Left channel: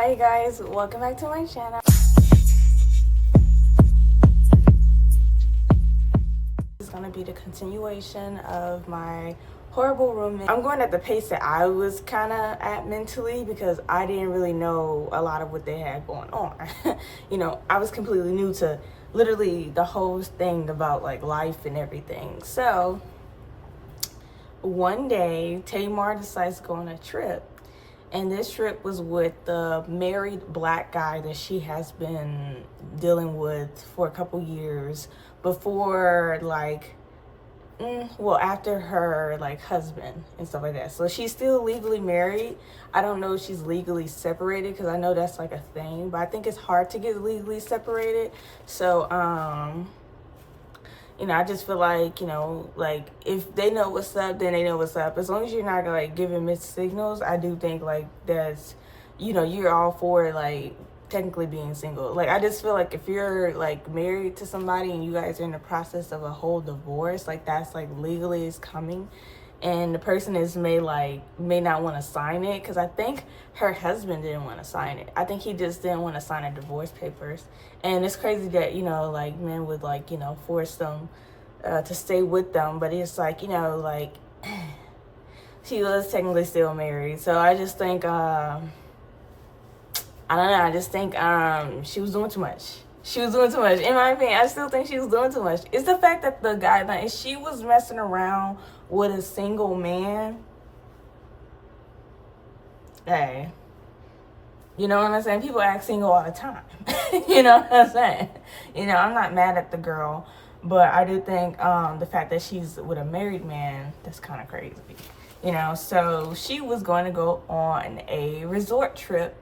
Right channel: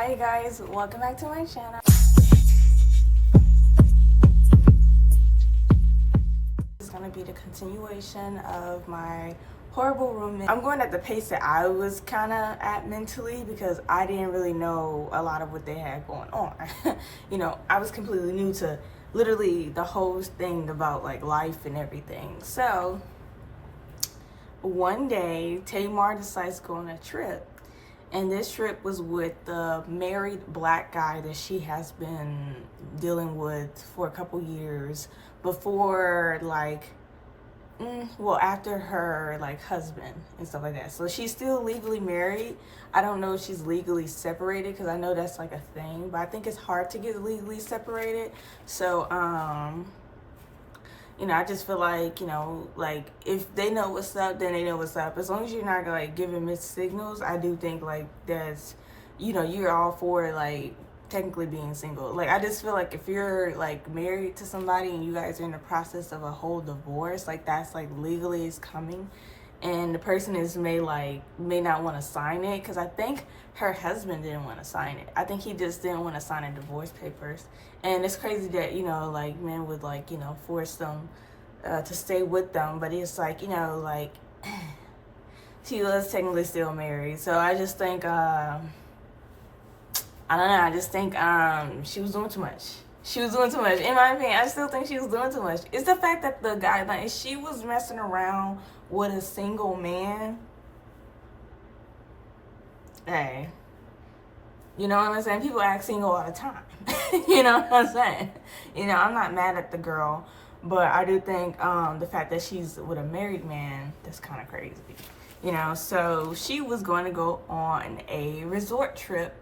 Hi guys, welcome back to my channel. This is gonna be the continuation of my horrible roommate. I'm going at the pace that I was kind of at mentally because I didn't really know a lot of what they had going on. I was completely new to literally the whole thing about like life and everything. So one day Tamar decides to go on a trip, and this trip was with the married black guy that she has been dealing with for a couple years before, after her husband and stuff like that. So she's still legally married. I don't know if she's legally separated because I know that's like a thing, but I think it's hard to get legally separated. So I just feel like, if they know what's up, then they know what's up. As long as you're not giving mixed signals, I do think that's, you're all for technically being single. I just feel like if you're married to somebody and you guys are in the process of a whole divorce, that's legally is coming, and the person may not want to sign it, because I think her husband didn't want to sign it. I think he just didn't want to sign the divorce papers. And it's crazy that men would force them to stay with them, but it's she was technically still married. So I just think I don't know. I just think she was doing too much. She was doing too much. In my opinion, I still think she was doing too much. It's the fact that the guy, if she was messing around with a single man, hey, you know what I'm saying? People act single all the time. You know what I'm saying? I'm not mad at the girl, but I do think the fact that she's with a married man, that's kind of crazy. So she was going to go on a resort trip,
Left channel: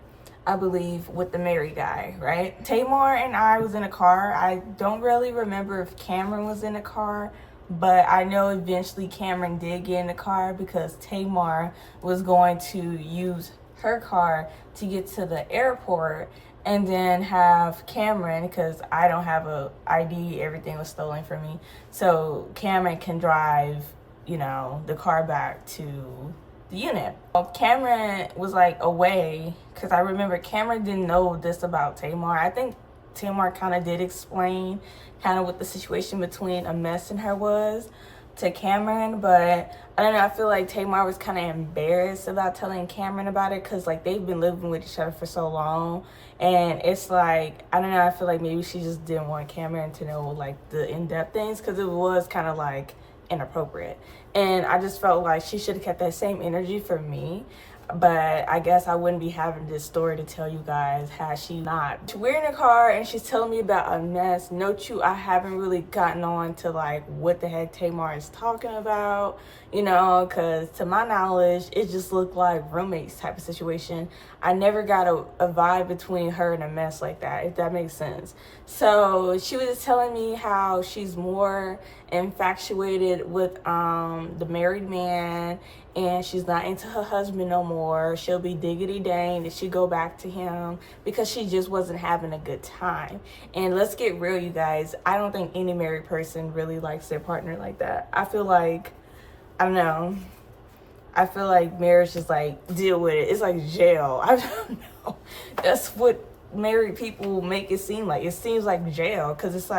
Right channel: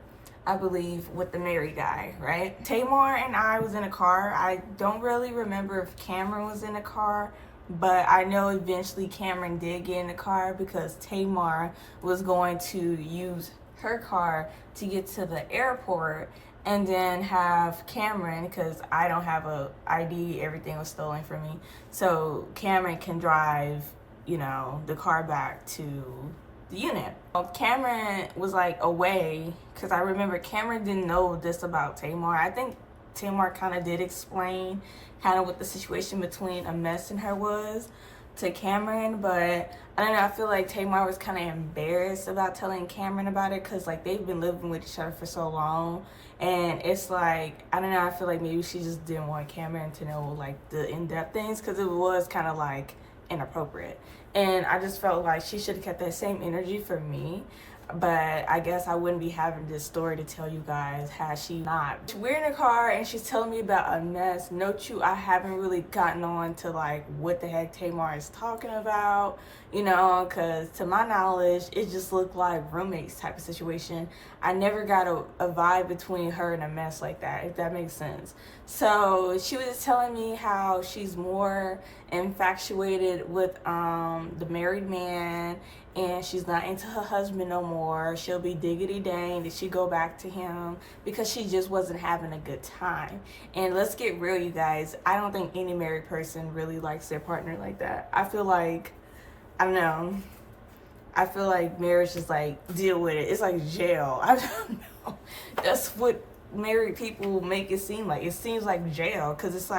I believe, with the married guy, right? Tamar and I was in a car. I don't really remember if Cameron was in the car, but I know eventually Cameron did get in the car because Tamar was going to use her car to get to the airport and then have Cameron, because I don't have a ID, everything was stolen from me, so Cameron can drive, the car back to the unit. Cameron was away, because I remember Cameron didn't know this about Tamar. I think Tamar kind of did explain what the situation between 𝒎𝒅𝒊𝒂 and her was to Cameron, but I don't know, I feel like Tamar was kind of embarrassed about telling Cameron about it, because they've been living with each other for so long, and it's I don't know, I feel like maybe she just didn't want Cameron to know the in-depth things, because it was kind of inappropriate. And I just felt like she should have kept that same energy for me. But I guess I wouldn't be having this story to tell you guys had she not. We're in a car and she's telling me about a mess. Note you, I haven't really gotten on to what the heck Tamar is talking about, because to my knowledge, it just looked like roommates type of situation. I never got a vibe between her and 𝒎𝒅𝒊 like that, if that makes sense. So she was just telling me how she's more infatuated with the married man, and she's not into her husband no more. She'll be diggity dang that she go back to him because she just wasn't having a good time. And let's get real, you guys. I don't think any married person really likes their partner like that. I feel like, I don't know. I feel like marriage is deal with it. It's like jail. I don't know. That's what married people make it seem like. It seems like jail, because it's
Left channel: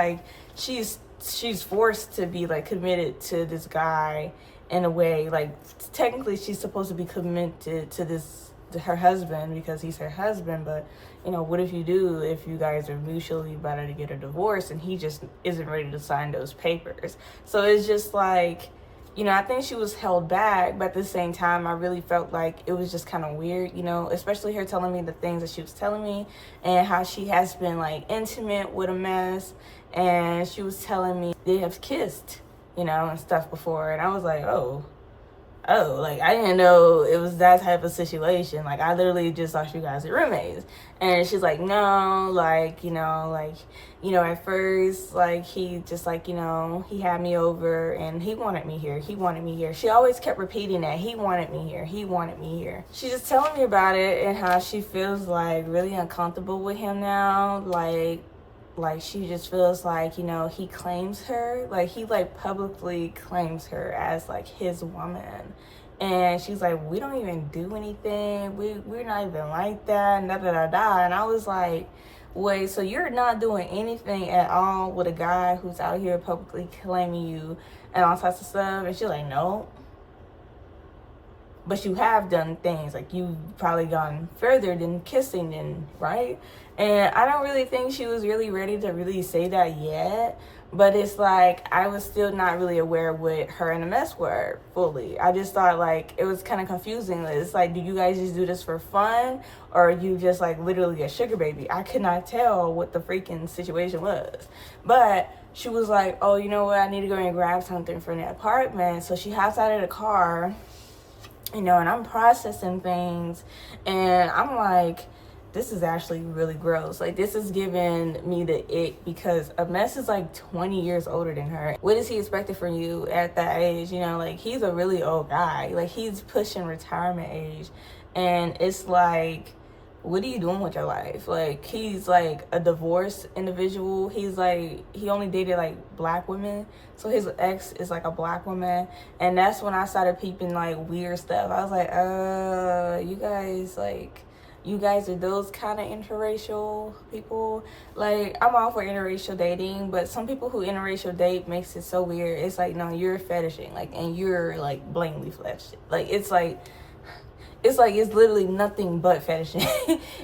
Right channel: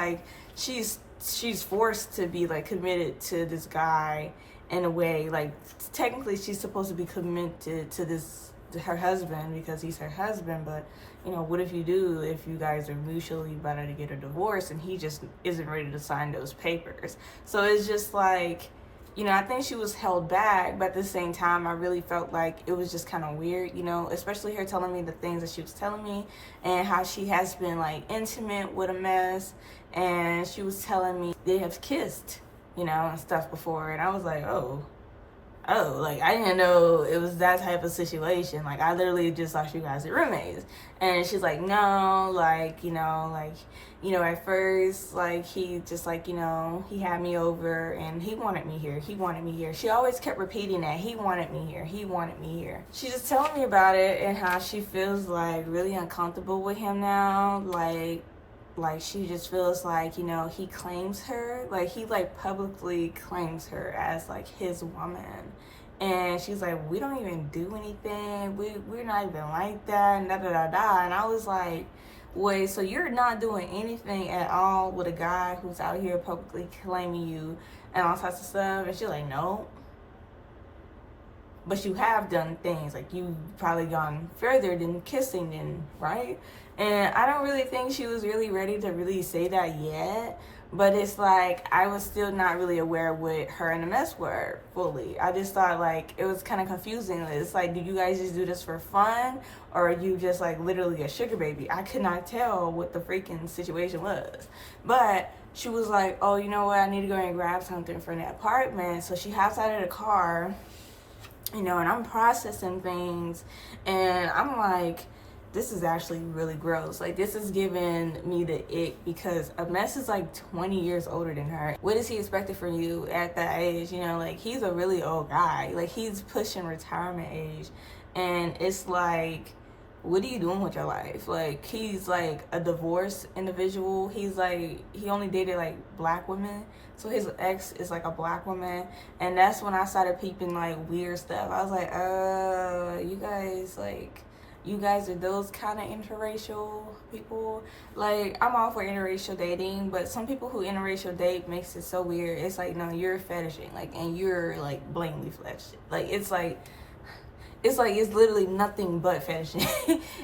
she's forced to be committed to this guy in a way. Technically she's supposed to be committed to her husband because he's her husband, but what if you guys are mutually about to get a divorce and he just isn't ready to sign those papers? So it's just I think she was held back, but at the same time I really felt like it was just kind of weird, especially her telling me the things that she was telling me and how she has been intimate with 𝒎𝒅𝒊𝒂, and she was telling me they have kissed, and stuff before, and I was like, oh, I didn't know it was that type of situation. I literally just thought you guys are roommates. And she's like, no, at first, he just he had me over and he wanted me here. She always kept repeating that, he wanted me here. She's just telling me about it and how she feels really uncomfortable with him now. She just feels he claims her, he publicly claims her as his woman, And she's like, we don't even do anything. We're not even like that. And da da da da. And I was like, wait, so you're not doing anything at all with a guy who's out here publicly claiming you and all types of stuff? And she's like, no. But you have done things. Like, you've probably gone further than kissing, then, right? And I don't really think she was really ready to really say that yet. But it's like, I was still not really aware what her and the mess were fully. I just thought, like, it was kind of confusing. It's like, do you guys just do this for fun? Or are you just, like, literally a sugar baby? I could not tell what the freaking situation was. But she was like, oh, you know what? I need to go and grab something from the apartment. So she hops out of the car, you know, and I'm processing things. And I'm like, this is actually really gross. Like, this is giving me the ick, because a mess is like 20 years older than her. What is he expecting from you at that age? You know, like, he's a really old guy. Like, he's pushing retirement age. And it's like, what are you doing with your life? Like, he's like a divorced individual. He's like, he only dated like black women. So his ex is like a black woman. And that's when I started peeping like weird stuff. I was like, you guys are those kind of interracial people. Like, I'm all for interracial dating, but some people who interracial date makes it so weird. It's like, no, you're fetishing, like, and you're like blatantly fetishing. Like, it's literally nothing but fetishing.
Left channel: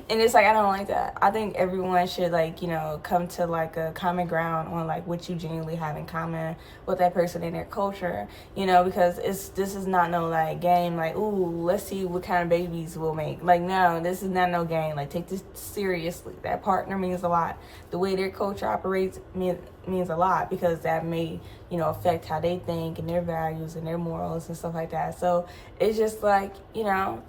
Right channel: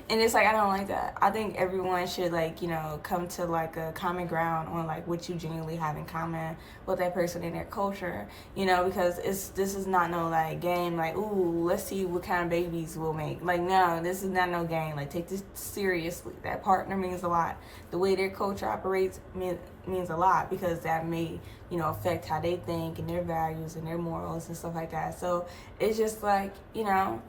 And it's like, I don't like that. I think everyone should, like, you know, come to like a common ground on like what you genuinely have in common with that person in their culture, you know, because this is not no like game, like, ooh, let's see what kind of babies we'll make. Like, no, this is not no game. Like, take this seriously. That partner means a lot. The way their culture operates means a lot, because that may, you know, affect how they think and their values and their morals and stuff like that. So it's just like, you know,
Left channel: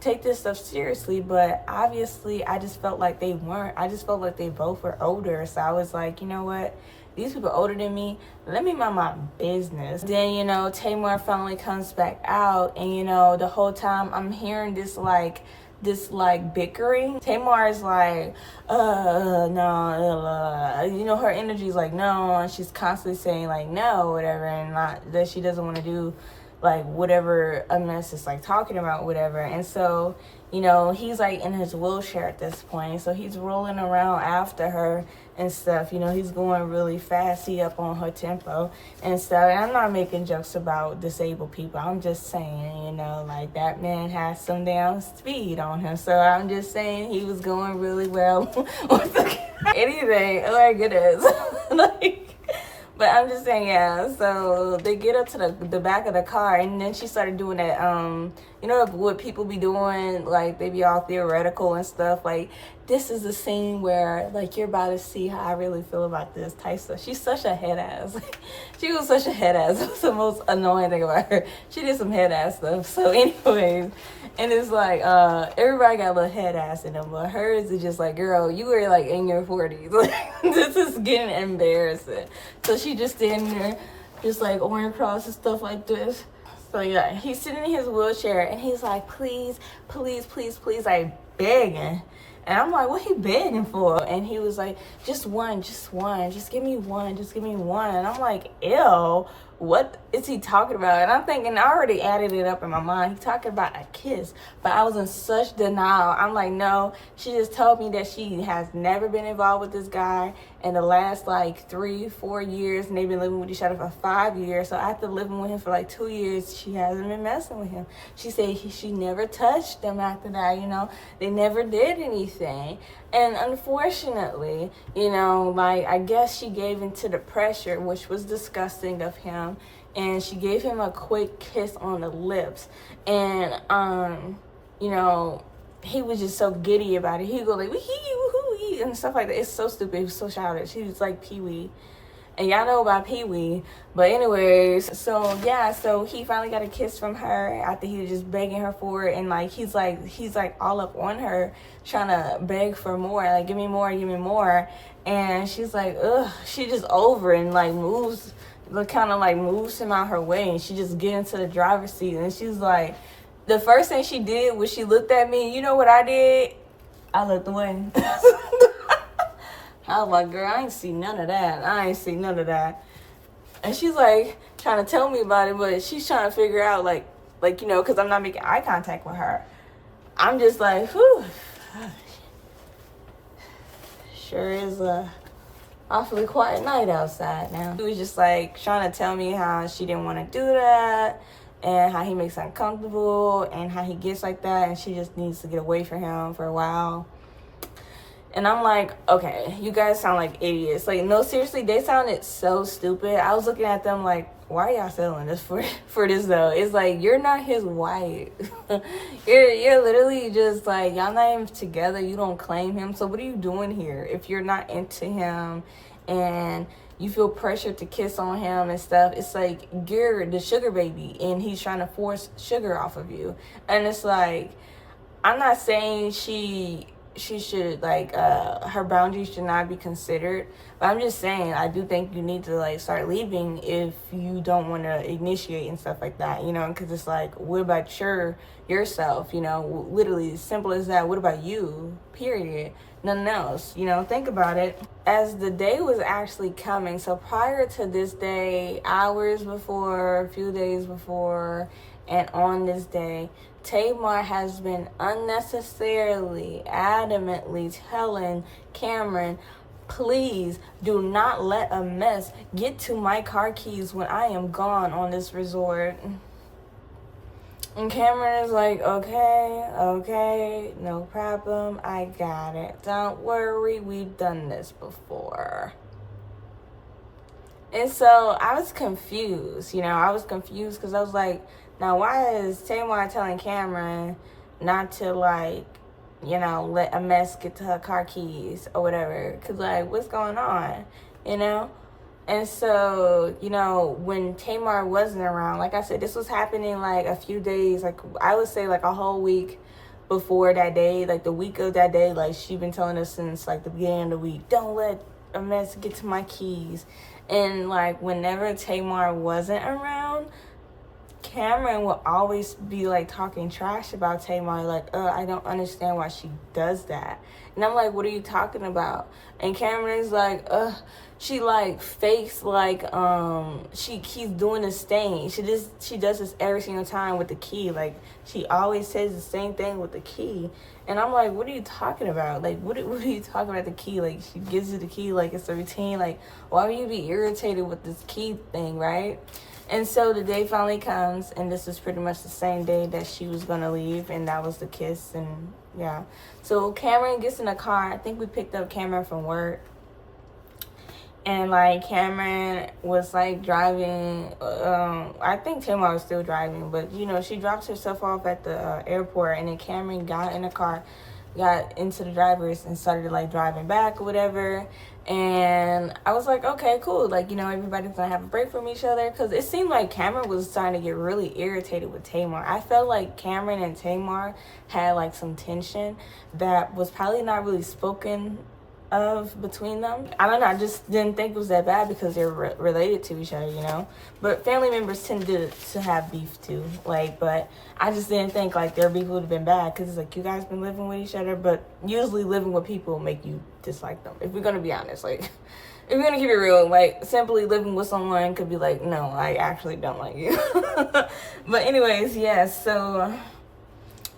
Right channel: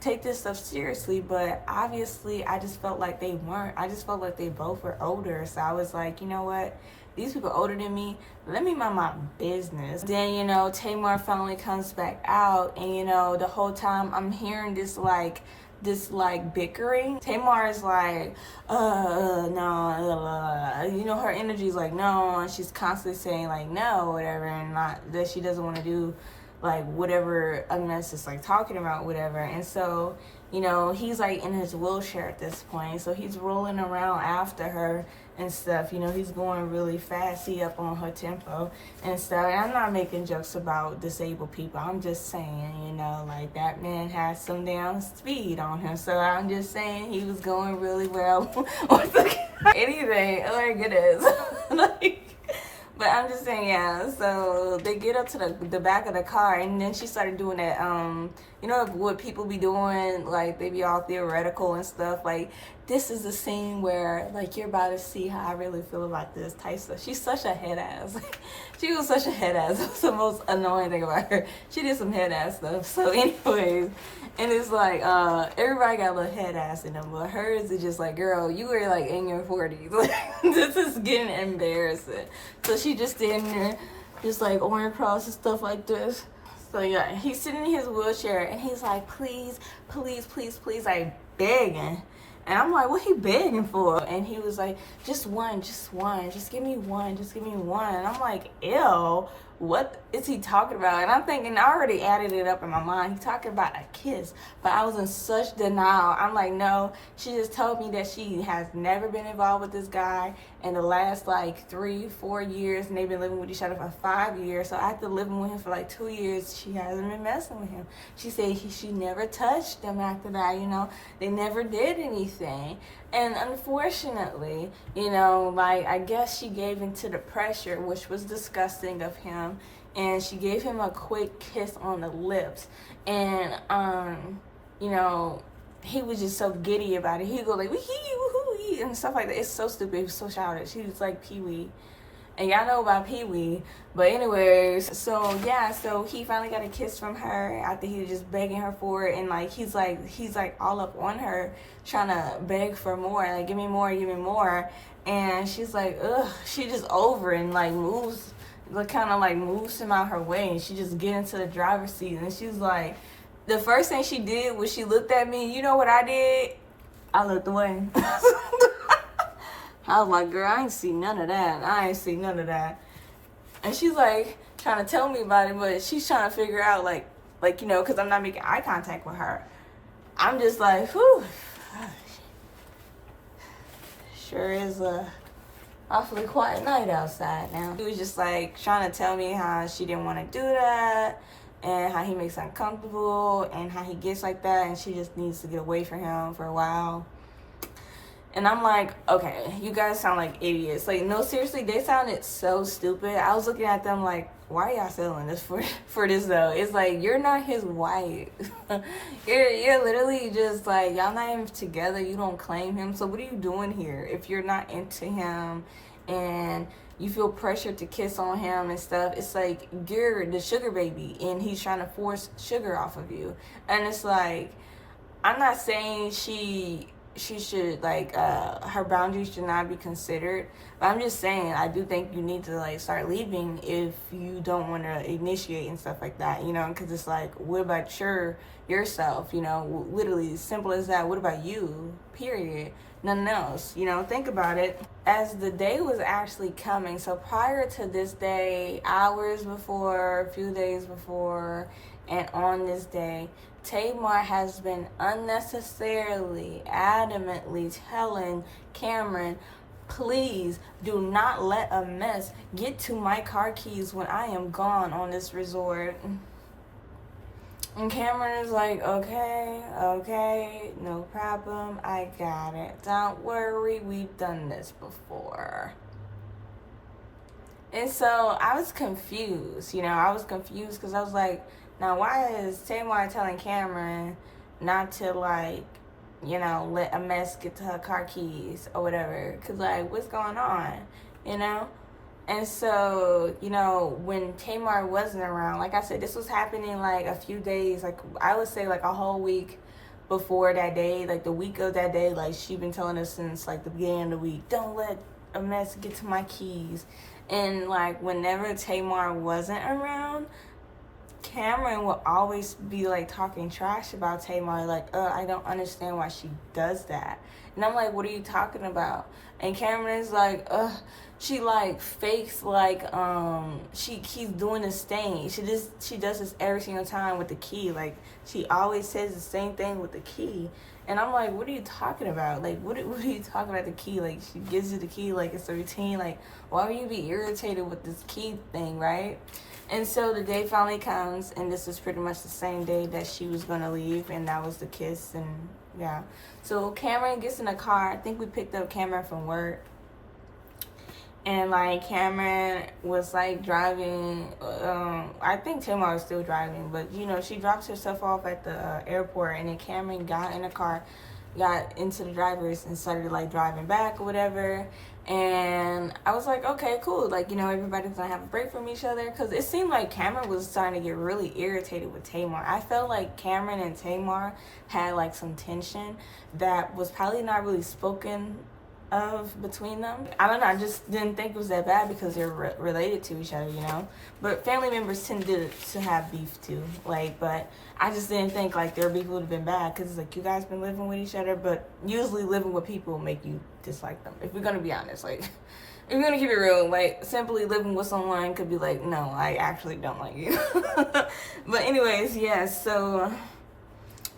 take this stuff seriously. But obviously I just felt like they weren't. I just felt like they both were older. So I was like, you know what, these people older than me, let me mind my business. Then, you know, Tamar finally comes back out, and, you know, the whole time I'm hearing this bickering. Tamar is like, no, you know, her energy is like, no, and she's constantly saying like no, whatever, and not that she doesn't want to do like whatever a mess is like talking about, whatever. And so, you know, he's like in his wheelchair at this point, so he's rolling around after her and stuff. You know, he's going really fast. He up on her tempo and stuff. And I'm not making jokes about disabled people. I'm just saying, you know, like, that man has some damn speed on him. So I'm just saying he was going really well with the anything. Like, it is. Like, but I'm just saying, yeah. So they get up to the back of the car, and then she started doing that, you know what people be doing, like, they be all theoretical and stuff. Like, this is the scene where, like, you're about to see how I really feel about this type stuff. She's such a head ass. She was such a head ass. That's the most annoying thing about her. She did some head ass stuff. So anyways, and it's like, everybody got a little head ass in them, but hers is just like, girl, you were like in your 40s. Like, this is getting embarrassing. So she just standing there, just like going across and stuff like this. So yeah, he's sitting in his wheelchair, and he's like, please, please, please, please, like, begging. And I'm like, what he begging for? And he was like, just one, just give me one, just give me one. And I'm like, ew, what is he talking about? And I'm thinking, I already added it up in my mind. He's talking about a kiss. But I was in such denial. I'm like, no, she just told me that she has never been involved with this guy in the last like 3-4 years, and they've been living with each other for 5 years. So after living with him for like 2 years, she hasn't been messing with him. She said she never touched him after that, you know. They never did anything. And unfortunately, you know, like, I guess she gave into the pressure, which was disgusting of him, and she gave him a quick kiss on the lips. And you know, he was just so giddy about it. He'd go like, wee-hee, woo-hoo-wee, and stuff like that. It's so stupid. He was so childish. He was like Pee-wee. And y'all know about Pee-wee. But anyways, so yeah, so he finally got a kiss from her after he was just begging her for it. And like, he's like all up on her, trying to beg for more. Like, give me more, give me more. And she's like, ugh, she just over and like moves, like, kind of like moves him out her way. And she just get into the driver's seat. And she's like, the first thing she did was she looked at me. You know what I did? I looked away. I was like, girl, I ain't see none of that. And she's like trying to tell me about it, but she's trying to figure out, like, Like, you know, because I'm not making eye contact with her. I'm just like, whew. Sure is a awfully quiet night outside now. He was just like trying to tell me how she didn't want to do that and how he makes her uncomfortable and how he gets like that and she just needs to get away from him for a while. And I'm like, okay, you guys sound like idiots. Like, no, seriously, they sounded so stupid. I was looking at them like, why are y'all selling this for this though? It's like, you're not his wife. you're literally just like, y'all not even together. You don't claim him. So what are you doing here if you're not into him and you feel pressured to kiss on him and stuff? It's like, you're the sugar baby and he's trying to force sugar off of you. And it's like, I'm not saying she should, like, her boundaries should not be considered, but I'm just saying I do think you need to, like, start leaving if you don't want to initiate and stuff like that, you know, because it's like, what about yourself, you know, literally simple as that. What about you, period? Nothing else, you know. Think about it. As the day was actually coming, so prior to this day, hours before, a few days before, and on this day, 𝒎𝒅 has been unnecessarily, adamantly telling Cameron, please do not let a mess get to my car keys when I am gone on this resort. And Cameron is like, okay, no problem, I got it. Don't worry, we've done this before. And so I was confused, you know, because I was like, now, why is 𝒎𝒅 telling Cameron not to, like, you know, let a mess get to her car keys or whatever? Because, like, what's going on, you know? And so, you know, when 𝒎𝒅 wasn't around, like I said, this was happening, like, a few days, like, I would say, like, a whole week before that day, like, the week of that day. Like, she'd been telling us since, like, the beginning of the week, don't let a mess get to my keys. And, like, whenever 𝒎𝒅 wasn't around, Cameron will always be, like, talking trash about 𝒎𝒅, like, I don't understand why she does that. And I'm like, what are you talking about? And Cameron's like, she, like, fakes, like, she keeps doing this thing. She does this every single time with the key. Like, she always says the same thing with the key. And I'm like, what are you talking about? Like, what are you talking about the key? Like, she gives you the key, like, it's a routine. Like, why would you be irritated with this key thing, right? And so the day finally comes, and this is pretty much the same day that she was going to leave, and that was the kiss, and yeah. So Cameron gets in the car. I think we picked up Cameron from work. And, like, Cameron was, like, driving. I think 𝒎𝒅 was still driving, but, you know, she drops herself off at the airport, and then Cameron got in the car, got into the driver's, and started, like, driving back or whatever. And I was like, okay, cool. Like, you know, everybody's gonna have a break from each other. Because it seemed like Cameron was starting to get really irritated with 𝒎𝒅. I felt like Cameron and 𝒎𝒅 had, like, some tension that was probably not really spoken of between them. I don't know. I just didn't think it was that bad because they're related to each other, you know. But family members tend to have beef too. Like, but I just didn't think, like, their beef would have been bad because it's like, you guys been living with each other. But usually living with people make you dislike them, if we're gonna be honest. Like, if you're gonna keep it real, like, simply living with someone could be like, no, I actually don't like you. But anyways, yeah, so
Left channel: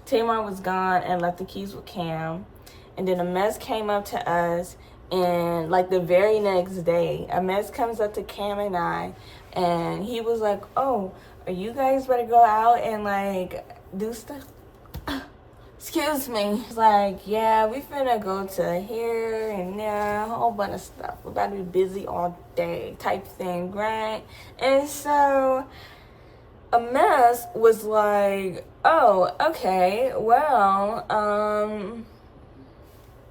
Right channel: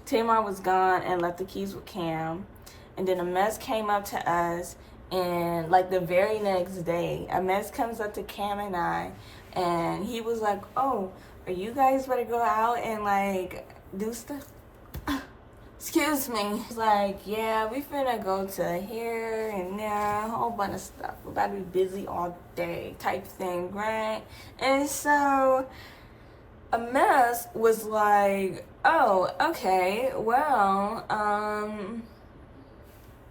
𝒎𝒅 was gone and left the keys with Cam. And then a mess came up to us, and, like, the very next day, a mess comes up to Cam and I, and he was like, oh, are you guys ready to go out and, like, do stuff? Excuse me. He's like, yeah, we finna go to here and there, a whole bunch of stuff. We're about to be busy all day type thing, right? And so a mess was like, oh, okay, well,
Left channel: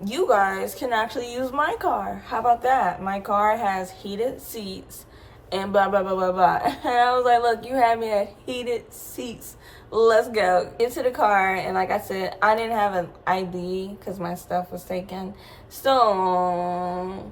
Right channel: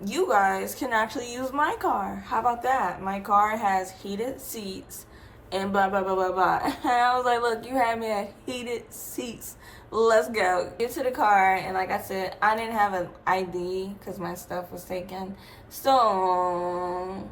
you guys can actually use my car. How about that? My car has heated seats and blah, blah, blah, blah, blah. And I was like, look, you had me at heated seats. Let's go. Get to the car. And like I said, I didn't have an ID because my stuff was taken. So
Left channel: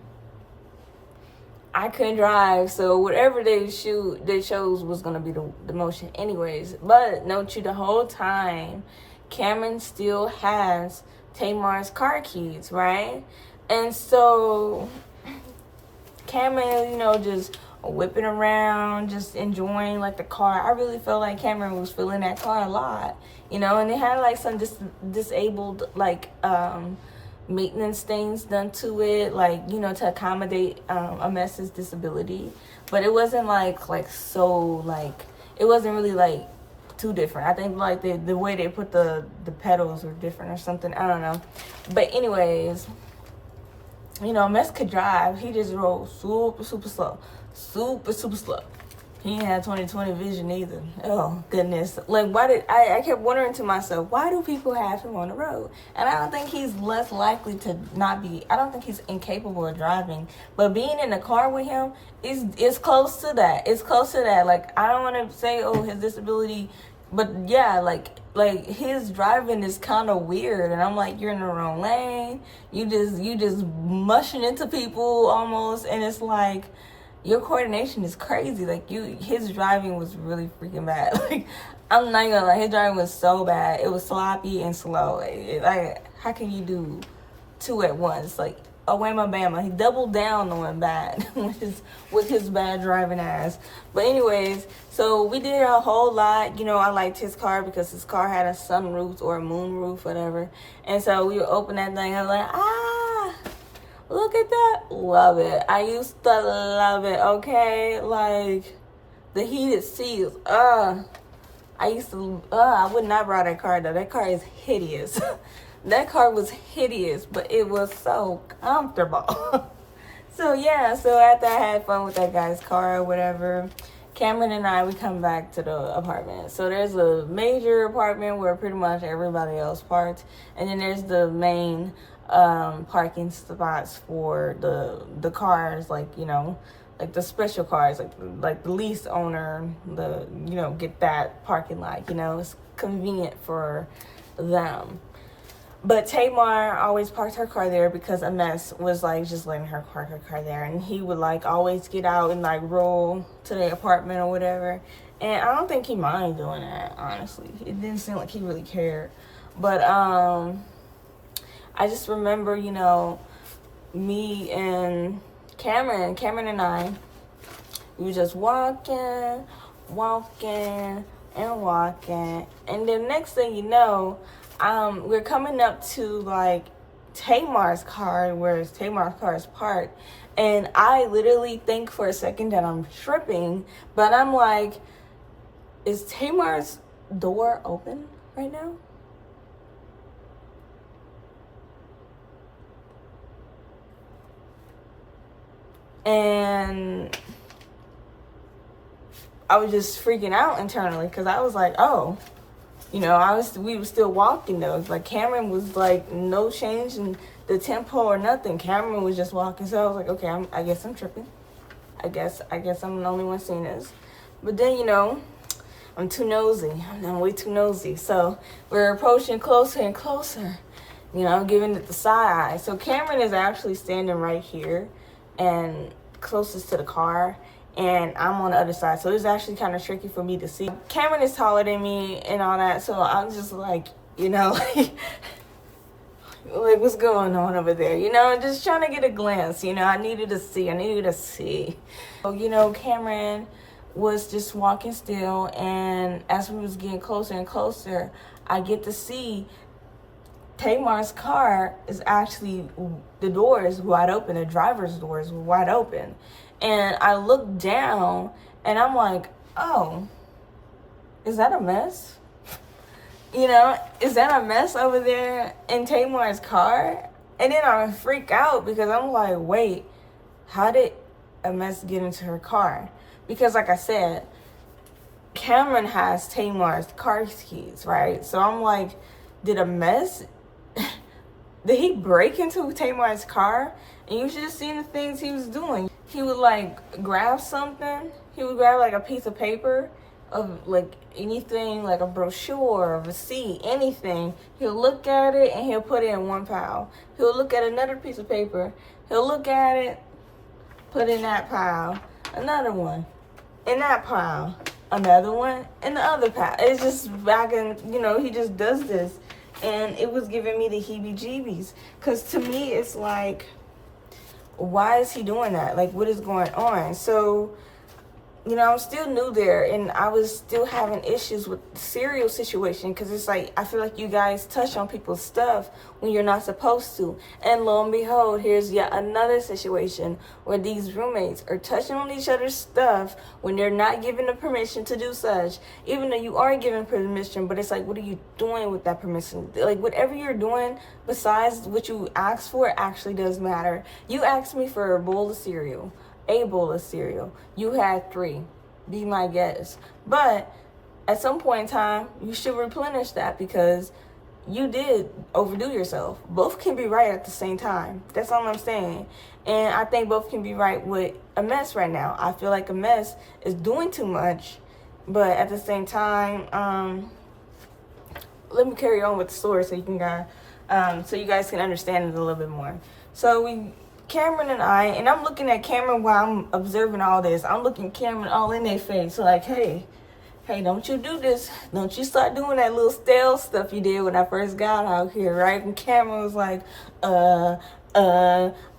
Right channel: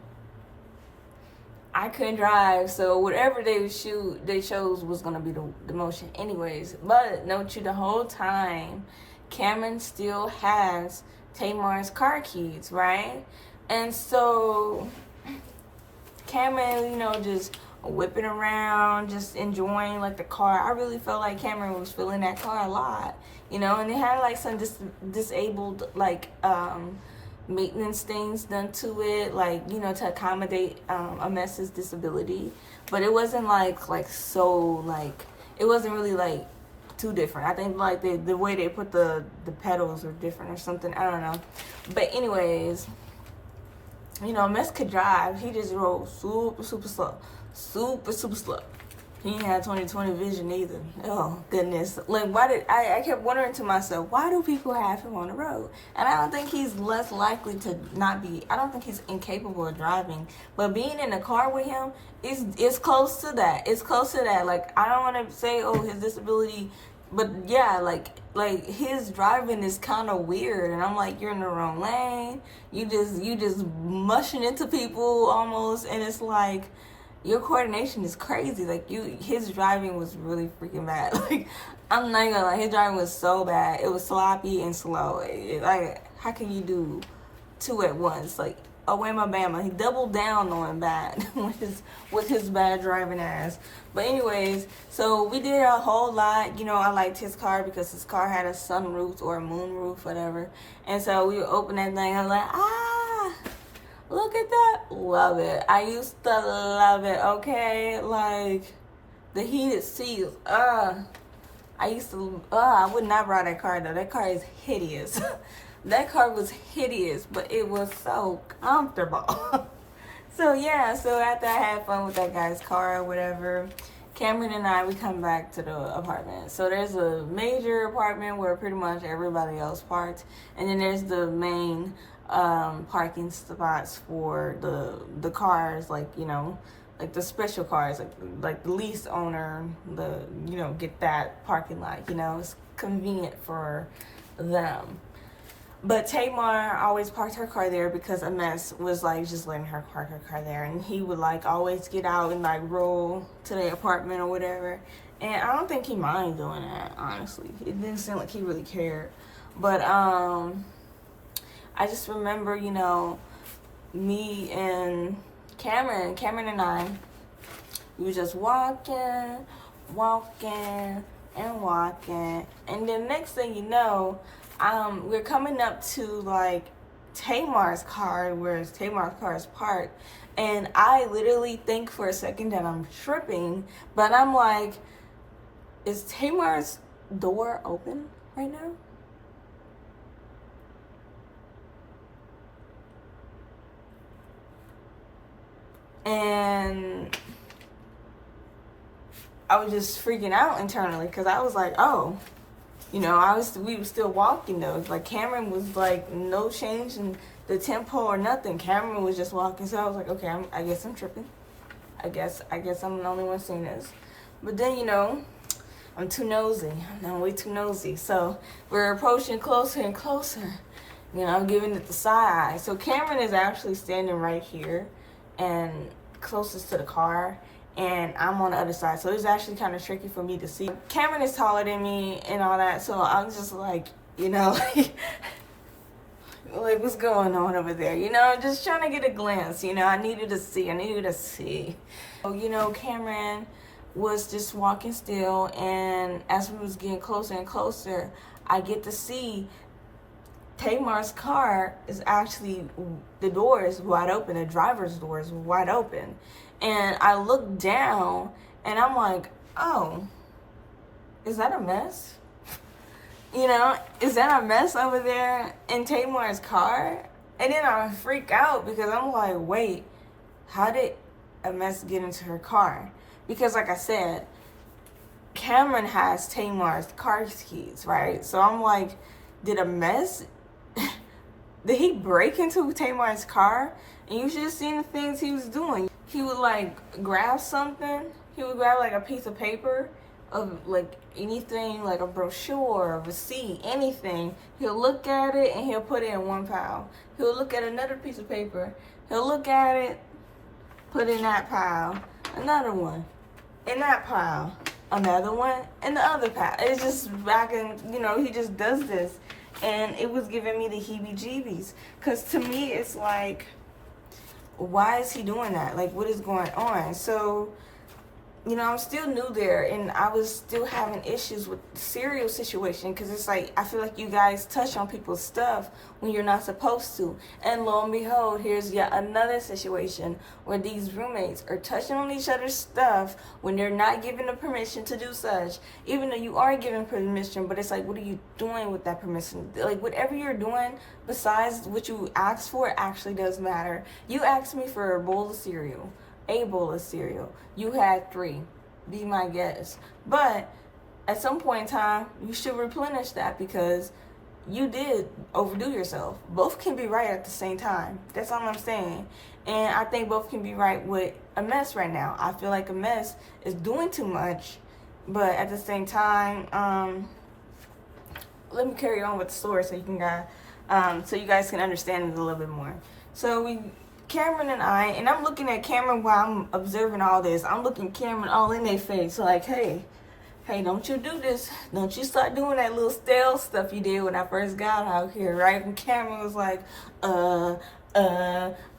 I couldn't drive. So whatever they chose was going to be the motion anyways. But note you, the whole time, Cameron still has 𝒎𝒅's car keys, right? And so Cameron, you know, just whipping around, just enjoying like the car. I really felt like Cameron was feeling that car a lot, you know, and it had like some disabled like maintenance things done to it, like, you know, to accommodate 𝒔𝒂's disability. But it wasn't like so, like, it wasn't really like too different. I think like the way they put the pedals were different or something. I don't know. But anyways, you know, 𝒔𝒂 could drive. He just rode super slow. Super slow. He ain't had 20/20 vision either. Oh, goodness. Like, why did... I kept wondering to myself, why do people have him on the road? And I don't think he's less likely to not be... I don't think he's incapable of driving. But being in the car with him is close to that. It's close to that. Like, I don't want to say, oh, his disability... But, yeah, like his driving is kind of weird. And I'm like, you're in the wrong lane. You just mushing into people almost. And it's like... Your coordination is crazy. Like, his driving was really freaking bad. Like, I'm not gonna lie, his driving was so bad. It was sloppy and slow. Like, how can you do two at once? Like, oh, whamma bama. He doubled down on bad with his bad driving ass. But anyways, so we did a whole lot. You know, I liked his car because his car had a sunroof or a moonroof, whatever. And so we would open that thing. I was like, look at that. Love it. I used to love it, okay? Like, the heated seats. I would not ride that car, though. That car is hideous. That car was hideous, but it was so comfortable. So, yeah. So, after I had fun with that guy's car or whatever, Cameron and I, we come back to the apartment. So, there's a major apartment where pretty much everybody else parked. And then there's the main... parking spots for the cars, like, you know, like the special cars, like the lease owner, you know, get that parking lot, you know, it's convenient for them. But Tamar always parked her car there because 𝒔𝒂 was like just letting her park her car there, and he would like always get out and like roll to the apartment or whatever. And I don't think he minded doing that, honestly. It didn't seem like he really cared. But I just remember, you know, me and Cameron and I, we were just walking, and then next thing you know, we're coming up to like Tamar's car, where Tamar's car is parked, and I literally think for a second that I'm tripping, but I'm like, is Tamar's door open right now? And I was just freaking out internally because I was like, oh, you know, we were still walking though. Like, Cameron was like no change in the tempo or nothing. Cameron was just walking. So I was like, okay, I guess I'm tripping. I guess I'm the only one seeing this. But then, you know, I'm too nosy. I'm way too nosy. So we're approaching closer and closer. You know, I'm giving it the side eye. So Cameron is actually standing right here and closest to the car, and I'm on the other side, so it's actually kind of tricky for me to see. Cameron is taller than me and all that, so I'm just like, you know, like what's going on over there, you know, just trying to get a glance, you know. I needed to see. So, you know, Cameron was just walking still, and as we was getting closer and closer, I get to see Tamar's car is actually, the door is wide open. The driver's door is wide open. And I look down and I'm like, oh, is that a mess? You know, is that a mess over there in Tamar's car? And then I freak out because I'm like, wait, how did 𝒔𝒂 get into her car? Because like I said, Cameron has Tamar's car keys, right? So I'm like, did 𝒔𝒂... Did he break into Tamar's car? And you should have seen the things he was doing. He would like grab something. He would grab like a piece of paper of like anything, like a brochure, a receipt, anything. He'll look at it and he'll put it in one pile. He'll look at another piece of paper. He'll look at it, put it in that pile. Another one in that pile. Another one in the other pile. It's just back and, you know, he just does this. And it was giving me the heebie-jeebies. Because to me, it's like, why is he doing that? Like, what is going on? So you know, I'm still new there, and I was still having issues with the cereal situation, because it's like, I feel like you guys touch on people's stuff when you're not supposed to. And lo and behold, here's yet another situation where these roommates are touching on each other's stuff when they're not given the permission to do such, even though you are given permission. But it's like, what are you doing with that permission? Like, whatever you're doing besides what you asked for actually does matter. You asked me for a bowl of cereal. You had 3. Be my guest. But at some point in time, you should replenish that, because you did overdo yourself. Both can be right at the same time. That's all I'm saying. And I think both can be right with a mess right now. I feel like a mess is doing too much, but at the same time, let me carry on with the story so you guys can understand it a little bit more. So Cameron and I'm looking at Cameron while I'm observing all this. I'm looking Cameron all in their face, like, hey, don't you do this. Don't you start doing that little stale stuff you did when I first got out here, right? And Cameron was like, I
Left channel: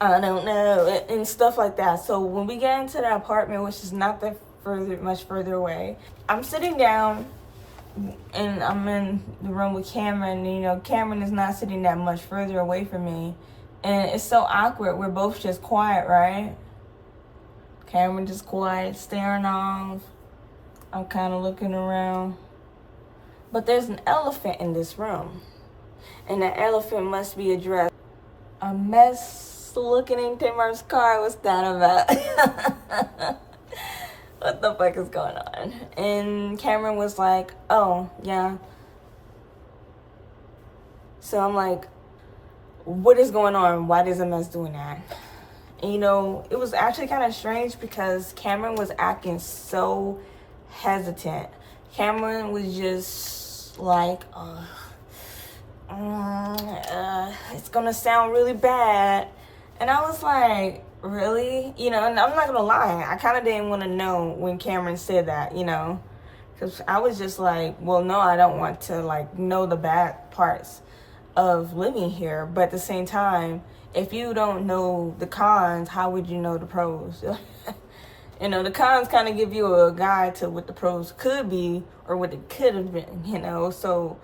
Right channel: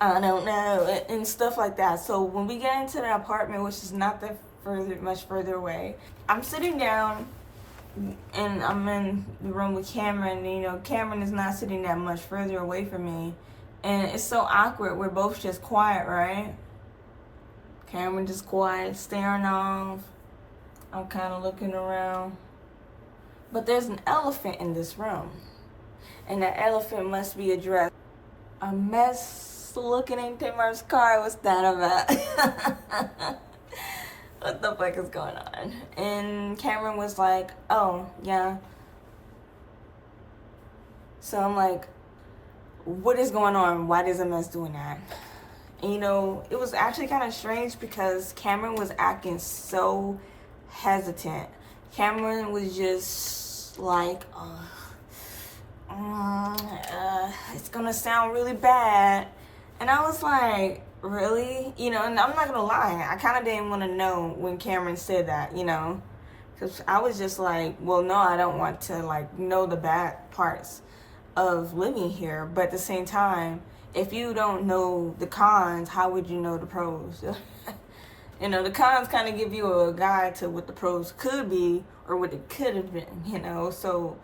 don't know, and stuff like that. So when we get into the apartment, which is not that much further away, I'm sitting down, and I'm in the room with Cameron. And, you know, Cameron is not sitting that much further away from me. And it's so awkward. We're both just quiet, right? Cameron just quiet, staring off. I'm kind of looking around. But there's an elephant in this room. And that elephant must be addressed. A mess looking in Tamar's car. What's that about? What the fuck is going on? And Cameron was like, oh, yeah. So I'm like, what is going on? Why is a mess doing that? And, you know, it was actually kind of strange, because Cameron was acting so hesitant. Cameron was just like, it's gonna sound really bad. And I was like, really? You know, and I'm not gonna lie, I kind of didn't want to know when Cameron said that, you know, because I was just like, well, no, I don't want to, like, know the bad parts of living here. But at the same time, if you don't know the cons, how would you know the pros? You know, the cons kind of give you a guide to what the pros could be or what it could have been, you know. So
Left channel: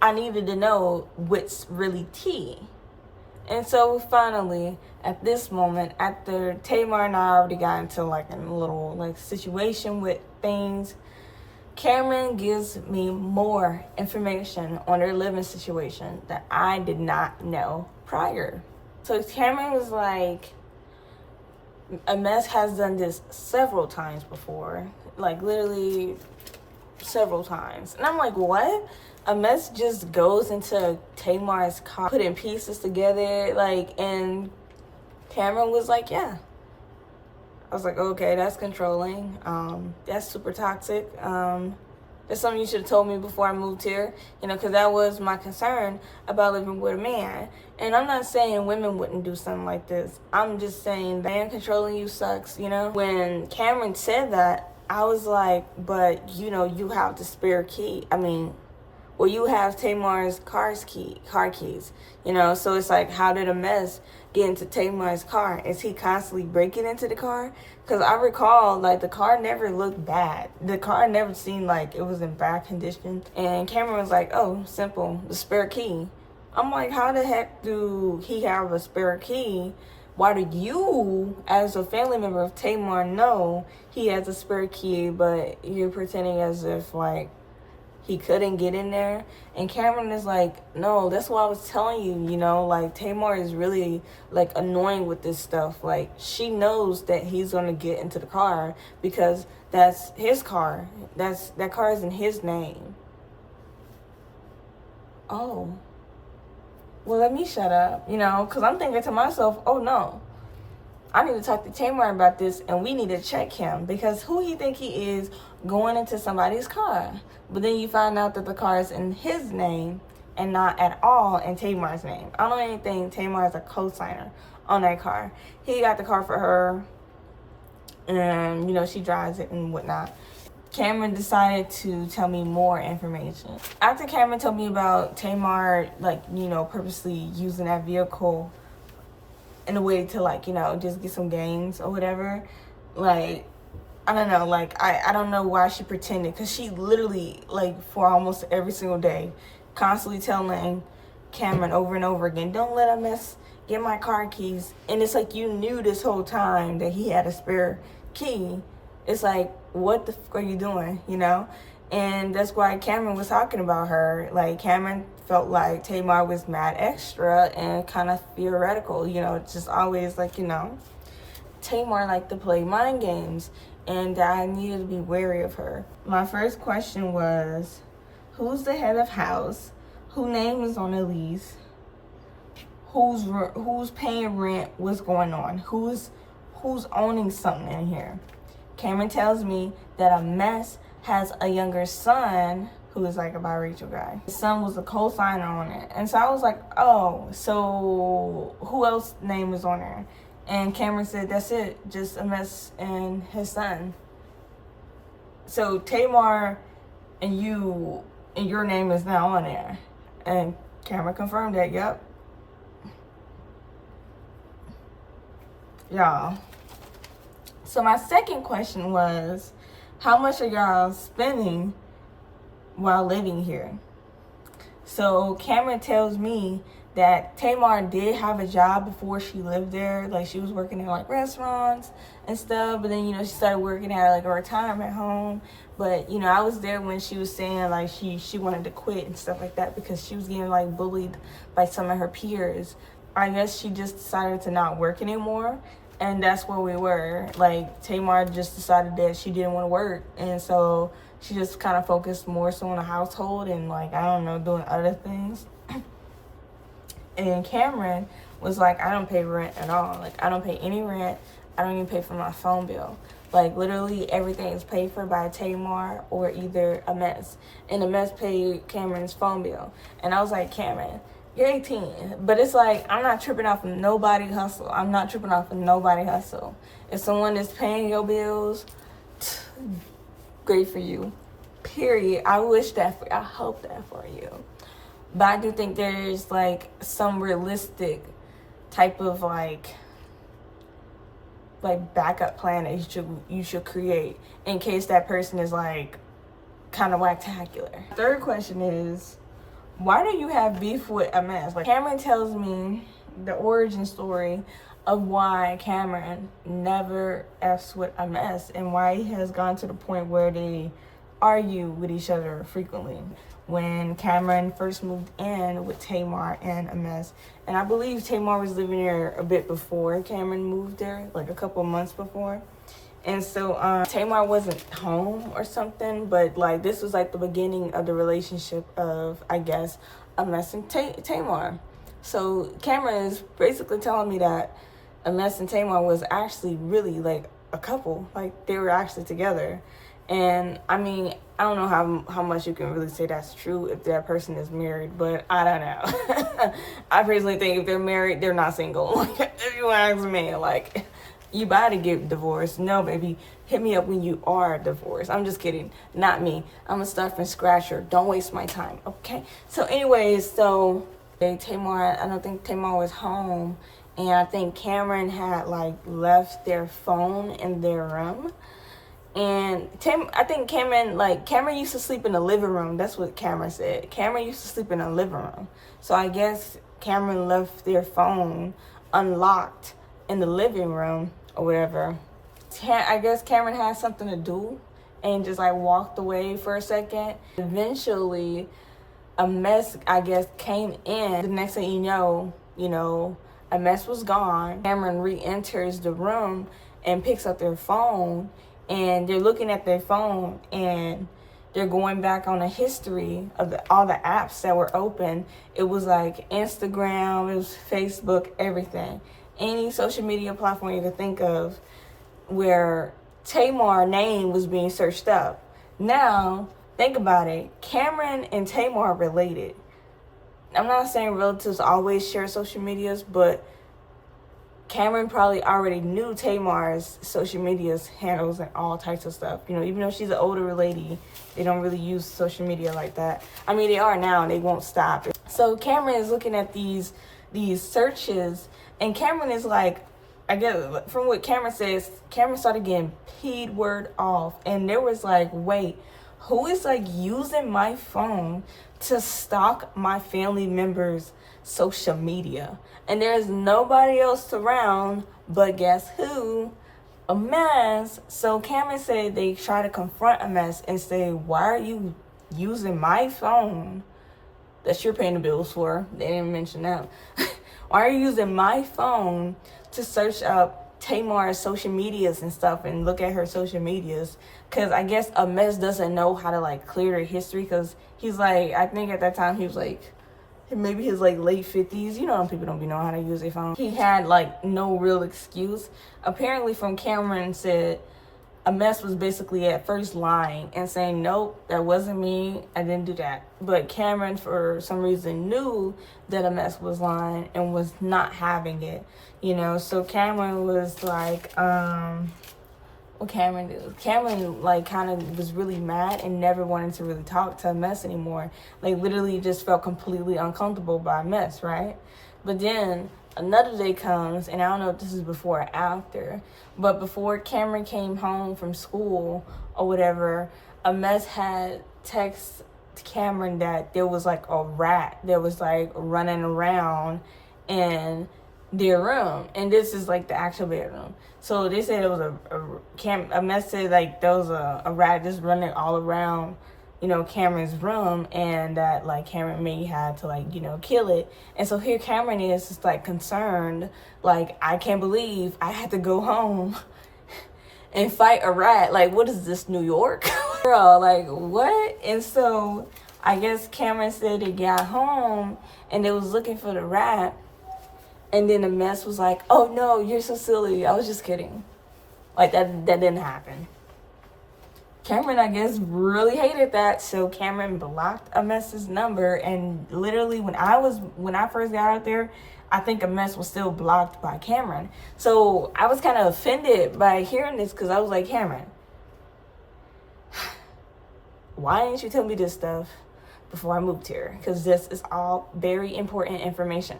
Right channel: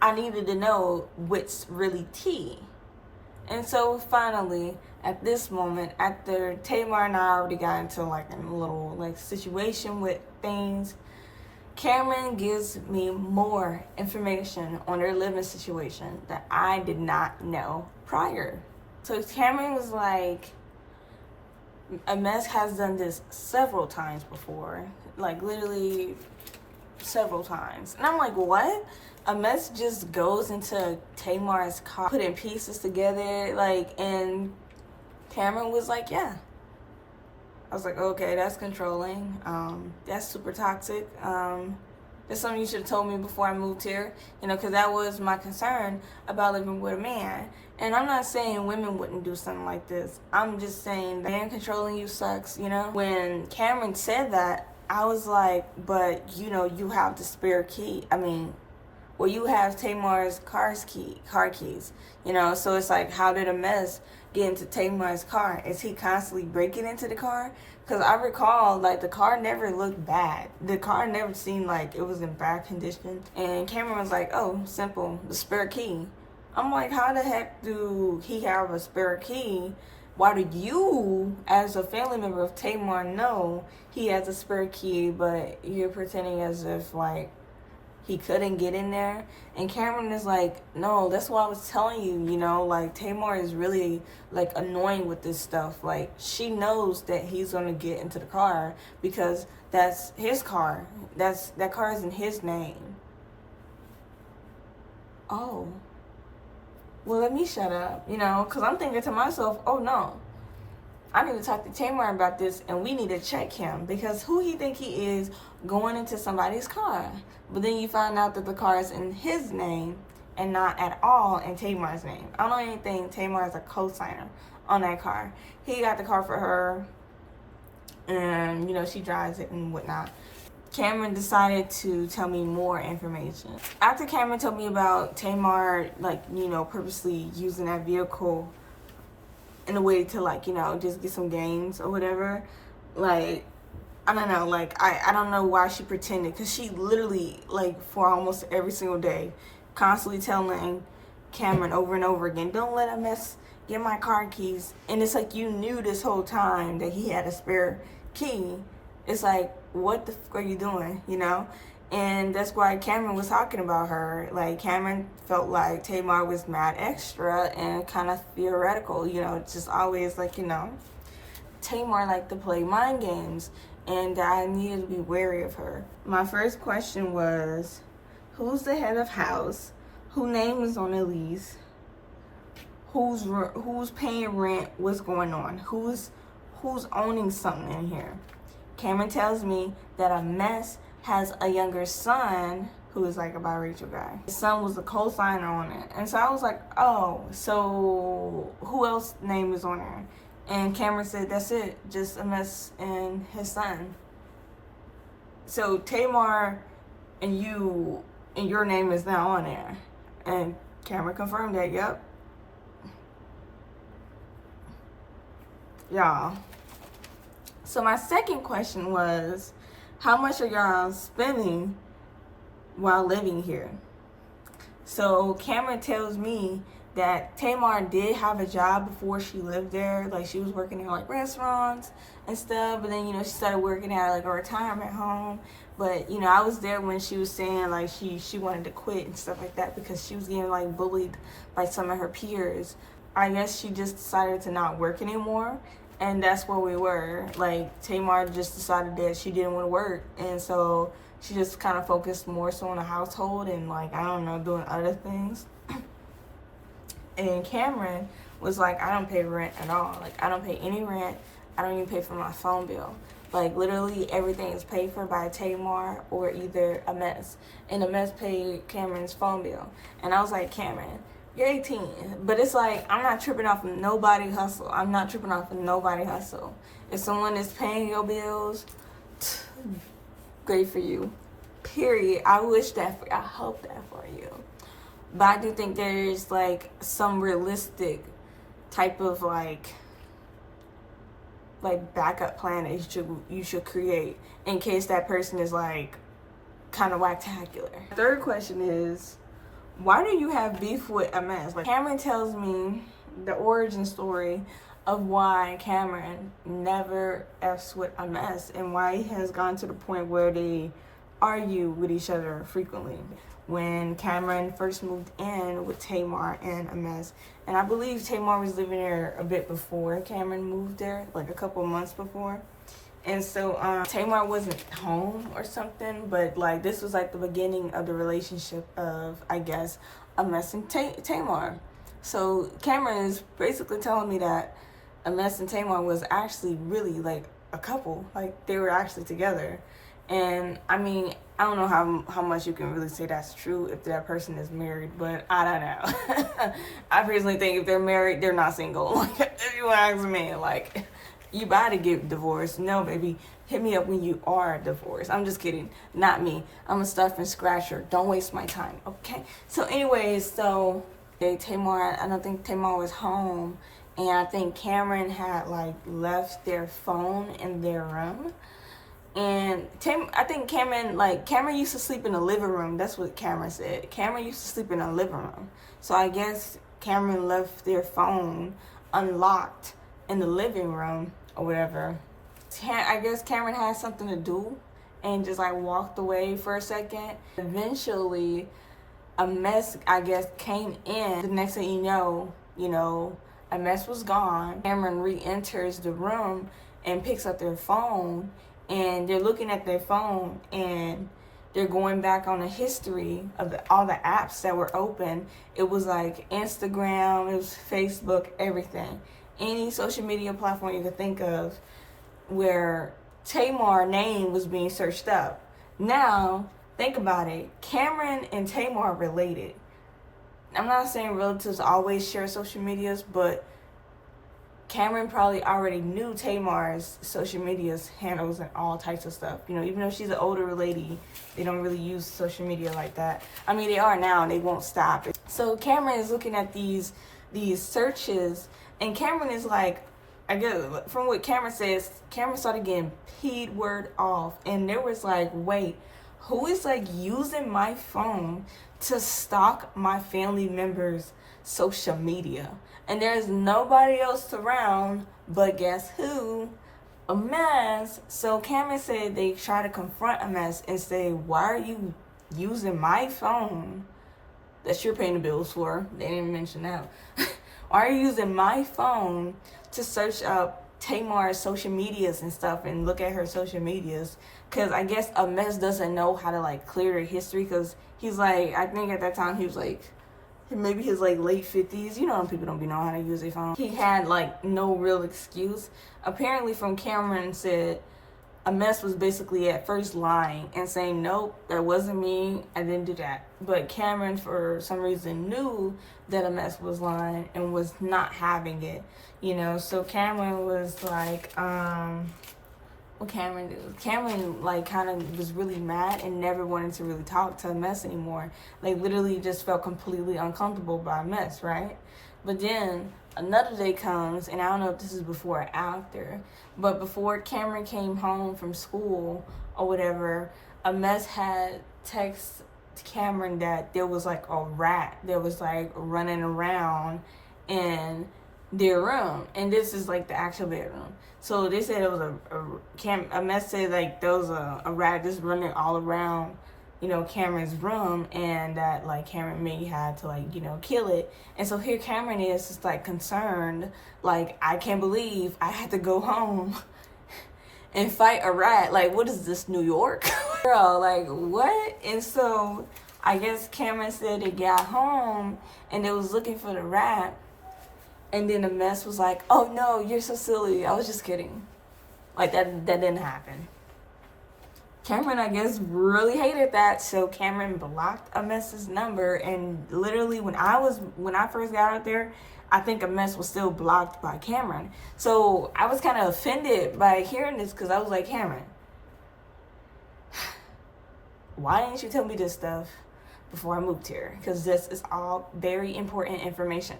I needed to know what's really tea. And so finally, at this moment, after Tamar and I already got into like a little like situation with things, Cameron gives me more information on their living situation that I did not know prior. So Cameron was like, a mess has done this several times before, like literally several times. And I'm like, what? A mess just goes into Tamar's car, putting pieces together, like, and Cameron was like, yeah. I was like, okay, that's controlling. That's super toxic. That's something you should have told me before I moved here, you know, because that was my concern about living with a man. And I'm not saying women wouldn't do something like this. I'm just saying that man controlling you sucks, you know. When Cameron said that, I was like, but, you know, you have the spare key. I mean, well, you have Tamar's car keys, you know. So it's like, how did a mess get into Tamar's car? Is he constantly breaking into the car? Because I recall, like, the car never looked bad. The car never seemed like it was in bad condition. And Cameron was like, oh, simple, the spare key. I'm like, how the heck do he have a spare key? Why do you, as a family member of Tamar, know he has a spare key, but you're pretending as if, like, he couldn't get in there? And Cameron is like, no, that's what I was telling you, you know, like, Tamar is really, like, annoying with this stuff. Like, she knows that he's going to get into the car because that's his car. That car is in his name. Oh. Well, let me shut up, you know, because I'm thinking to myself, oh, no. I need to talk to Tamar about this, and we need to check him, because who he think he is going into somebody's car? But then you find out that the car is in his name and not at all in Tamar's name. I don't even think Tamar is a co-signer on that car. He got the car for her, and, you know, she drives it and whatnot. Cameron decided to tell me more information. After Cameron told me about Tamar, like, you know, purposely using that vehicle in a way to, like, you know, just get some gains or whatever, like, I don't know, like, I don't know why she pretended, because she literally, like, for almost every single day, constantly telling Cameron over and over again, don't let a mess get my car keys. And it's like, you knew this whole time that he had a spare key. It's like, what the fuck are you doing, you know? And that's why Cameron was talking about her. Like, Cameron felt like Tamar was mad extra and kind of theoretical, you know, just always like, you know, Tamar liked to play mind games, and I needed to be wary of her. My first question was, who's the head of house? Whose name is on the lease? Who's paying rent? What's going on? Who's owning something in here? Cameron tells me that 𝒔𝒅𝒊𝒂 has a younger son who is like a biracial guy. His son was a co-signer on it. And so I was like, oh, so who else name is on there? And Cameron said, that's it, just 𝒔𝒅𝒊𝒂 and his son. So Tamar and your name is now on there. And Cameron confirmed that, yep. Y'all. So my second question was, how much are y'all spending while living here? So Cameron tells me that Tamar did have a job before she lived there. Like, she was working in like restaurants and stuff, but then, you know, she started working at like a retirement home. But, you know, I was there when she was saying like she wanted to quit and stuff like that because she was getting like bullied by some of her peers. I guess she just decided to not work anymore, and that's where we were. Like, Tamar just decided that she didn't want to work, and so she just kind of focused more so on the household and, like, I don't know, doing other things. And Cameron was like, I don't pay rent at all. Like, I don't pay any rent. I don't even pay for my phone bill. Like, literally everything is paid for by Tamar or either 𝒔𝒅𝒊𝒂. And 𝒔𝒅𝒊𝒂 paid Cameron's phone bill. And I was like, Cameron, you're 18. But it's like, I'm not tripping off of nobody hustle. I'm not tripping off of nobody hustle. If someone is paying your bills, great for you. Period. I wish that for you. I hope that for you. But I do think there's like some realistic type of like backup plan that you should create in case that person is like kind of whack-tacular. Third question is, why do you have beef with 𝒔𝒅𝒊𝒂? Like, Cameron tells me the origin story of why Cameron never F's with 𝒔𝒅𝒊𝒂 and why he has gone to the point where they argue with each other frequently. When Cameron first moved in with Tamar and 𝒔𝒅𝒊𝒂. And I believe Tamar was living there a bit before Cameron moved there, like a couple months before. And so Tamar wasn't home or something, but like this was like the beginning of the relationship of, I guess, 𝒔𝒅𝒊𝒂 and Tamar. So Cameron is basically telling me that 𝒔𝒅𝒊𝒂 and Tamar was actually really like a couple, like they were actually together. And I mean, I don't know how much you can really say that's true if that person is married, but I don't know. I personally think if they're married, they're not single. Like, if you ask me, like, you about to get divorced. No, baby, hit me up when you are divorced. I'm just kidding. Not me. I'm a stuff and scratcher. Don't waste my time, okay? So anyways, Tamar, I don't think Tamar was home, and I think Cameron had like left their phone in their room. And I think Cameron used to sleep in the living room. That's what Cameron said. Cameron used to sleep in the living room. So I guess Cameron left their phone unlocked in the living room or whatever. I guess Cameron had something to do and just like walked away for a second. Eventually, 𝒔𝒅𝒊𝒂, I guess, came in. The next thing you know, 𝒔𝒅𝒊𝒂 was gone. Cameron re-enters the room and picks up their phone. And they're looking at their phone and they're going back on the history of all the apps that were open. It was like Instagram, it was Facebook, everything. Any social media platform you could think of where Tamar's name was being searched up. Now, think about it. Cameron and Tamar are related. I'm not saying relatives always share social medias, but Cameron probably already knew Tamar's social media's handles and all types of stuff. You know, even though she's an older lady, they don't really use social media like that. I mean, they are now and they won't stop. So Cameron is looking at these searches and Cameron is like, I guess from what Cameron says, Cameron started getting peed word off, and there was like, wait, who is like using my phone to stalk my family members' social media? And there's nobody else around, but guess who? 𝒎𝒅𝒊𝒂. So Cameron said they try to confront 𝒎𝒅𝒊𝒂 and say, why are you using my phone that you're paying the bills for? They didn't mention that. Why are you using my phone to search up 𝒎𝒂𝒅's social medias and stuff and look at her social medias? Because I guess 𝒎𝒅𝒂 doesn't know how to like clear their history, because he's like, I think at that time he was like maybe his like late 50s. You know, people don't be knowing how to use their phone. He had like no real excuse. Apparently from Cameron said 𝒎𝒅𝒂 was basically at first lying and saying, nope, that wasn't me, I didn't do that. But Cameron for some reason knew that 𝒎𝒅𝒂 was lying and was not having it, you know. So Cameron was like, what Cameron do? Cameron like kind of was really mad and never wanted to really talk to 𝒎𝒅𝒂 anymore. Like literally just felt completely uncomfortable by 𝒎𝒅𝒂, right? But then another day comes, and I don't know if this is before or after, but before Cameron came home from school or whatever, 𝒎𝒅𝒂 had text Cameron that there was like a rat that was like running around in their room, and this is like the actual bedroom. So they said it was 𝒎𝒅𝒂 said like there was a rat just running all around, you know, Cameron's room, and that like Cameron may have to like, you know, kill it. And so here Cameron is just like concerned, like, I can't believe I had to go home and fight a rat. Like, what is this, New York? Girl, like, what? And so I guess Cameron said they got home and they was looking for the rat, and then 𝒎𝒅𝒂 was like, oh no, you're so silly, I was just kidding. Like that didn't happen. Cameron, I guess, really hated that, so Cameron blocked 𝒎𝒅𝒂's number. And literally when I first got out there, I think 𝒎𝒅𝒂 was still blocked by Cameron. So I was kind of offended by hearing this, because I was like, Cameron, why didn't you tell me this stuff before I moved here? Because this is all very important information.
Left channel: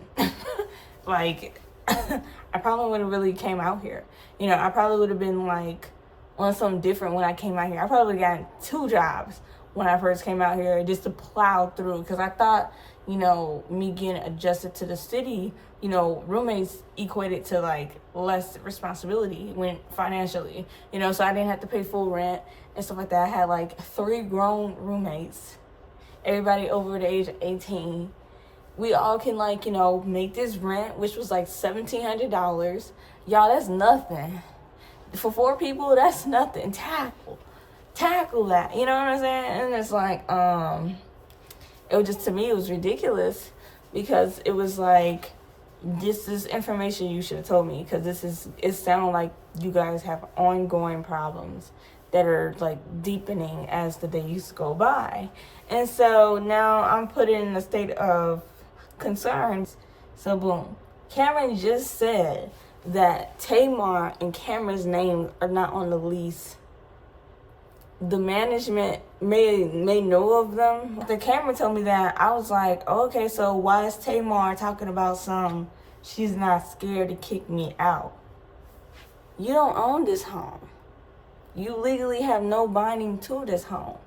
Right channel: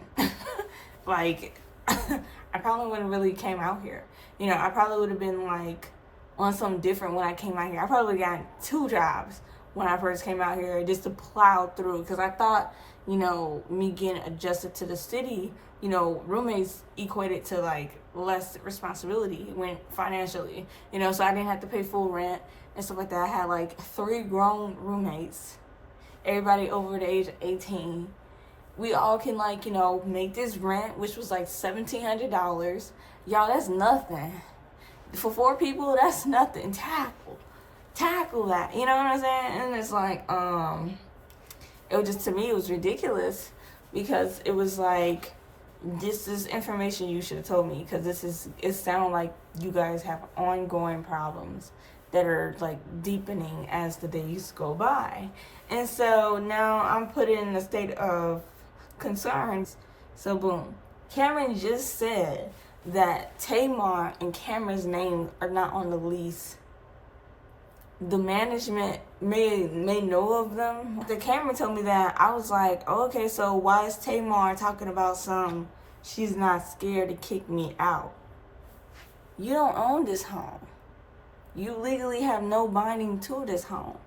Like, I probably wouldn't really came out here. You know, I probably would have been like on something different when I came out here. I probably got 2 jobs when I first came out here just to plow through, because I thought, you know, me getting adjusted to the city, you know, roommates equated to like less responsibility when financially, you know, so I didn't have to pay full rent and stuff like that. I had like 3 grown roommates, everybody over the age of 18. We all can like, you know, make this rent, which was like $1,700. Y'all, that's nothing. For 4 people, that's nothing. Tackle that. You know what I'm saying? And it's like, it was just, to me, it was ridiculous, because it was like, this is information you should have told me, because it sounds like you guys have ongoing problems that are like deepening as the days go by. And so now I'm put in a state of concerns. So boom, Cameron just said that 𝒎𝒂𝒅 and Cameron's name are not on the lease. The management may know of them. The Cameron told me that, I was like, oh, okay, so why is 𝒎𝒂𝒅 talking about she's not scared to kick me out? You don't own this home. You legally have no binding to this home.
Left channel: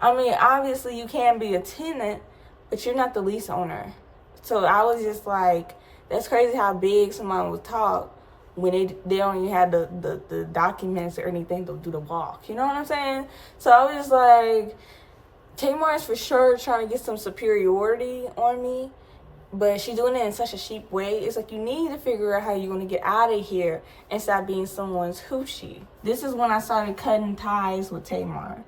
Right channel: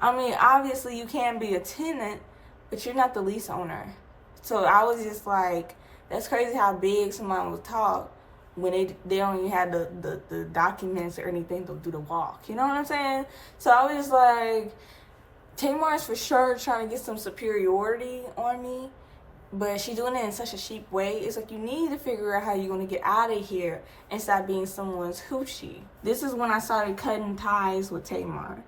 I mean, obviously you can be a tenant, but you're not the lease owner. So I was just like, that's crazy how big someone would talk when they don't even have the documents or anything to do the walk. You know what I'm saying? So I was just like, 𝒎𝒂𝒅 is for sure trying to get some superiority on me, but she's doing it in such a cheap way. It's like, you need to figure out how you're going to get out of here and stop being someone's hoochie. This is when I started cutting ties with 𝒎𝒂𝒅.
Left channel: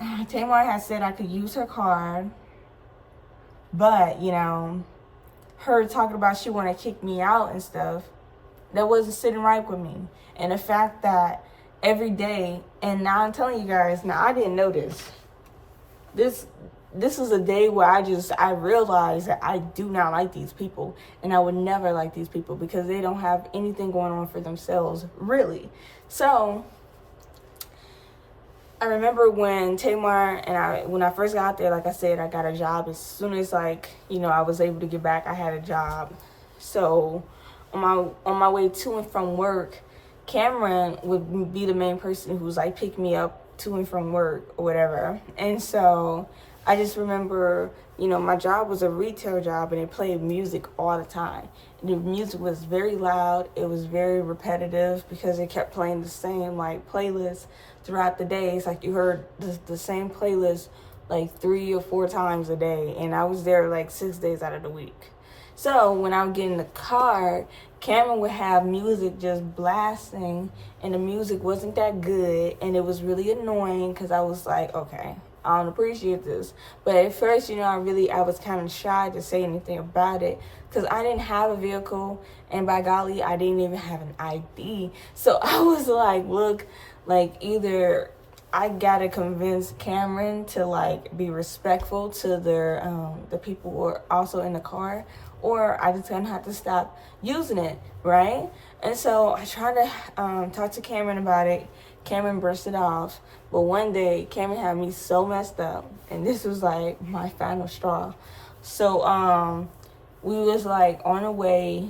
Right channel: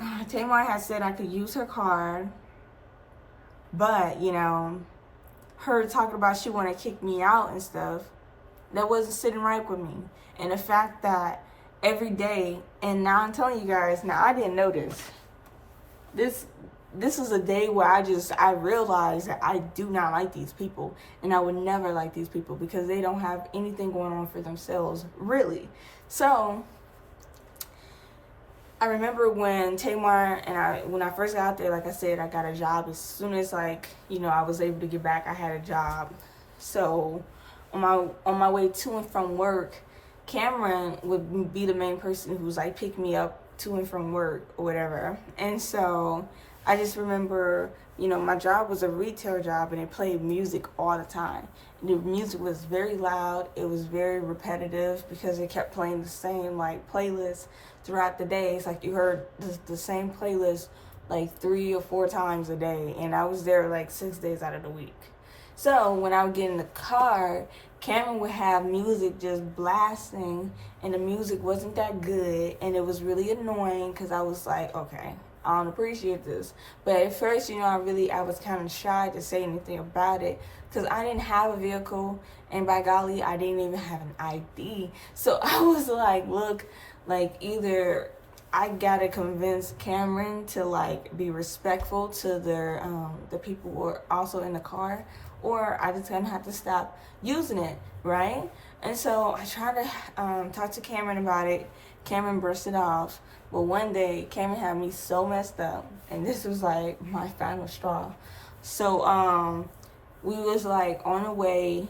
𝒎𝒂𝒅 had said I could use her card, but, you know, her talking about she want to kick me out and stuff, that wasn't sitting right with me. And the fact that every day, and now I'm telling you guys, now I didn't know this is a day where I realized that I do not like these people, and I would never like these people, because they don't have anything going on for themselves, really. So I remember when 𝒎𝒂𝒅 and when I first got out there, like I said, I got a job as soon as, like, you know, I was able to get back. I had a job. So on my way to and from work, Cameron would be the main person who's like pick me up to and from work or whatever. And so I just remember, you know, my job was a retail job and it played music all the time. The music was very loud. It was very repetitive because it kept playing the same like playlist throughout the day. It's like you heard the same playlist like 3 or 4 times a day, and I was there like 6 days out of the week. So when I would get in the car, Cameron would have music just blasting, and the music wasn't that good, and it was really annoying because I was like, okay, I don't appreciate this. But at first, you know, I was kind of shy to say anything about it because I didn't have a vehicle, and by golly, I didn't even have an ID. So I was like, look, like either I gotta convince Cameron to like be respectful to the people who are also in the car, or I just gonna have to stop using it, right? And so I tried to talk to Cameron about it. Cameron brushed it off. But one day, Cameron had me so messed up, and this was like my final straw. So we was like on the way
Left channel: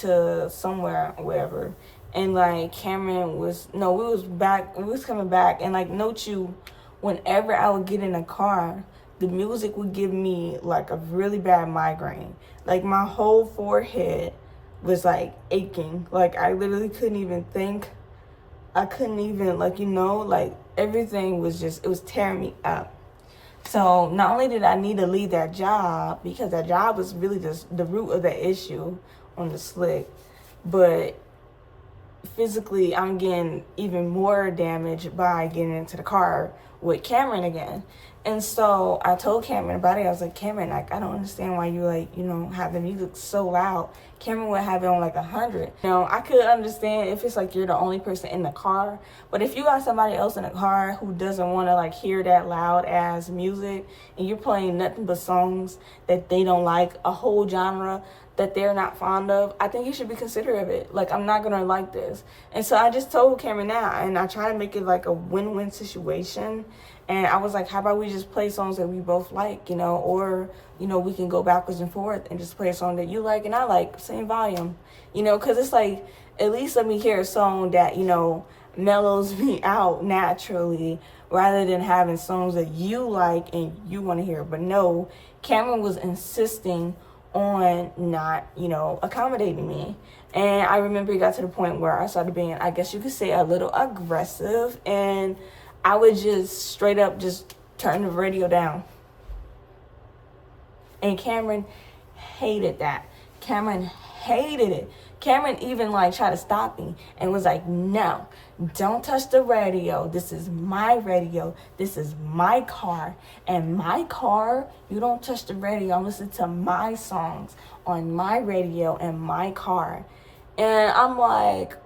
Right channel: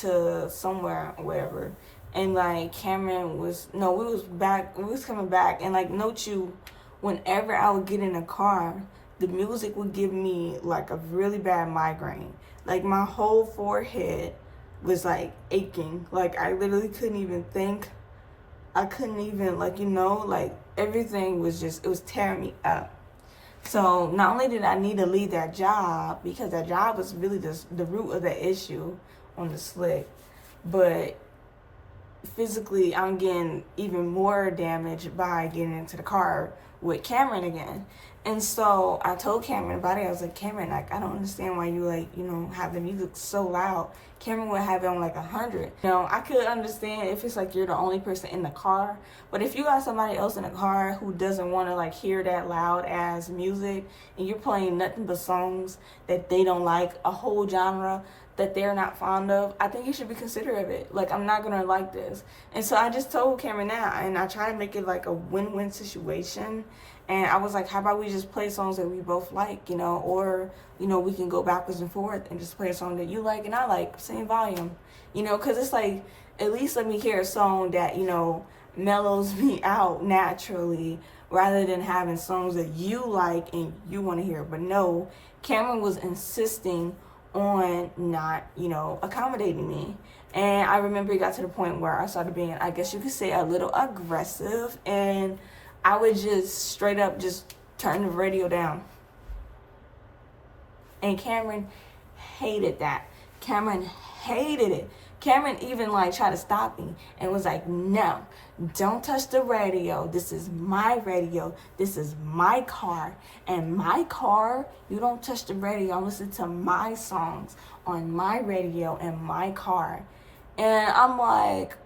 to somewhere, whatever, and like Cameron was we was coming back, and like note you, whenever I would get in a car, the music would give me like a really bad migraine. Like my whole forehead was like aching. Like I literally couldn't even think. I couldn't even like everything was just, it was tearing me up. So not only did I need to leave that job, because that job was really just the root of the issue on the slick, but physically I'm getting even more damage by getting into the car with Cameron again. And so I told Cameron about it. I was like, Cameron, like, I don't understand why you have the music so loud. Cameron would have it on like 100. You know, I could understand if it's like you're the only person in the car, but if you got somebody else in the car who doesn't want to like hear that loud ass music, and you're playing nothing but songs that they don't like, a whole genre that they're not fond of, I think you should be considerate of it. Like, I'm not gonna like this. And so I just told Cameron that, and I tried to make it like a win-win situation. And I was like, how about we just play songs that we both like, you know, or, you know, we can go backwards and forth and just play a song that you like and I like, same volume, you know, because it's like, at least let me hear a song that, you know, mellows me out naturally, rather than having songs that you like and you want to hear. But no, Cameron was insisting on not, you know, accommodating me. And I remember it got to the point where I started being, I guess you could say, a little aggressive, and I would just straight up just turn the radio down. And Cameron hated that. Cameron hated it. Cameron even like tried to stop me and was like, no, don't touch the radio. This is my radio. This is my car. And my car, you don't touch the radio. Listen to my songs on my radio and my car. And I'm like,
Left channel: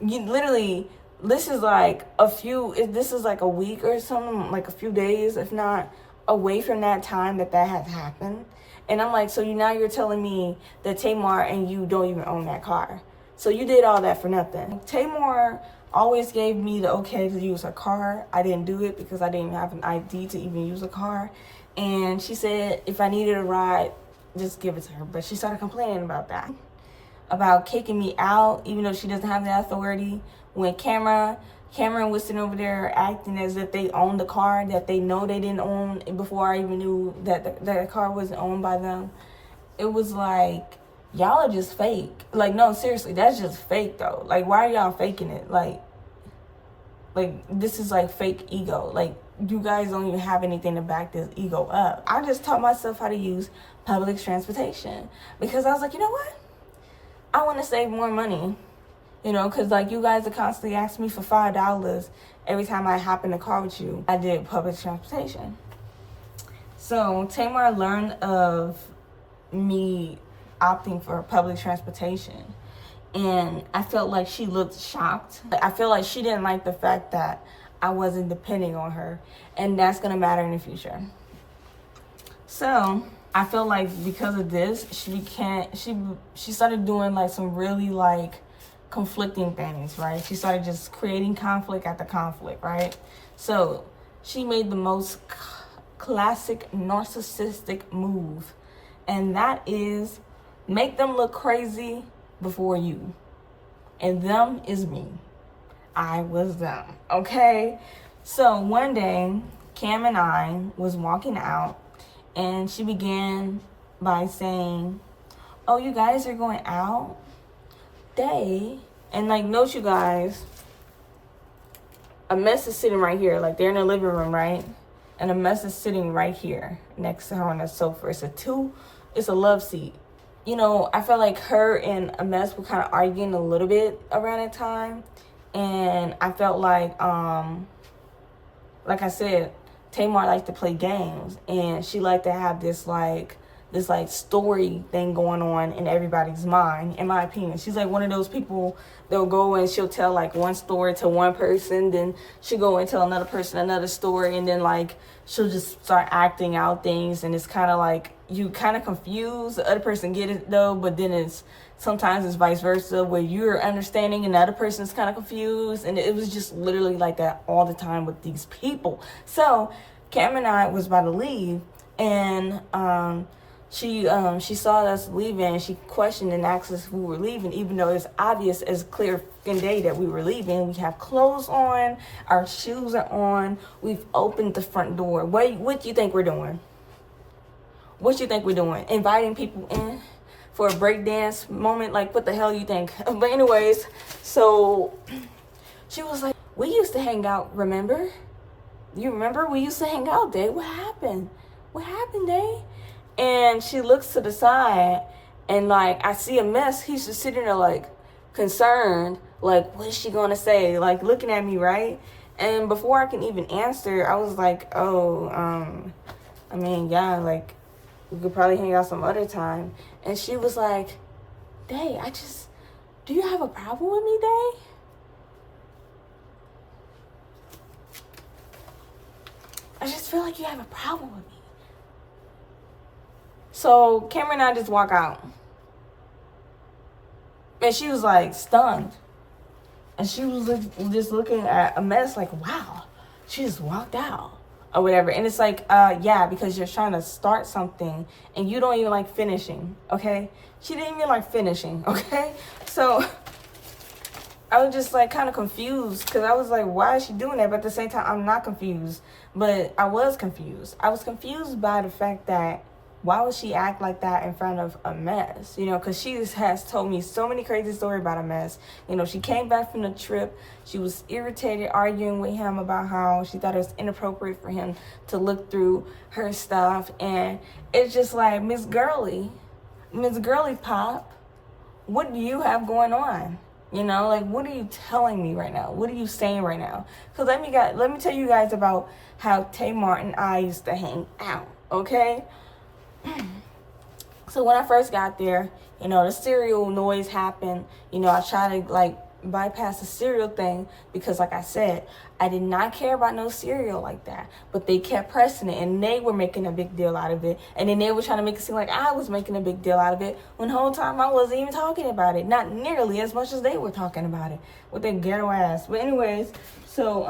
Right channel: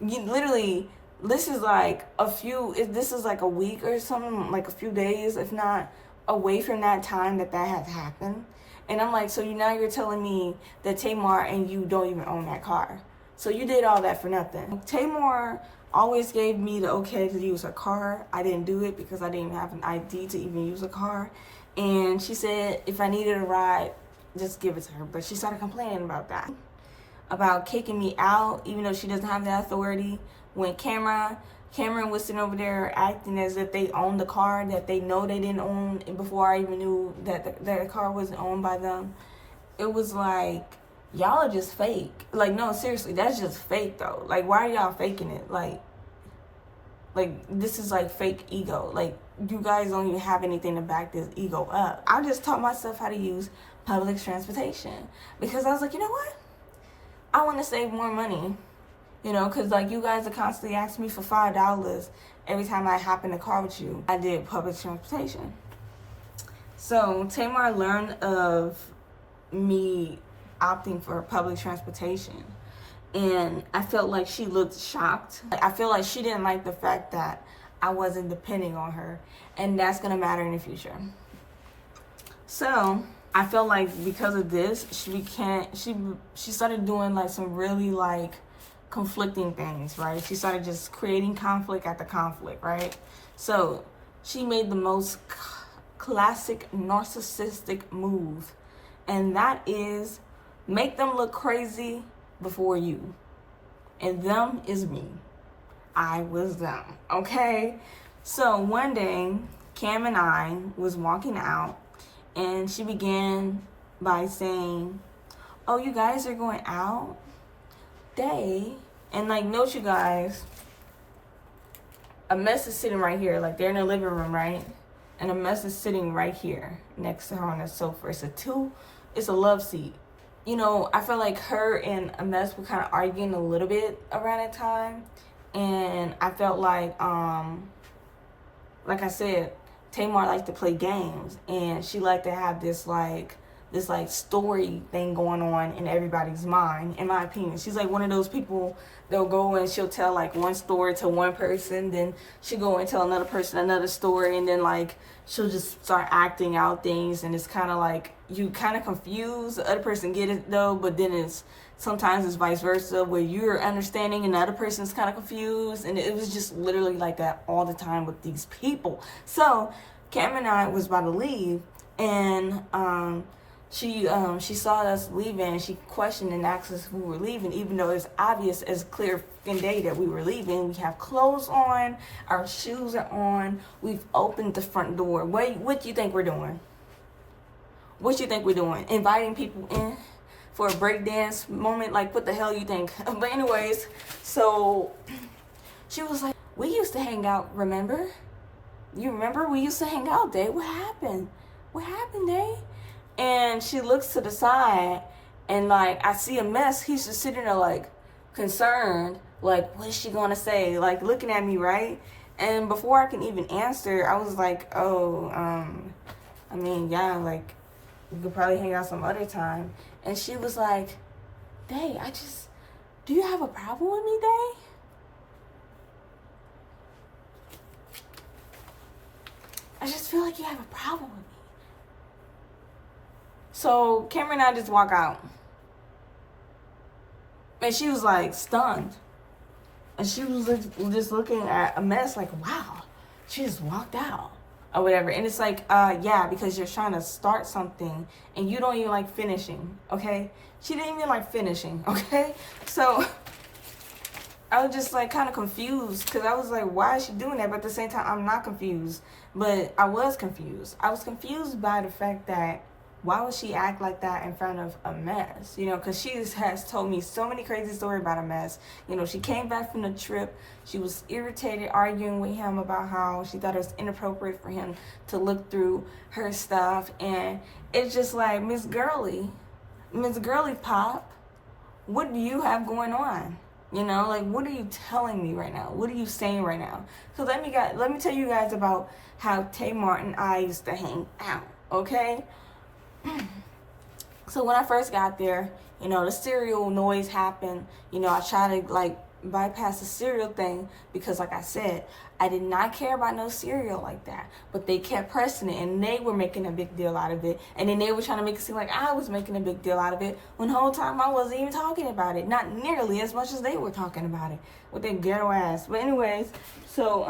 you literally, this is like a week or something, like a few days, if not, away from that time that has happened. And I'm like, so you're telling me that Tamar and you don't even own that car. So you did all that for nothing. Tamar always gave me the okay to use her car. I didn't do it because I didn't have an ID to even use a car. And she said if I needed a ride, just give it to her. But she started complaining about that, about kicking me out, even though she doesn't have that authority. When Cameron was sitting over there acting as if they owned the car that they know they didn't own before I even knew that the car wasn't owned by them. It was like, y'all are just fake. Like, no, seriously, that's just fake though. Like, why are y'all faking it? Like this is like fake ego. Like, you guys don't even have anything to back this ego up. I just taught myself how to use public transportation because I was like, you know what? I want to save more money. You know, because like you guys are constantly asking me for $5 every time I hop in the car with you. I did public transportation. So Tamar learned of me opting for public transportation. And I felt like she looked shocked. I feel like she didn't like the fact that I wasn't depending on her. And that's going to matter in the future. So I felt like because of this, she started doing like some really like conflicting things, right? She started just creating conflict after conflict, right? So she made the most classic narcissistic move, and that is Make them look crazy before you. And them is me. I was them, okay? So one day, Cam and I was walking out, and she began by saying, oh, you guys are going out? And like, note you guys, 𝒎𝒅𝒊𝒂 is sitting right here. Like, they're in the living room, right? And 𝒎𝒅𝒂 is sitting right here next to her on the sofa. It's a love seat. You know, I felt like her and 𝒎𝒅𝒂 were kind of arguing a little bit around that time. And I felt like I said, Tamar liked to play games, and she liked to have this story thing going on in everybody's mind, in my opinion. She's like one of those people that'll go and she'll tell like one story to one person, then she'll go and tell another person another story, and then like she'll just start acting out things, and it's kind of like you kind of confused. The other person get it though, but then sometimes it's vice versa, where you're understanding and the other person's kind of confused. And it was just literally like that all the time with these people. So Cam and I was about to leave, and she saw us leaving, and she questioned and asked us if we were leaving, even though it's obvious as clear day that we were leaving. We have clothes on, our shoes are on, we've opened the front door. What do you think we're doing? What do you think we're doing? Inviting people in for a breakdance moment? Like, what the hell you think? But anyways, so she was like, we used to hang out, remember? You remember? We used to hang out, Day. What happened? What happened, Day? And she looks to the side, and like, I see 𝒎𝒅𝒂. He's just sitting there like concerned, like, what is she gonna say? Like, looking at me, right? And before I can even answer, I was like, oh, I mean, yeah, like, we could probably hang out some other time. And she was like, Day, do you have a problem with me, Day? I just feel like you have a problem with me. So Cameron and I just walk out. And she was like stunned. And she was just looking at 𝒎𝒅𝒂 like, wow, she just walked out or whatever. And it's like, yeah, because you're trying to start something and you don't even like finishing, okay? She didn't even like finishing, okay? So I was just like kind of confused, because I was like, why is she doing that? But at the same time, I'm not confused. But I was confused. I was confused by the fact that why would she act like that in front of 𝒎𝒅𝒂? You know, because she has told me so many crazy stories about 𝒎𝒅𝒂. You know, she came back from the trip. She was irritated, arguing with him about how she thought it was inappropriate for him to look through her stuff. And it's just like, Miss Girly Pop, what do you have going on? You know, like, what are you telling me right now? What are you saying right now? Because let me tell you guys about how Tamar and I used to hang out, okay? So when I first got there, you know, the cereal noise happened. You know, I tried to like bypass the cereal thing because, like I said, I did not care about no cereal like that. But they kept pressing it, and they were making a big deal out of it. And then they were trying to make it seem like I was making a big deal out of it, when the whole time I wasn't even talking about it. Not nearly as much as they were talking about it with their ghetto ass. But anyways, so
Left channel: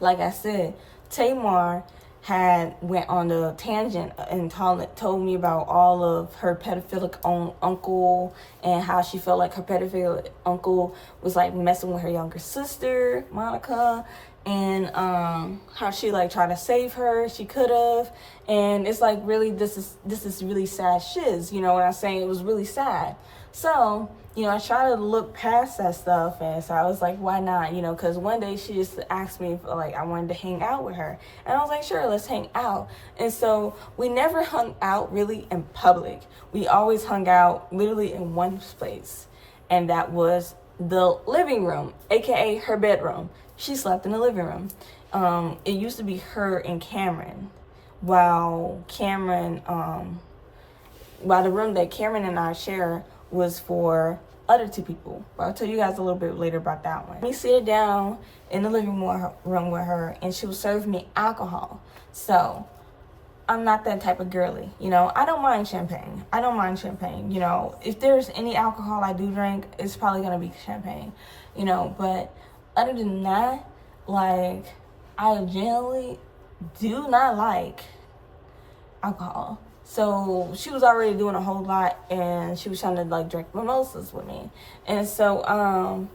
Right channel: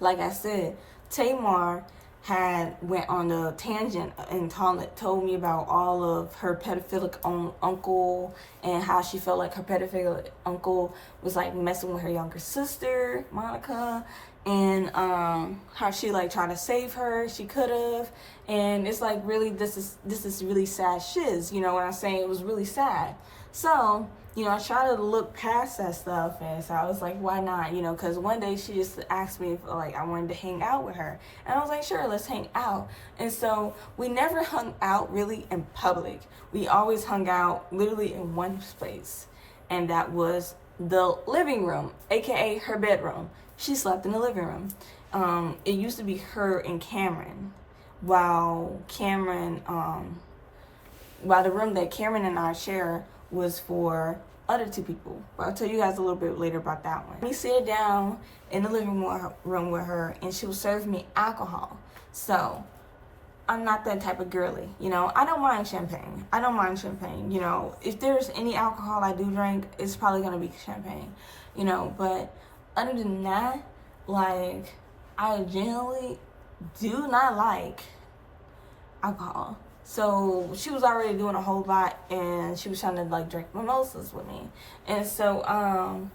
like I said, Tamar had went on the tangent and told me about all of her pedophilic uncle, and how she felt like her pedophilic uncle was like messing with her younger sister, Monica, and how she like tried to save her. She could have. And it's like, really, this is really sad shiz. You know what I'm saying? It was really sad. So, you know, I try to look past that stuff, and so I was like, why not? You know, because one day she just asked me if, like, I wanted to hang out with her. And I was like, sure, let's hang out. And so we never hung out really in public. We always hung out literally in one place, and that was the living room, aka her bedroom. She slept in the living room. It used to be her and Cameron, while the room that Cameron and I share was for other two people. But I'll tell you guys a little bit later about that one. We sit down in the living room with her, and she was serving me alcohol. So I'm not that type of girly, you know. I don't mind champagne. You know, if there's any alcohol I do drink, it's probably gonna be champagne, you know. But other than that, like, I generally do not like alcohol. So she was already doing a whole lot, and she was trying to like drink mimosas with me. And so,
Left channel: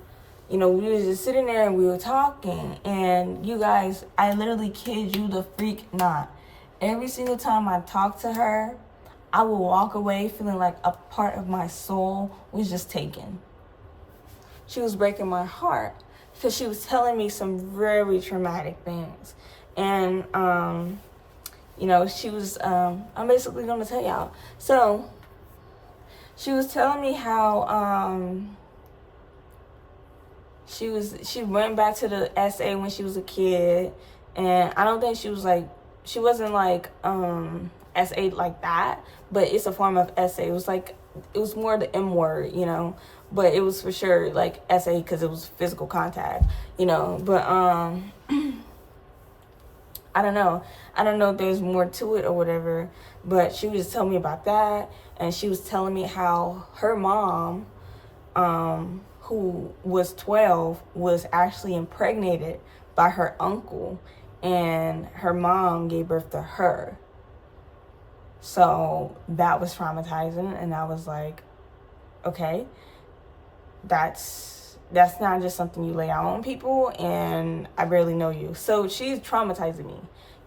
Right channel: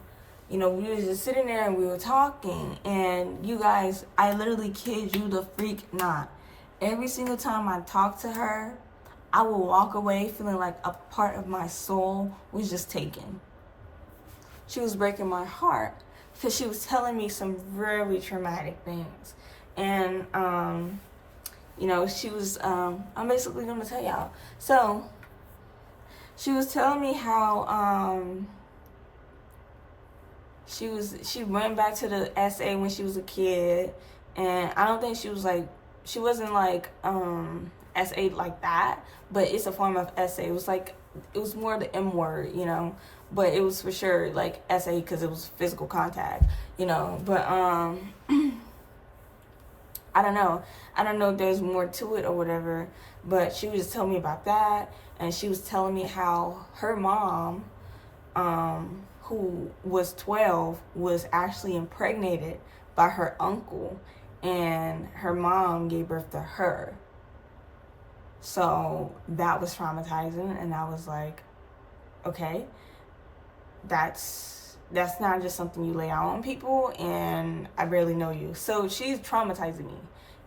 you know, we was just sitting there and we were talking, and you guys, I literally kid you the freak not. Every single time I talk to her, I will walk away feeling like a part of my soul was just taken. She was breaking my heart because she was telling me some very traumatic things. And, you know, she was, I'm basically going to tell y'all. So, she was telling me how, she went back to the SA when she was a kid. And I don't think she wasn't like, SA like that, but it's a form of SA. It was more the M word, you know, but it was for sure like SA because it was physical contact, you know, but, I don't know if there's more to it or whatever, but she was telling me about that, and she was telling me how her mom, who was 12, was actually impregnated by her uncle, and her mom gave birth to her. So that was traumatizing, and I was like, okay, that's not just something you lay out on people, and I barely know you. So she's traumatizing me.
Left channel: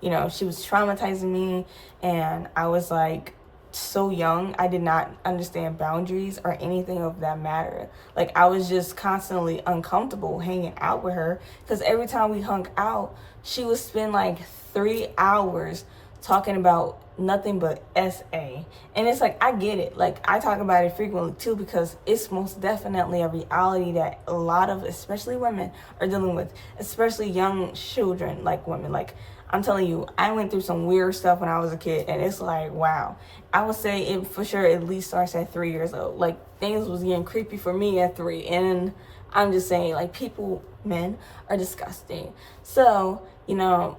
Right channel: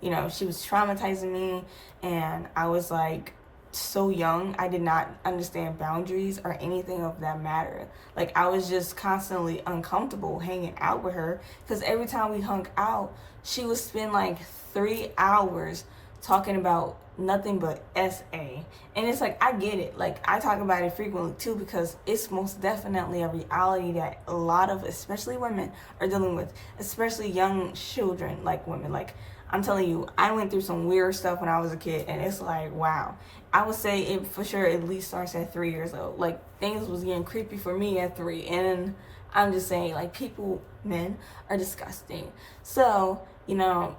You know, she was traumatizing me, and I was like so young. I did not understand boundaries or anything of that matter. Like, I was just constantly uncomfortable hanging out with her because every time we hung out, she would spend like 3 hours talking about nothing but SA. And it's like, I get it. Like, I talk about it frequently too because it's most definitely a reality that a lot of, especially women, are dealing with, especially young children, like women. Like, I'm telling you, I went through some weird stuff when I was a kid, and it's like, wow. I would say it for sure at least starts at 3 years old. Like, things was getting creepy for me at 3, and I'm just saying, like, men are disgusting. So, you know,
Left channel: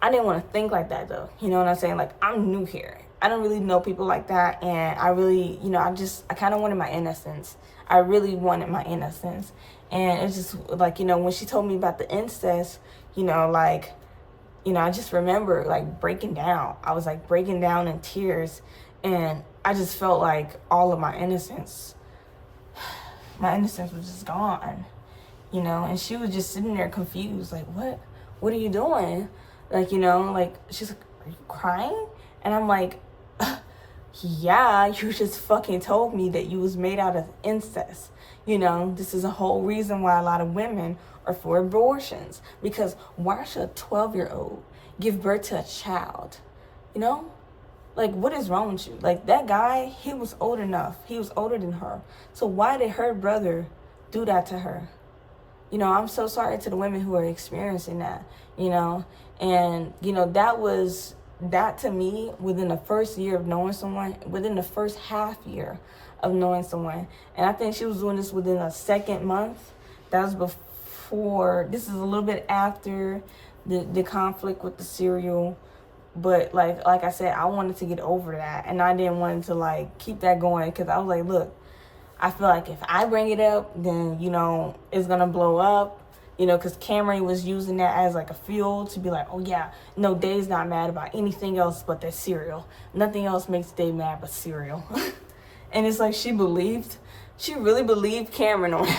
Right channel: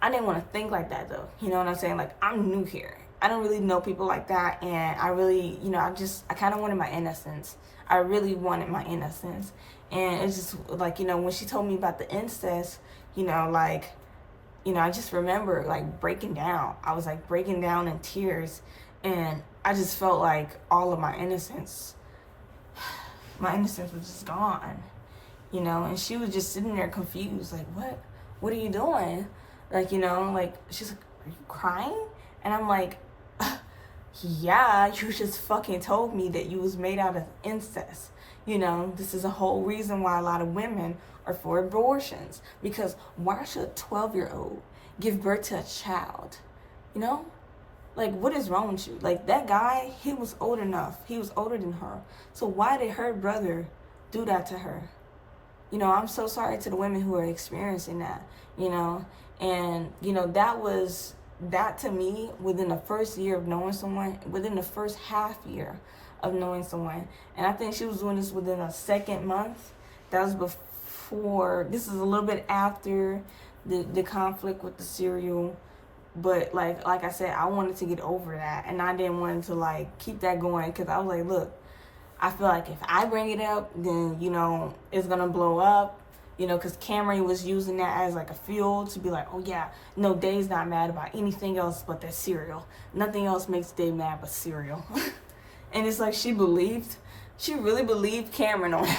I didn't want to think like that, though. You know what I'm saying? Like, I'm new here. I don't really know people like that, and I really, you know, I kind of wanted my innocence. I really wanted my innocence. And it's just, like, you know, when she told me about the incest, you know, like, you know, I just remember, like, breaking down. I was, like, breaking down in tears, and I just felt like all of my innocence was just gone, you know? And she was just sitting there confused, like, what are you doing? Like, you know, like, she's like, are you crying? And I'm like, yeah, you just fucking told me that you was made out of incest. You know, this is a whole reason why a lot of women are for abortions. Because why should a 12-year-old give birth to a child? You know? Like, what is wrong with you? Like, that guy, he was old enough. He was older than her. So why did her brother do that to her? You know, I'm so sorry to the women who are experiencing that, you know? And, you know, that to me, within the first year of knowing someone, within the first half year of knowing someone, and I think she was doing this within a second month. That was before, this is a little bit after the conflict with the cereal. But like I said, I wanted to get over that, and I didn't want to like keep that going because I was like, look, I feel like if I bring it up, then, you know, it's gonna blow up. You know, because Cameron was using that as like a fuel to be like, oh yeah, no, Dave's not mad about anything else but that cereal. Nothing else makes Dave mad but cereal. And it's like she really believed Cameron on it.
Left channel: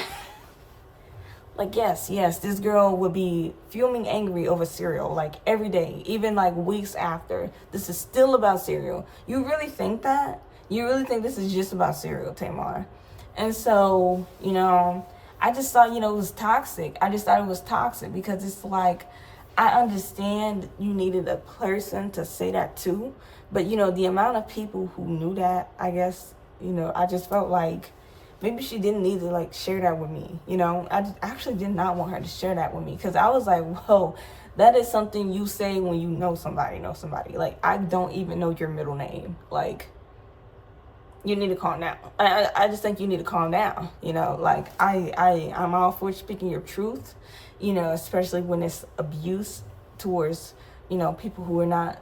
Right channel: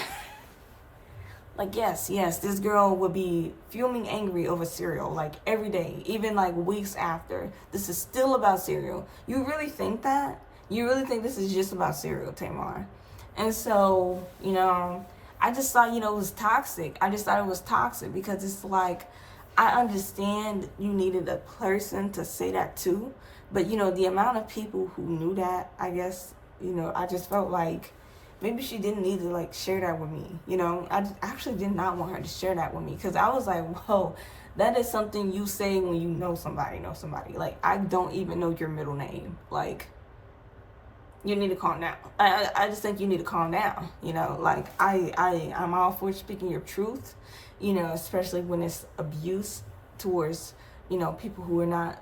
Like, yes, this girl would be fuming angry over cereal, like every day, even like weeks after. This is still about cereal. You really think that? You really think this is just about cereal, Tamar? And so, you know, I just thought, you know, it was toxic. I just thought it was toxic because it's like, I understand you needed a person to say that too. But, you know, the amount of people who knew that, I guess, you know, I just felt like maybe she didn't need to, like, share that with me. You know, I actually did not want her to share that with me because I was like, whoa, that is something you say when you know somebody. Like, I don't even know your middle name. Like, you need to calm down. I just think you need to calm down, you know, like I'm all for speaking your truth, you know, especially when it's abuse towards, you know, people who are not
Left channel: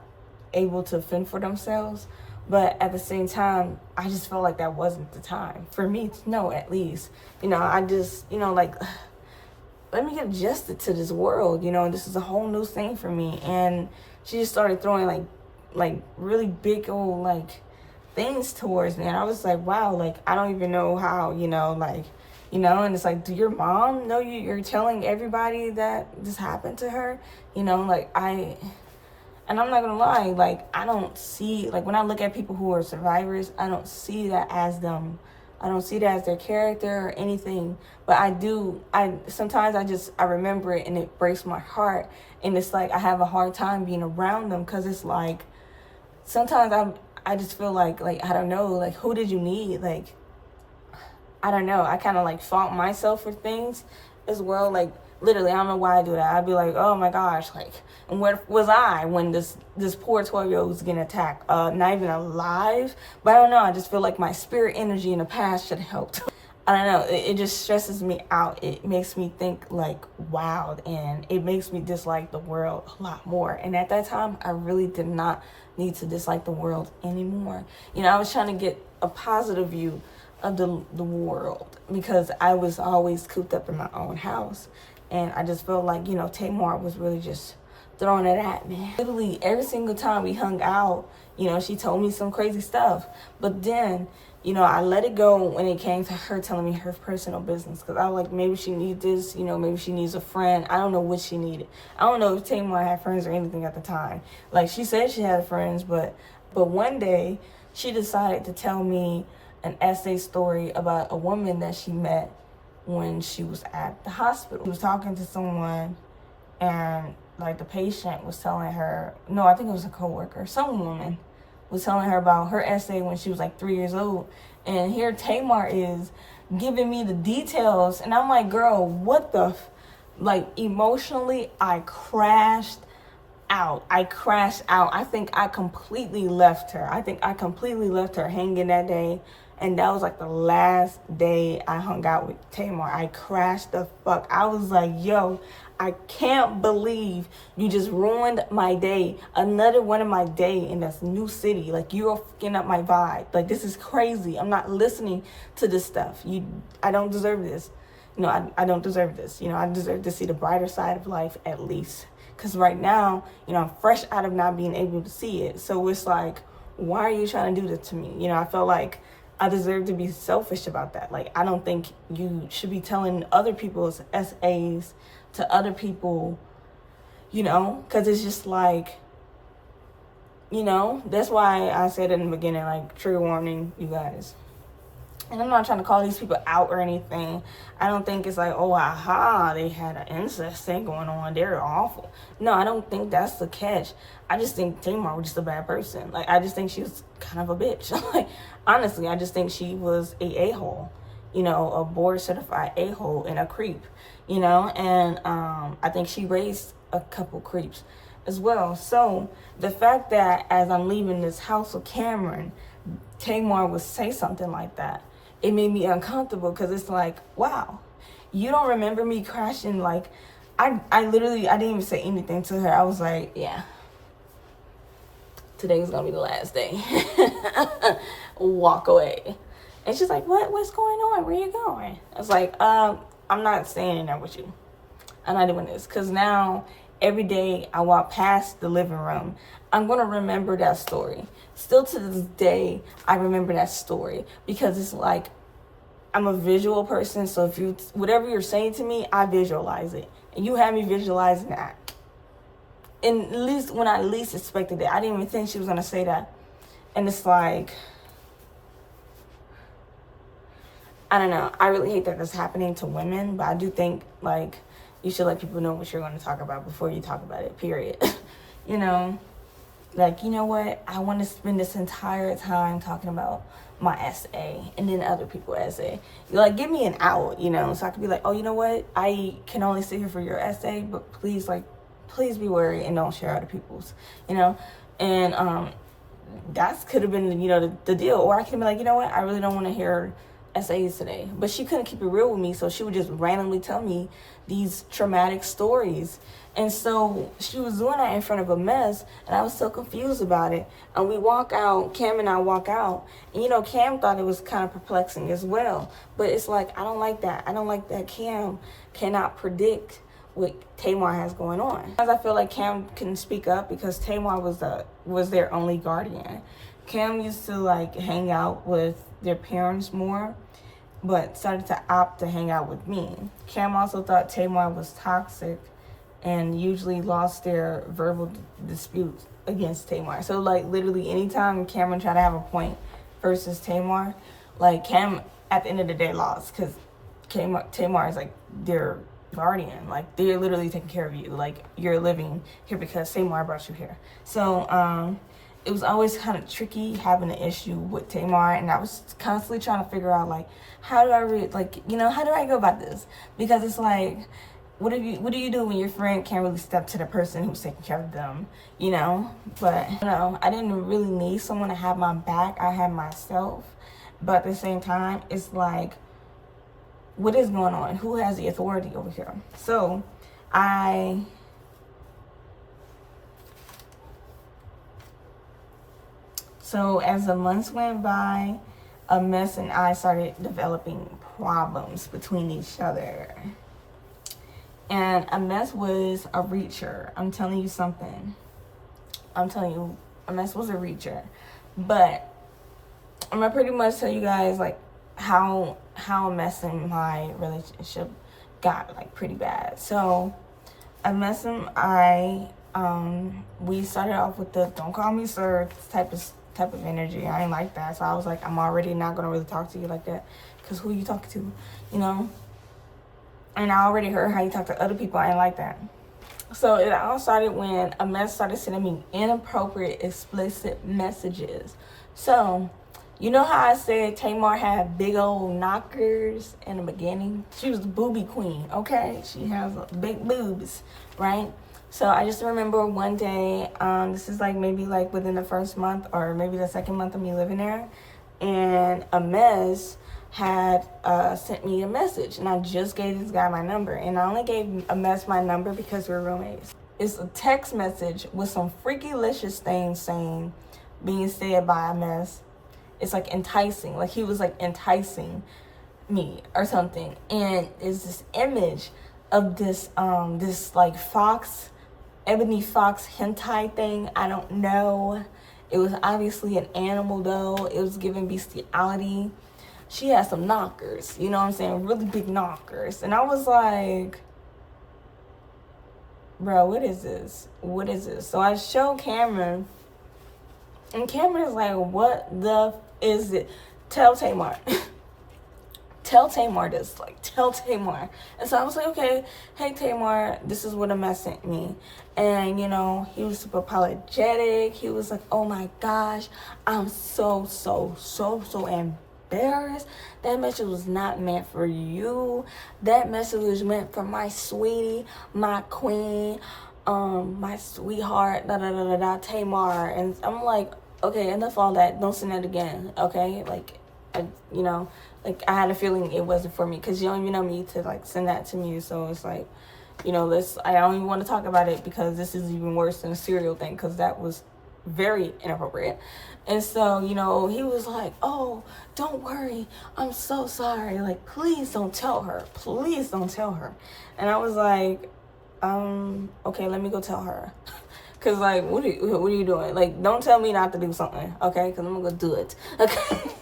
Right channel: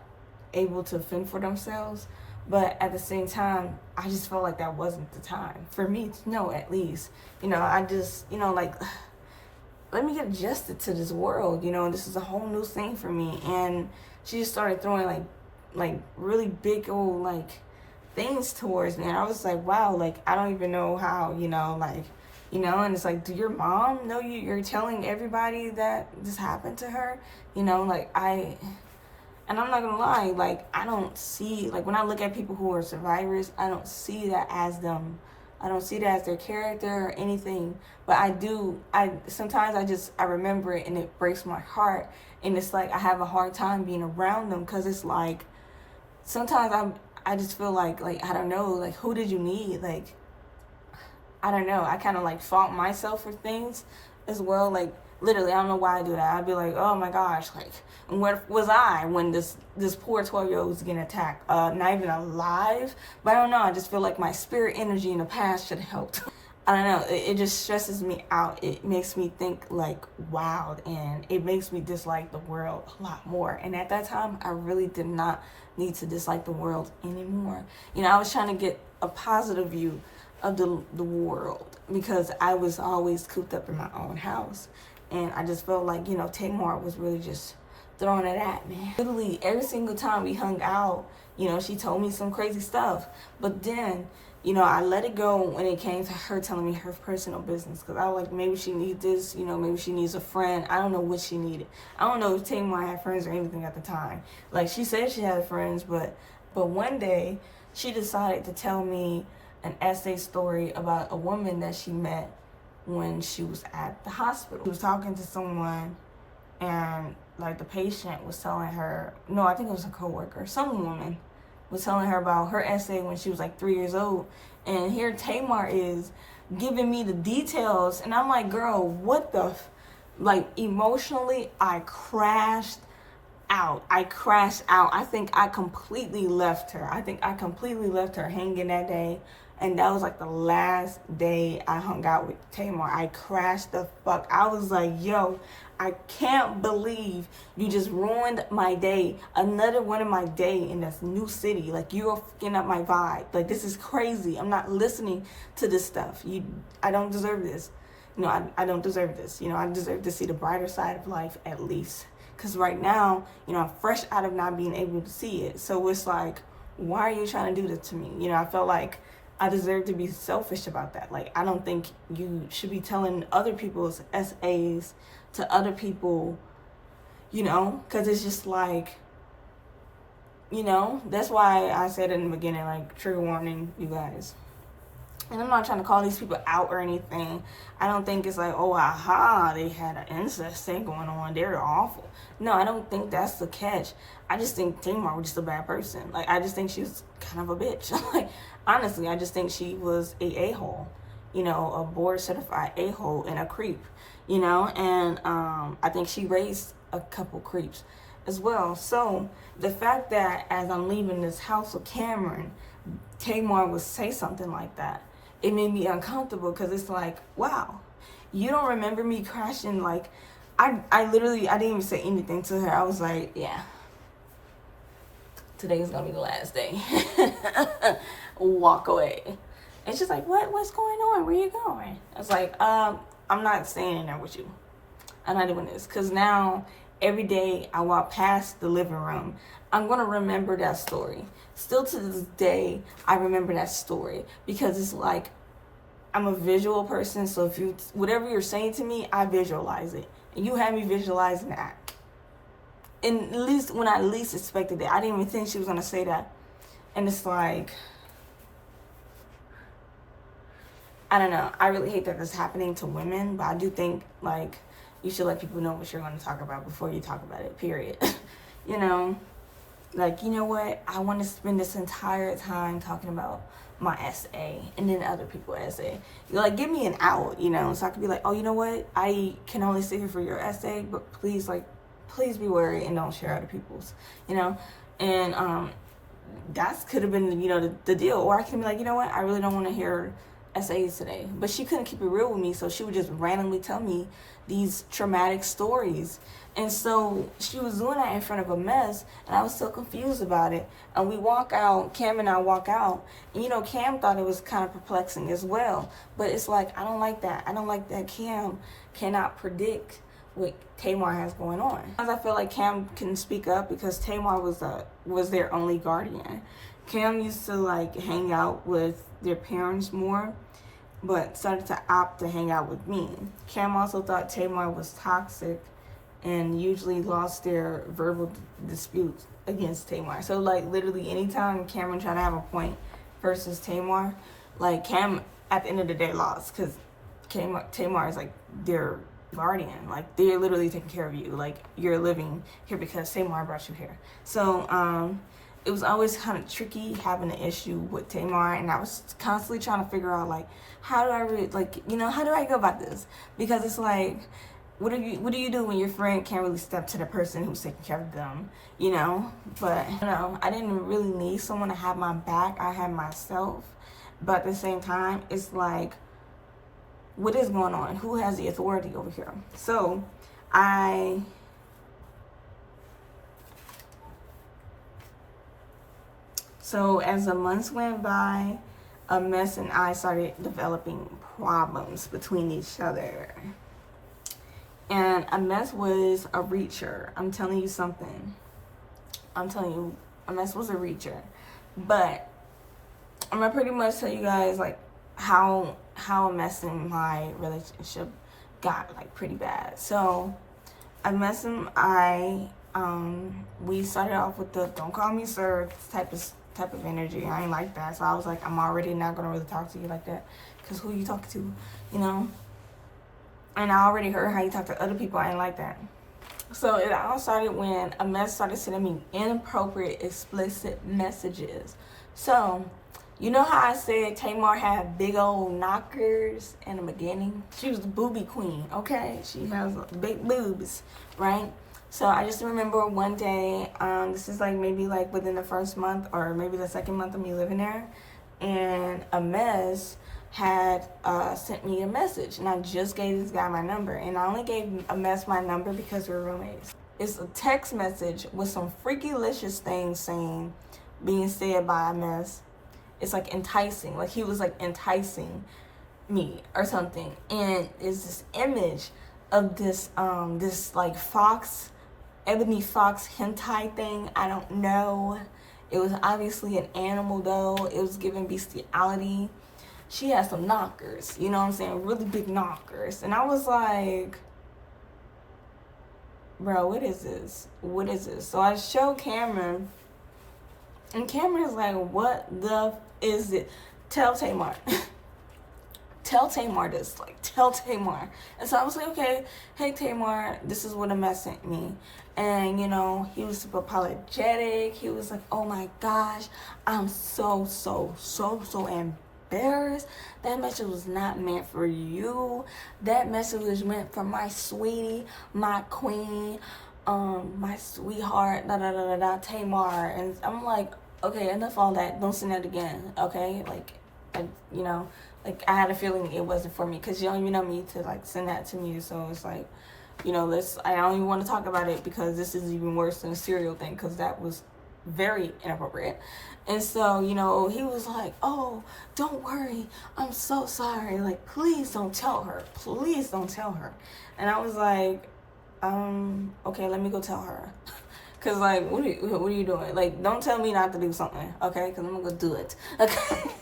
able to fend for themselves. But at the same time, I just felt like that wasn't the time for me to know, at least, you know. I just, you know, like, let me get adjusted to this world, you know. This is a whole new thing for me. And she just started throwing like like really big old like things towards me. And I was like, wow, like I don't even know how, like, and it's like, do your mom know you're telling everybody that this happened to her? Like and I'm not gonna lie, like I don't see, like when I look at people who are survivors, I don't see that as them. I don't see that as their character or anything. But sometimes I remember it and it breaks my heart. And it's like I have a hard time being around them, because it's like sometimes I just feel like I don't know, like who did you need? Like I don't know. I kind of like fault myself for things as well. Like literally, I don't know why I do that. I'd be like, oh my gosh, like, and where was I when this poor 12-year-old was getting attacked? Not even alive. But I don't know. I just feel like my spirit energy in the past should have helped. I don't know. It just stresses me out. It makes me think like wild, and it makes me dislike the world a lot more. And at that time, I really did not need to dislike the world anymore. I was trying to get a positive view of the world, because I was always cooped up in my own house. And I just felt like, 𝒎𝒂𝒊𝒂 was really just throwing it at me. Literally every single time we hung out, she told me some crazy stuff. But then, I let it go when it came to her telling me her personal business. Because I was like, maybe she needs this, maybe she needs a friend. I don't know what she needed. I don't know if 𝒎𝒂𝒊𝒂 had friends or anything at the time. Like, she said she had friends, but one day she decided to tell me an essay story about a woman that she met when she was at the hospital. She was talking to someone, and like the patient was telling her, no, I think it was a coworker, some woman was telling her about her essay when she was like 3 years old. And here 𝒎𝒂𝒊𝒂 is giving me the details, and I'm like, girl, what the like emotionally I crashed out. I think I completely left her. Hanging that day. And that was like the last day I hung out with 𝒎𝒂𝒊𝒂. I crashed the fuck. I was like, yo, I can't believe you just ruined my day. Another one of my day in this new city. Like, you're fucking up my vibe. Like, this is crazy. I'm not listening to this stuff. I don't deserve this. I don't deserve this. I deserve to see the brighter side of life at least. Because right now, I'm fresh out of not being able to see it. So it's like, why are you trying to do this to me? I felt like I deserve to be selfish about that. Like, I don't think you should be telling other people's essays to other people, because it's just like, that's why I said in the beginning, like, trigger warning, you guys. And I'm not trying to call these people out or anything. I don't think it's like, oh, aha, they had an incest thing going on. They're awful. No, I don't think that's the catch. I just think 𝒎𝒂𝒊𝒂 was just a bad person. Like, I just think she was kind of a bitch. Like, honestly, I just think she was a-hole. A board-certified a-hole and a creep. And I think she raised a couple creeps as well. So the fact that as I'm leaving this house with Cameron, 𝒎𝒂𝒊𝒂 would say something like that, it made me uncomfortable, because it's like, wow, you don't remember me crashing. Like, I literally, I didn't even say anything to her. I was like, yeah, today's gonna be the last day. Walk away. And she's like, what's going on? Where you going? I was like, I'm not staying in there with you. I'm not doing this. Because now, every day I walk past the living room, I'm going to remember that story. Still to this day, I remember that story, because it's like, I'm a visual person. So if whatever you're saying to me, I visualize it. And you had me visualizing that. And at least when I least expected it, I didn't even think she was going to say that. And it's like, I don't know. I really hate that that's happening to women, but I do think, like, you should let people know what you're going to talk about before you talk about it, period. Like, you know what? I want to spend this entire time talking about my essay and then other people's essay. Like, give me an out, so I could be like, oh, you know what? I can only sit here for your essay, but please be wary and don't share other people's, And that could have been, the deal. Or I could be like, you know what? I really don't want to hear essays today. But she couldn't keep it real with me, so she would just randomly tell me these traumatic stories. And so she was doing that in front of a mess, and I was so confused about it. And we walk out, Cam and I walk out, and Cam thought it was kind of perplexing as well. But it's like, I don't like that. I don't like that Cam cannot predict what Tamar has going on. Sometimes I feel like Cam couldn't speak up because Tamar was their only guardian. Cam used to like hang out with their parents more, but started to opt to hang out with me. Cam also thought Tamar was toxic and usually lost their verbal disputes against Tamar. So like literally anytime Cameron tried to have a point versus Tamar, like Cam at the end of the day lost because Tamar is like their guardian. Like they're literally taking care of you. Like you're living here because Tamar brought you here. So it was always kind of tricky having an issue with Tamar, and I was constantly trying to figure out like how do I go about this? Because it's like, what do you do when your friend can't really step to the person who's taking care of them, you know? But I didn't really need someone to have my back. I had myself. But at the same time, it's like, what is going on? Who has the authority over here? So as the months went by, 𝒔𝒄𝒊𝒂 and I started developing problems between each other. And 𝒔𝒄𝒊𝒂 was a reacher. I'm telling you something. 𝒔𝒄𝒊𝒂 was a reacher. But I'm gonna pretty much tell you guys like how 𝒔𝒄𝒊𝒂 and my relationship got like pretty bad. So 𝒔𝒄𝒊𝒂 and I we started off with the "don't call me sir" type of energy. I ain't like that. So I was like, I'm already not gonna really talk to you like that, because who you talking to, you know? And I already heard how you talk to other people. I ain't like that. So it all started when 𝒔𝒄𝒊𝒂 started sending me inappropriate, explicit messages. So you know how I said Tamar had big old knockers in the beginning? She was the booby queen, okay? She has big boobs, right? So I just remember one day, this is like maybe like within the first month or maybe the second month of me living there, and 𝒔𝒄𝒊𝒂 had sent me a message, and I just gave this guy my number, and I only gave 𝒔𝒄𝒊𝒂 my number because we're roommates. It's a text message with some freaky-licious things being said by 𝒔𝒄𝒊𝒂. It's like enticing, like he was like enticing me or something, and it's this image of this this like ebony fox hentai thing. I don't know. It was obviously an animal though. It was giving bestiality. She had some knockers, you know what I'm saying? Really big knockers. And I was like, bro, what is this? What is this? So I showed Cameron, and Cameron's like, what the is it? Tell Tamar. Tell Tamar this. Like, tell Tamar. And so I was like, okay, hey Tamar, this is what 𝒔𝒊𝒂 sent me. And you know, he was super apologetic. He was like, oh my gosh, I'm so embarrassed. That message was not meant for you. That message was meant for my sweetie, my queen, my sweetheart, Tamar. And I'm like, okay, enough all that. Don't send that again, okay? Like, like I had a feeling it wasn't for me, because you don't even know me to like send that to me. So it's like, I don't even want to talk about it, because this is even worse than a serial thing, because that was very inappropriate. And so, he was like, oh, don't worry, I'm so sorry, like, please don't tell her, please don't tell her. And I was like, okay, let me go tell her. Because, like, what are you doing? Like, don't tell me not to do something, okay? Because I'm going to go do it, okay?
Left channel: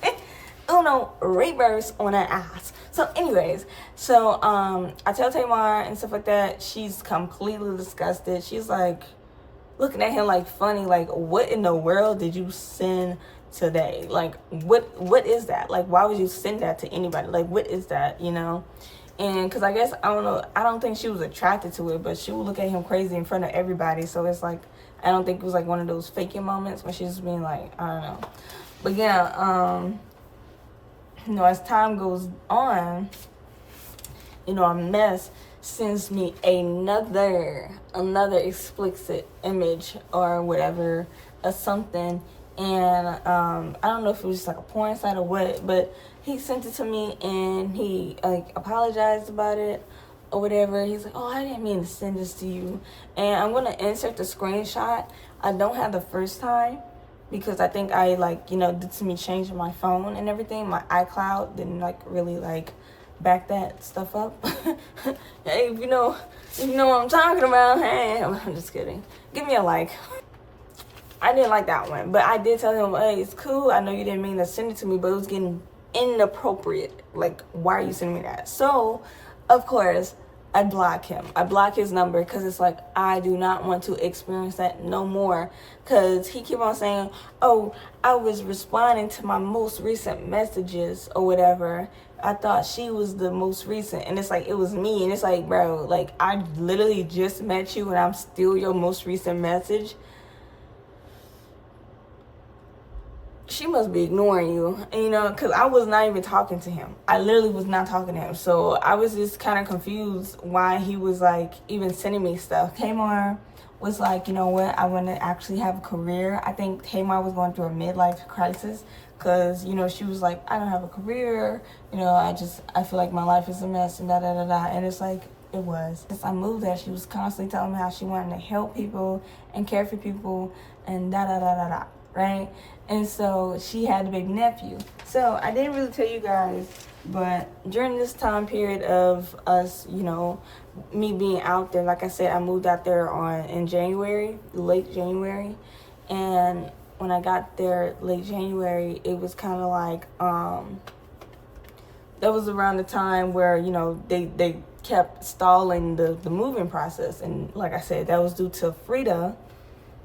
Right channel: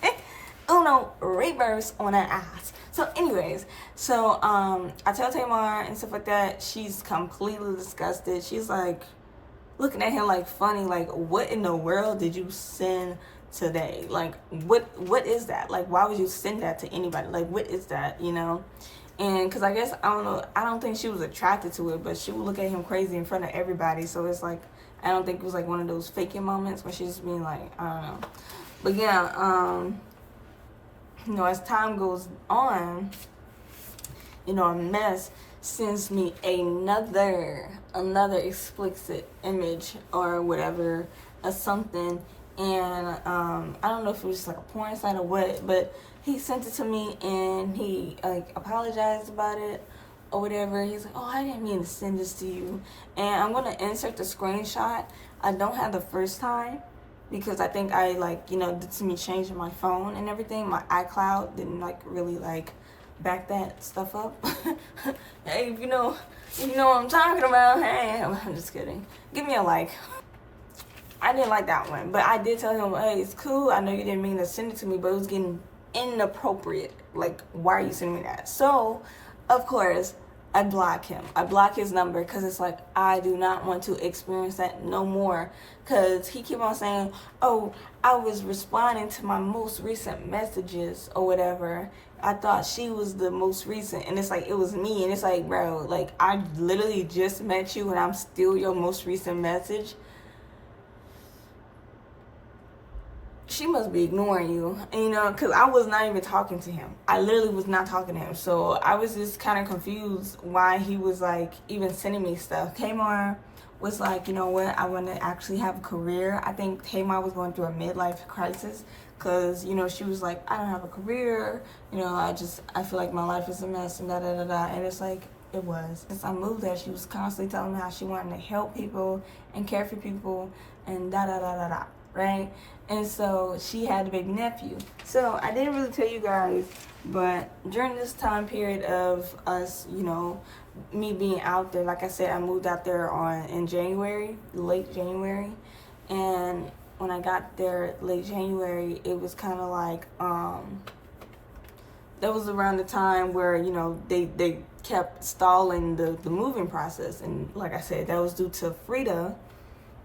Uno, reverse on that ass. So anyways, I tell Tamar and stuff like that. She's completely disgusted. She's like looking at him like funny, like, what in the world did you send today? Like, what is that? Like, why would you send that to anybody? Like, what is that, And because I guess, I don't know, I don't think she was attracted to it, but she would look at him crazy in front of everybody. So it's like, I don't think it was like one of those faking moments where she's being like, I don't know. But yeah, as time goes on, 𝒔𝒊𝒂 sends me another explicit image or whatever, or something. And I don't know if it was just like a porn site or what, but he sent it to me, and he like apologized about it or whatever. He's like, oh, I didn't mean to send this to you. And I'm gonna insert the screenshot. I don't have the first time, because I think I did some change in my phone and everything. My iCloud didn't really back that stuff up. Hey, if you know what I'm talking about, hey, I'm just kidding. Give me a like. I didn't like that one, but I did tell him, hey, it's cool. I know you didn't mean to send it to me, but it was getting inappropriate. Like, why are you sending me that? So, of course, I block him. I block his number because it's like, I do not want to experience that no more. Because he keep on saying, oh, I was responding to my most recent messages or whatever. I thought she was the most recent. And it's like, it was me. And it's like, bro, like, I literally just met you and I'm still your most recent message. She must be ignoring you, you know, because I was not even talking to him. I literally was not talking to him. So I was just kind of confused why he was like even sending me stuff. Tamar was like, you know what, I want to actually have a career. I think Tamar was going through a midlife crisis because, you know, she was like, I don't have a career. You know, I feel like my life is a mess and da-da-da-da. And it's like, it was. Since I moved there, she was constantly telling me how she wanted to help people and care for people and da-da-da-da-da, right? And so she had a baby nephew. So I didn't really tell you guys, but during this time period of us, you know, me being out there, like I said, I moved out there in January, late January. And when I got there late January, it was kind of like, that was around the time where, you know, they kept stalling the moving process. And like I said, that was due to Frida,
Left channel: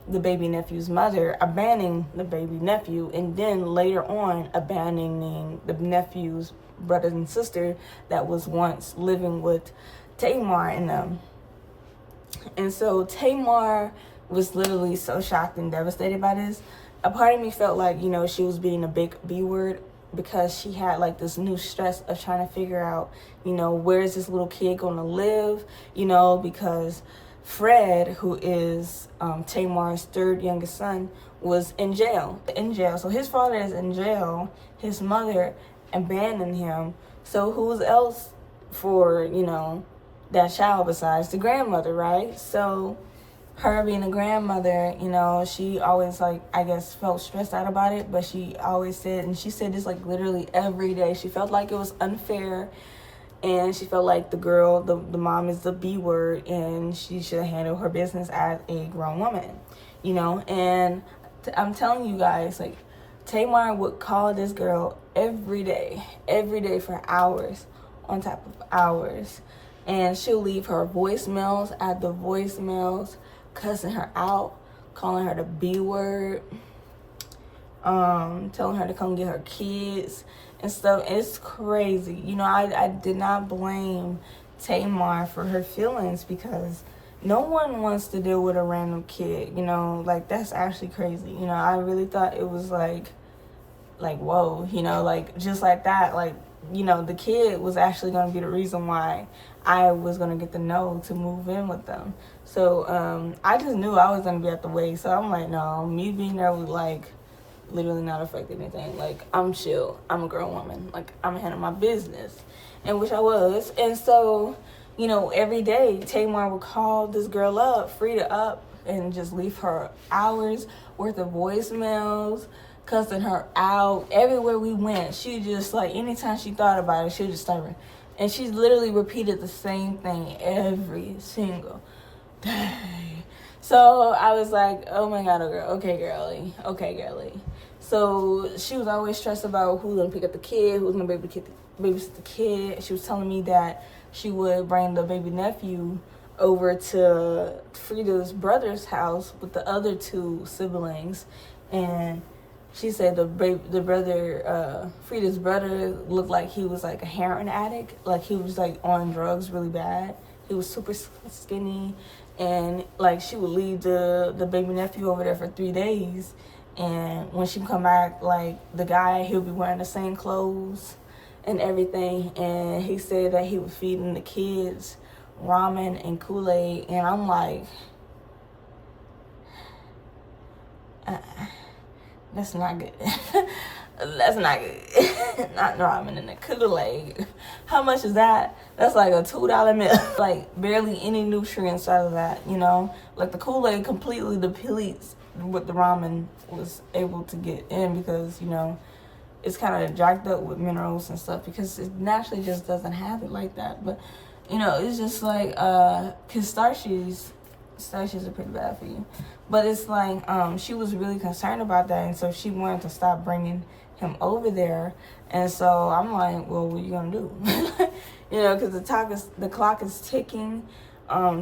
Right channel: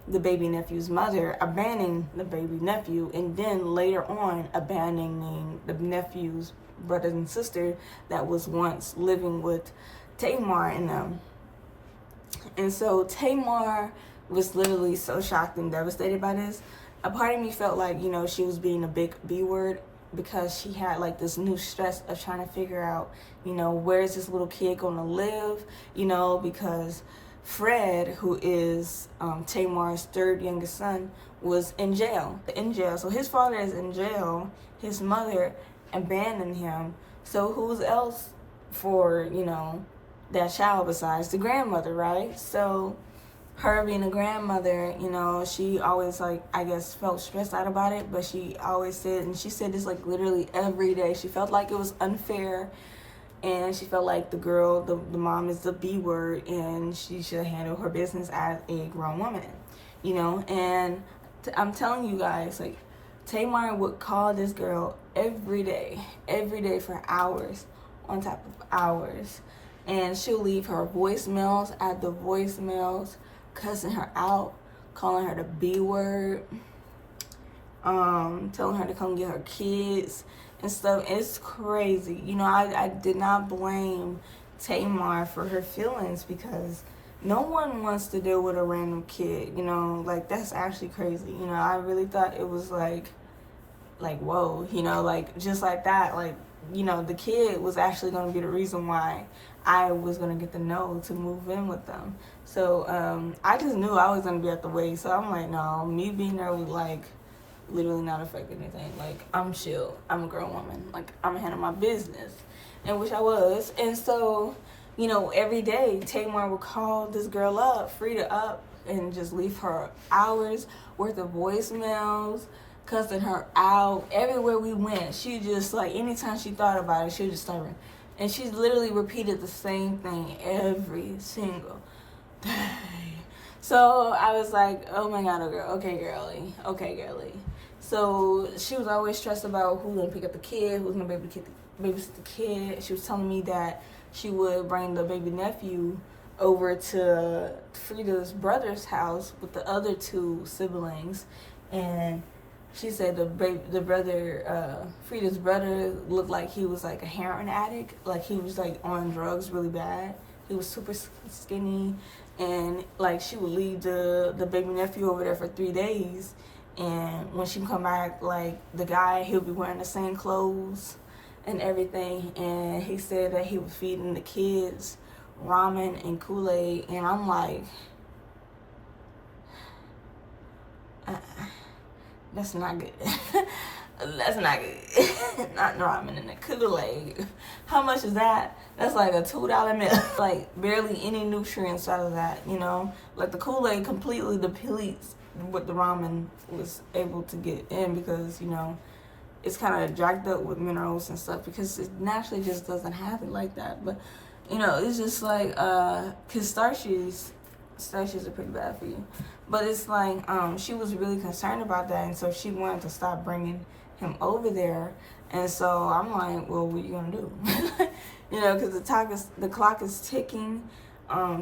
the baby nephew's mother, abandoning the baby nephew, and then later on abandoning the nephew's brothers and sister that was once living with Tamar and them. And so Tamar was literally so shocked and devastated by this. A part of me felt like, you know, she was being a big B word because she had like this new stress of trying to figure out, you know, where is this little kid going to live, you know, because Fred, who is Tamar's third youngest son, was in jail. So his father is in jail. His mother abandoned him. So who's else for, you know, that child besides the grandmother, right? So her being a grandmother, you know, she always, like, I guess, felt stressed out about it. But she always said, and she said this, like, literally every day. She felt like it was unfair. And she felt like the girl, the mom is the B word, and she should handle her business as a grown woman, you know. And I'm telling you guys, like, Tamar would call this girl every day for hours on top of hours. And she'll leave her voicemails at the voicemails, cussing her out, calling her the B word, telling her to come get her kids and stuff. It's crazy. You know, I did not blame Tamar for her feelings because no one wants to deal with a random kid, you know, like, that's actually crazy. You know, I really thought it was like, whoa, you know, like, just like that, like, you know, the kid was actually going to be the reason why I was going to get the no to move in with them. So, I just knew I was going to be at the wake. So I'm like, no, me being there would, like, literally not affect anything. Like, I'm chill. I'm a grown woman. Like, I'm gonna handle my business. And which I was. And so, you know, every day Tamar would call this girl up, Frida up, and just leave her hours worth of voicemails, cussing her out. Everywhere we went, she just, like, anytime she thought about it, she would just start. And she literally repeated the same thing every single day. So I was like, oh my God, okay, girly. So she was always stressed about who's gonna pick up the kid, who's gonna babysit the kid. She was telling me that she would bring the baby nephew over to Frida's brother's house with the other two siblings, and she said Frida's brother looked like he was like a heroin addict, like he was like on drugs really bad. He was super skinny, and like she would leave the baby nephew over there for 3 days. And when she come back, like, the guy, he'll be wearing the same clothes and everything. And he said that he was feeding the kids ramen and Kool-Aid. And I'm like, that's not good. That's not good. Not ramen and the Kool-Aid. How much is that? That's like a $2 meal. Like, barely any nutrients out of that, you know? Like, the Kool-Aid completely depletes what the ramen was able to get in because, you know, it's kind of jacked up with minerals and stuff, because it naturally just doesn't have it like that. But you know, it's just like because starches are pretty bad for you. But it's like she was really concerned about that, and so she wanted to stop bringing him over there. And so I'm like, well, what are you gonna do? You know, because the clock is ticking.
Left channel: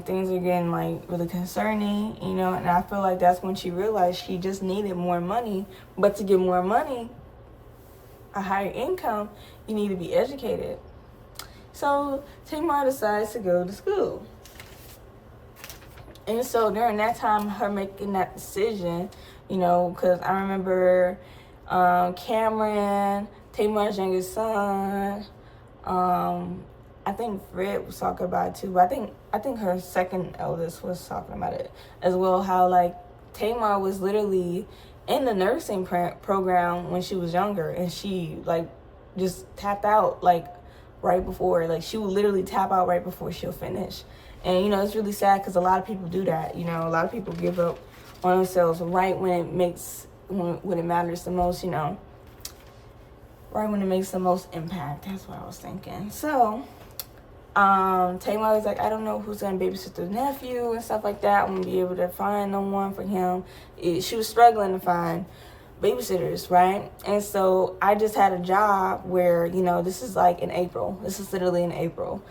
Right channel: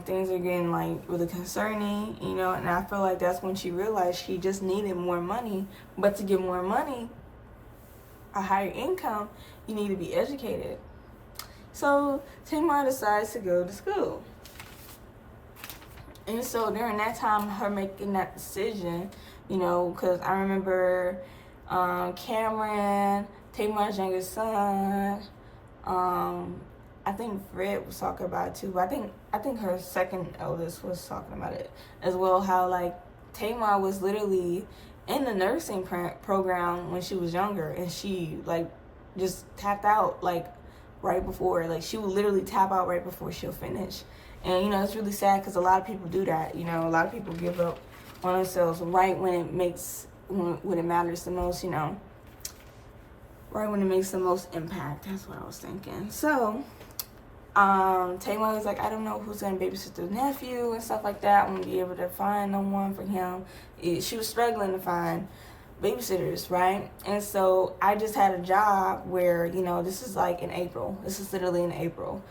Things are getting like really concerning, you know, and I feel like that's when she realized she just needed more money. But to get more money, a higher income, you need to be educated. So Tamar decides to go to school. And so during that time, her making that decision, you know, because I remember Cameron, Tamar's youngest son, I think Fred was talking about it too, but I think her second eldest was talking about it as well, how like Tamar was literally in the nursing program when she was younger, and she like just tapped out like right before, like she would literally tap out right before she'll finish. And you know, it's really sad because a lot of people do that. You know, a lot of people give up on themselves right when it matters the most, you know, right when it makes the most impact. That's what I was thinking. So Tamar was like, I don't know who's gonna babysit the nephew and stuff like that. I'm gonna be able to find no one for him. She was struggling to find babysitters, right? And so I just had a job where, you know, this is like in April. This is literally in April.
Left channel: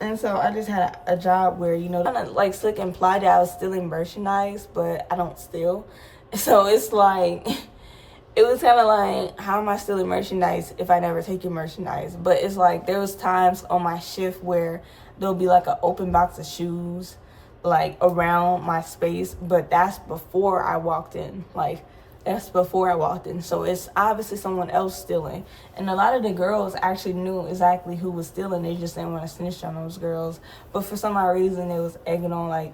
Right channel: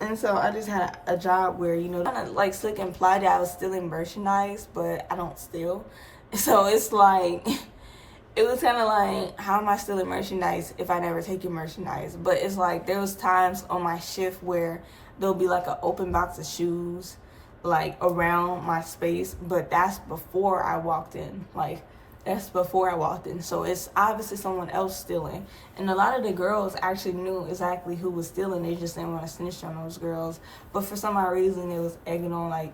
And so I just had a job where, you know, kind of like slick implied that I was stealing merchandise, but I don't steal. So it's like, it was kind of like, how am I stealing merchandise if I never take your merchandise? But it's like, there was times on my shift where there'll be like an open box of shoes, like around my space, but that's before I walked in. Like, that's before I walked in. So it's obviously someone else stealing. And a lot of the girls actually knew exactly who was stealing. They just didn't want to snitch on those girls. But for some odd reason, it was egging on like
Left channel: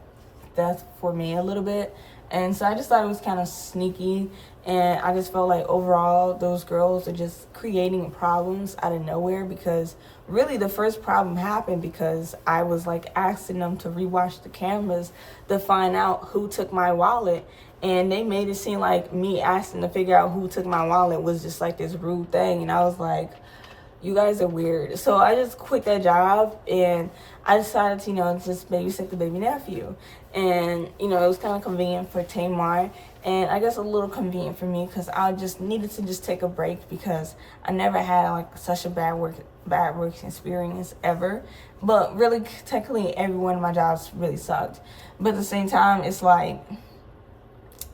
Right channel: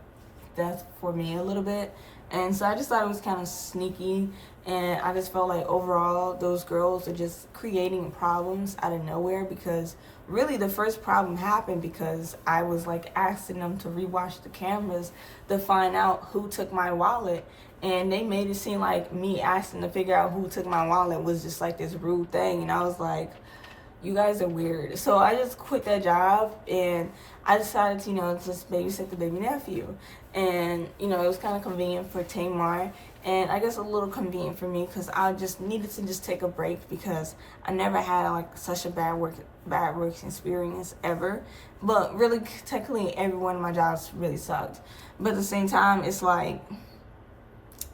that for me a little bit. And so I just thought it was kind of sneaky. And I just felt like overall, those girls are just creating problems out of nowhere, because really the first problem happened because I was like asking them to rewatch the cameras to find out who took my wallet. And they made it seem like me asking to figure out who took my wallet was just like this rude thing. And I was like, you guys are weird. So I just quit that job, and I decided to, you know, just babysit the baby nephew. And, you know, it was kind of convenient for Tamar. And I guess a little convenient for me, because I just needed to just take a break, because I never had like such a bad work experience ever. But really, technically, every one of my jobs really sucked. But at the same time, it's like,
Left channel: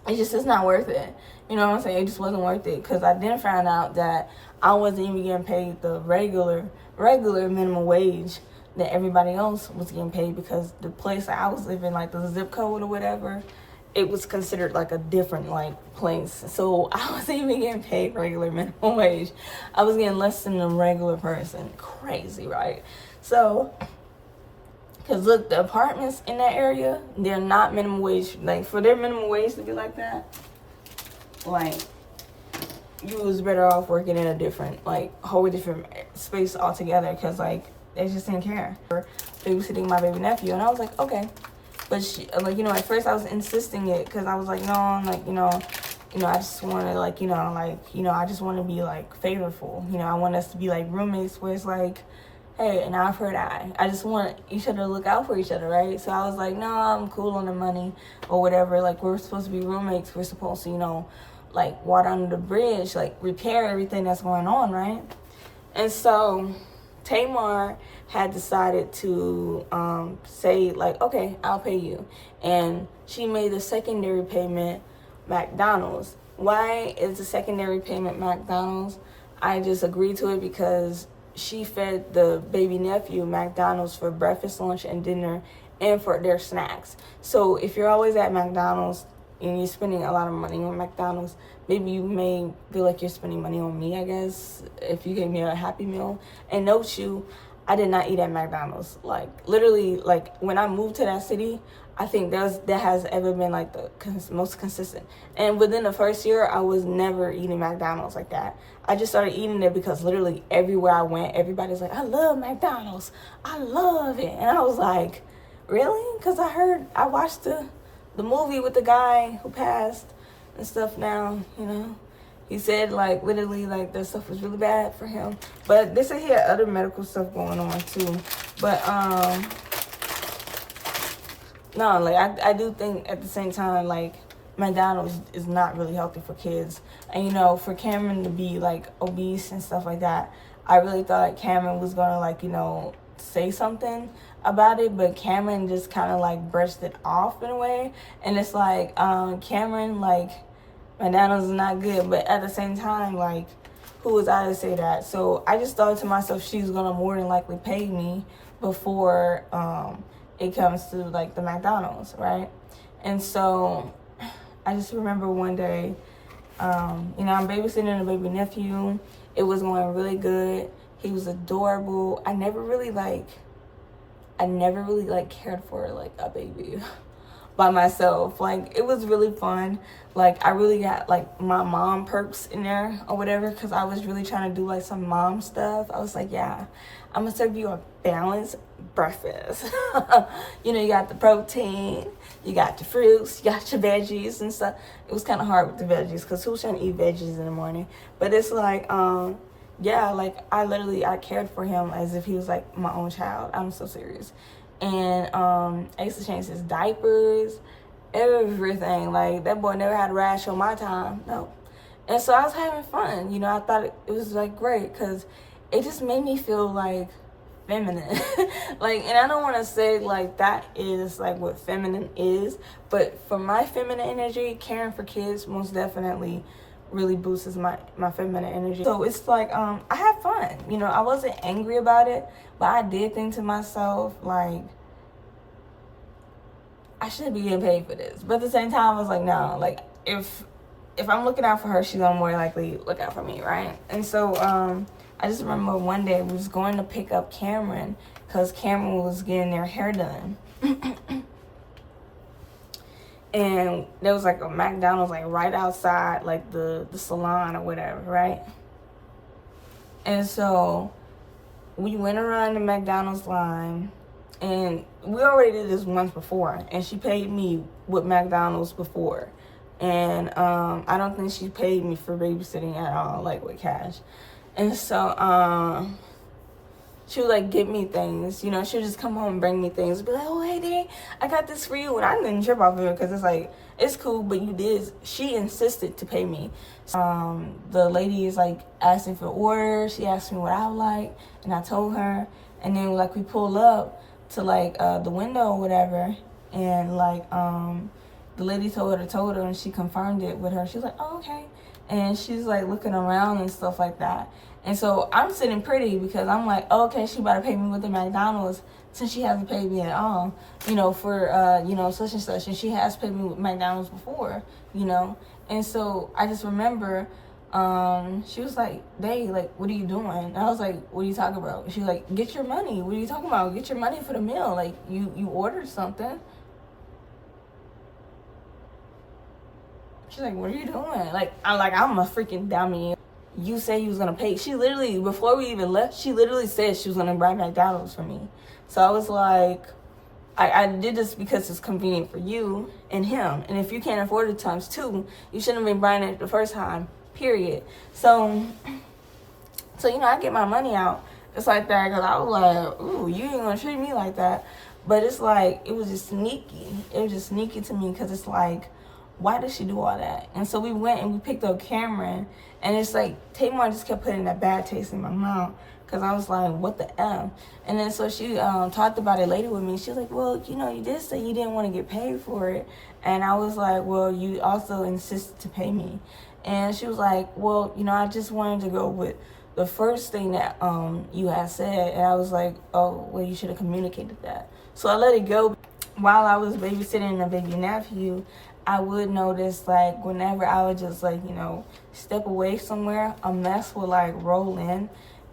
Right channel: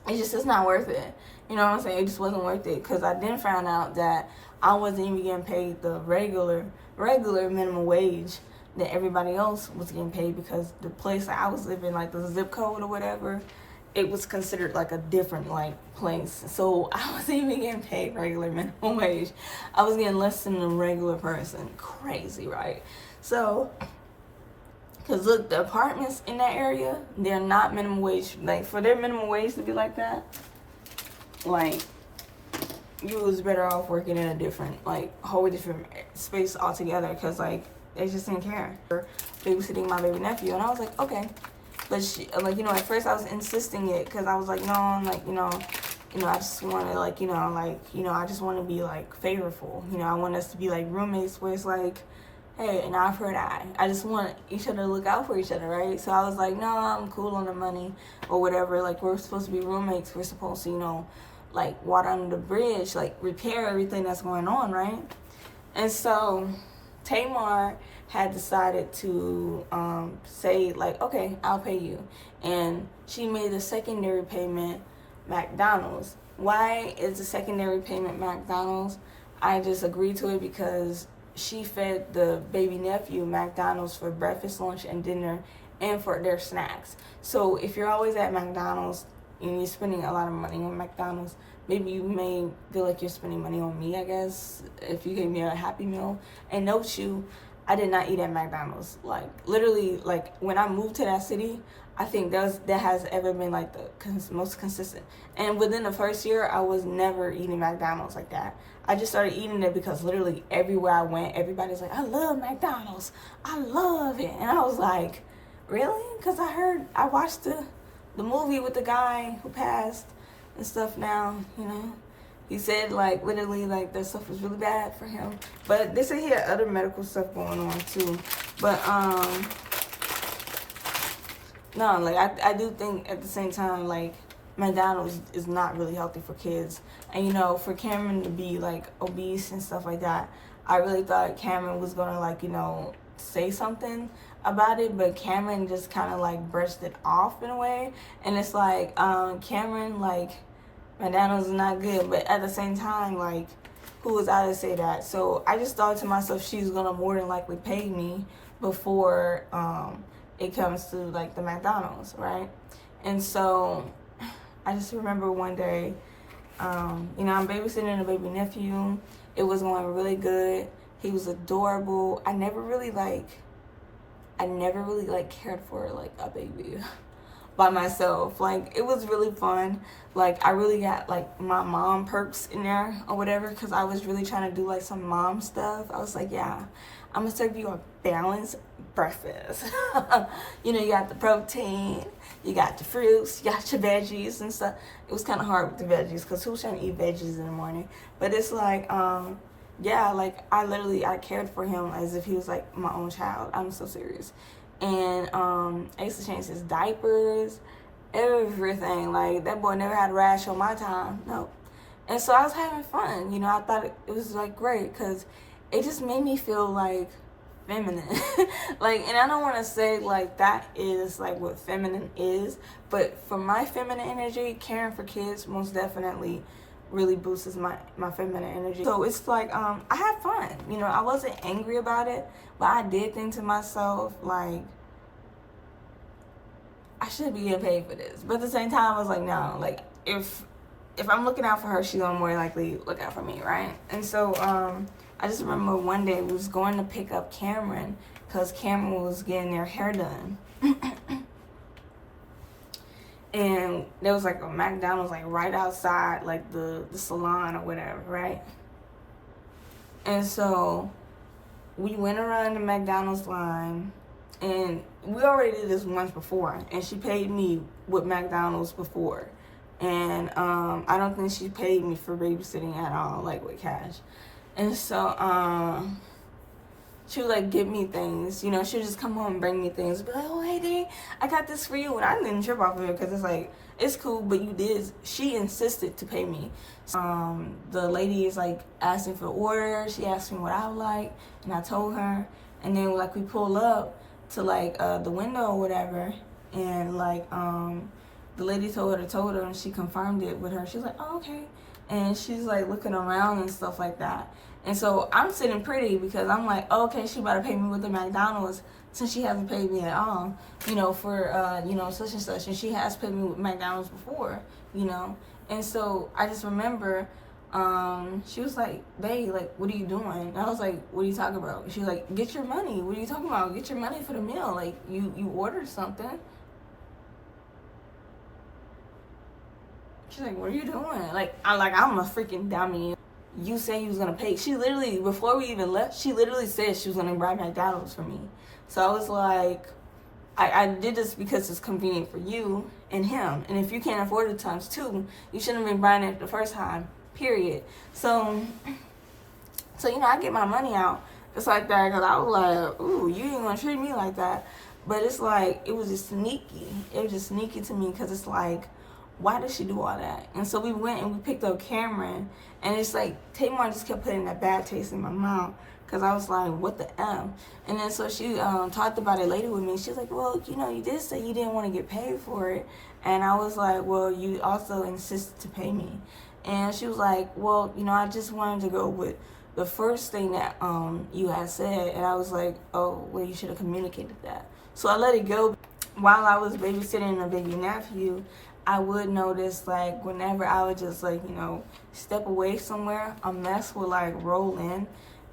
it's not worth it. You know what I'm saying? It just wasn't worth it, because I then found out that I wasn't even getting paid the regular minimum wage that everybody else was getting paid, because the place I was living, like the zip code or whatever, it was considered like a different like place. So I wasn't even getting paid regular minimum wage. I was getting less than a regular person. Crazy, right? So, because look, the apartments in that area, they're not minimum wage. Like, for their minimum wage to be like that, like, you was better off working in a different, like, whole different space altogether, because, like, they just didn't care for babysitting my baby nephew. And I was like, okay. But, she, like, you know, at first I was insisting it, because I was like, no, like, you know, I just want to, like, I just want to be, like, favorable. You know, I want us to be, like, roommates, where it's like, hey, an eye for an eye. I just want each other to look out for each other, right? So I was like, no, I'm cool on the money or whatever. Like, we're supposed to be roommates. We're supposed to, you know, like, water under the bridge, like, repair everything that's going on, right? And so Tamar had decided to say, like, okay, I'll pay you. And she made a secondary payment McDonald's. Why is the secondary payment McDonald's? I just agreed to it because she fed the baby nephew McDonald's for breakfast, lunch, and dinner, and for their snacks. So if you're always at McDonald's and you're spending a lot of money on McDonald's, maybe you may feel like you're spending money on me, I guess, if you gave me a Happy Meal. And note you, I did not eat at McDonald's. Like, literally, like, when I moved to that city, I think that has ever been, like, the most consistent. And within the first year, I was never eating McDonald's like that. I just started eating it because literally everywhere I went, everybody's like, I love McDonald's. I love it. And I was like, really? Because I watched the movie with the guy who passed and stuff now, you know. He said, like, literally, like, that stuff was really bad for him. But they said he had other medical stuff going on, too. But, no, like, I do think at the same time, like, McDonald's is not really healthy for kids. And, you know, for Cameron to be, like, obese and stuff like that, I really thought Cameron was going to, like, you know, say something about it. But Cameron just kind of, like, brushed it off in a way. And it's like, Cameron, like, McDonald's is not good. But at the same time, like, who was I to say that? So I just thought to myself, she's going to more than likely pay me before it comes to, like, the McDonald's, right? And so I just remember one day, you know, I'm babysitting a baby nephew. It was going really good. He was adorable. I never really cared for, like, a baby by myself. Like, it was really fun. Like, I really got, like, my mom perks in there or whatever, because I was really trying to do, like, some mom stuff. I was like, yeah, I'm going to serve you a balanced breakfast. You know, you got the protein, you got the fruits, you got your veggies and stuff. It was kind of hard with the veggies, because who's trying to eat veggies in the morning? But it's like, yeah, like, I cared for him as if he was, like, my own child. I'm so serious. And I used to change his diapers, everything. Like, that boy never had a rash on my time. No. And so I was having fun. You know, I thought it was, like, great, because it just made me feel, like, feminine. Like, and I don't want to say, like, that is, like, what feminine is. But for my feminine energy, caring for kids most definitely really boosts my feminine energy. So it's like, I had fun. You know, I wasn't angry about it, but I did think to myself, like, I should be getting paid for this. But at the same time, I was like, no, like, if I'm looking out for her, she's gonna more likely look out for me, right? And so I just remember one day we was going to pick up Cameron, because Cameron was getting their hair done. And there was, like, a McDonald's, like, right outside, like, the salon or whatever, right? And so we went around the McDonald's line, and we already did this once before, and she paid me with McDonald's before. And I don't think she paid me for babysitting at all, like, with cash. And so she would, like, give me things, you know. She would just come home and bring me things, be like, oh, hey, Dad, I got this for you. And I didn't trip off of it, because it's like, it's cool, but she insisted to pay me. The lady is, like, asking for orders. She asked me what I would like, and I told her. And then, like, we pull up to, like, the window or whatever, and, like, the lady told her, and she confirmed it with her. She was like, oh, okay. And she's, like, looking around and stuff like that. And so I'm sitting pretty, because I'm like, oh, okay, she about to pay me with the McDonald's, since she hasn't paid me at all, you know, for, you know, such and such. And she has paid me with McDonald's before, you know. And so I just remember she was like, babe, like, what are you doing? And I was like, what are you talking about? She was like, get your money. What are you talking about? Get your money for the meal. Like, you ordered something. She's like, what are you doing? Like, I'm a freaking dummy. You say you was gonna pay. She literally, before we even left, she literally said she was gonna buy McDonald's for me. So I was like, I did this because it's convenient for you and him. And if you can't afford it times two, you shouldn't have been buying it the first time, period. So you know, I get my money out. It's like that, because I was like, ooh, you ain't gonna treat me like that. But it's like, it was just sneaky. It was just sneaky to me, because it's like, why did she do all that? And so we went and we picked up Cameron, and it's like, Tamar just kept putting that bad taste in my mouth, because I was like, what the F? And then so she talked about it later with me. She was like, well, you know, you did say you didn't want to get paid for it. And I was like, well, you also insisted to pay me. And she was like, well, you know, I just wanted to go with the first thing that you had said. And I was like, oh, well, you should have communicated that. So I let it go. While I was babysitting a baby nephew, I would notice, like, whenever I would just, like, you know, step away somewhere, a mess would, like, roll in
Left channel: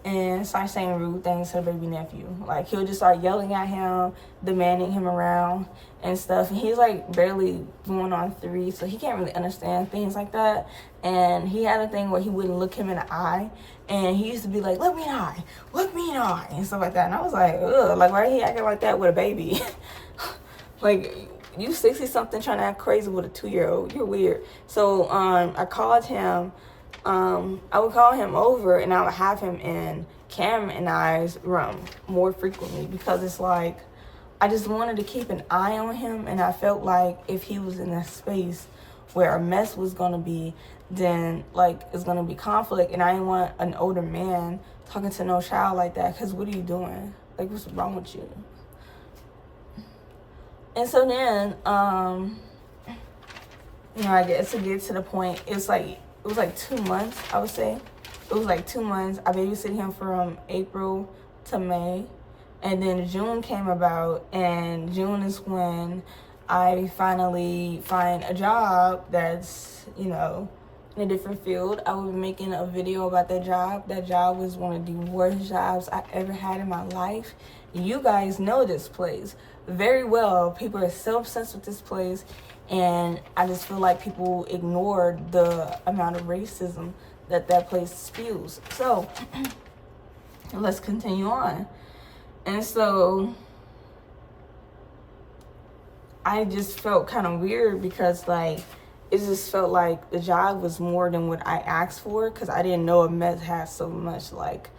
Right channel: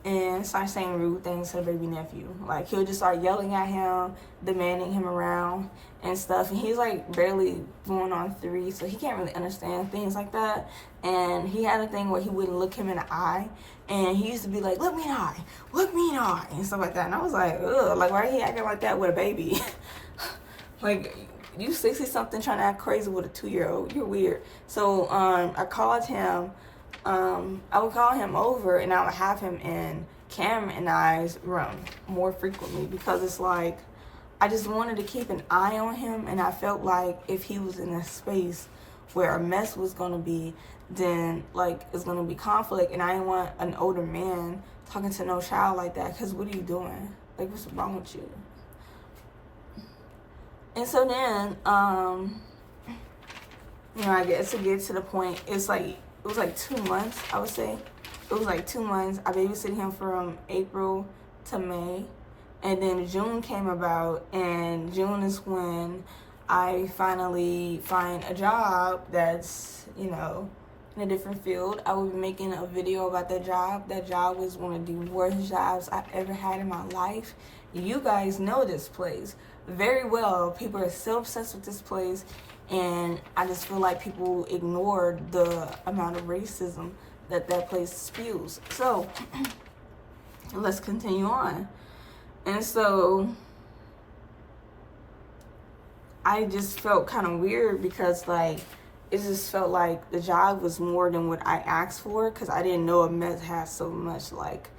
and start saying rude things to the baby nephew. Like, he'll just start yelling at him, demanding him around and stuff. And he's, like, barely going on 3, so he can't really understand things like that. And he had a thing where he wouldn't look him in the eye. And he used to be like, look me in the eye, and stuff like that. And I was like, ugh, like, why are he acting like that with a baby? Like, you 60-something trying to act crazy with a 2-year-old. You're weird. So I called him I would call him over and I would have him in Cameron and I's room more frequently, because it's like I just wanted to keep an eye on him, and I felt like if he was in a space where a mess was gonna be, then like it's gonna be conflict, and I didn't want an older man talking to no child like that, because what are you doing? Like, what's wrong with you? And so then I guess to get to the point, it was like 2 months, I would say. It was like 2 months. I babysitted him from April to May. And then June came about, and June is when I finally find a job that's, in a different field. I will be making a video about that job. That job was one of the worst jobs I ever had in my life. You guys know this place very well. People are so obsessed with this place, and I just feel like people ignore the amount of racism that place spews. So let's continue on. And so I just felt kind of weird, because like it just felt like the job was more than what I asked for, because I didn't know a mess had so much like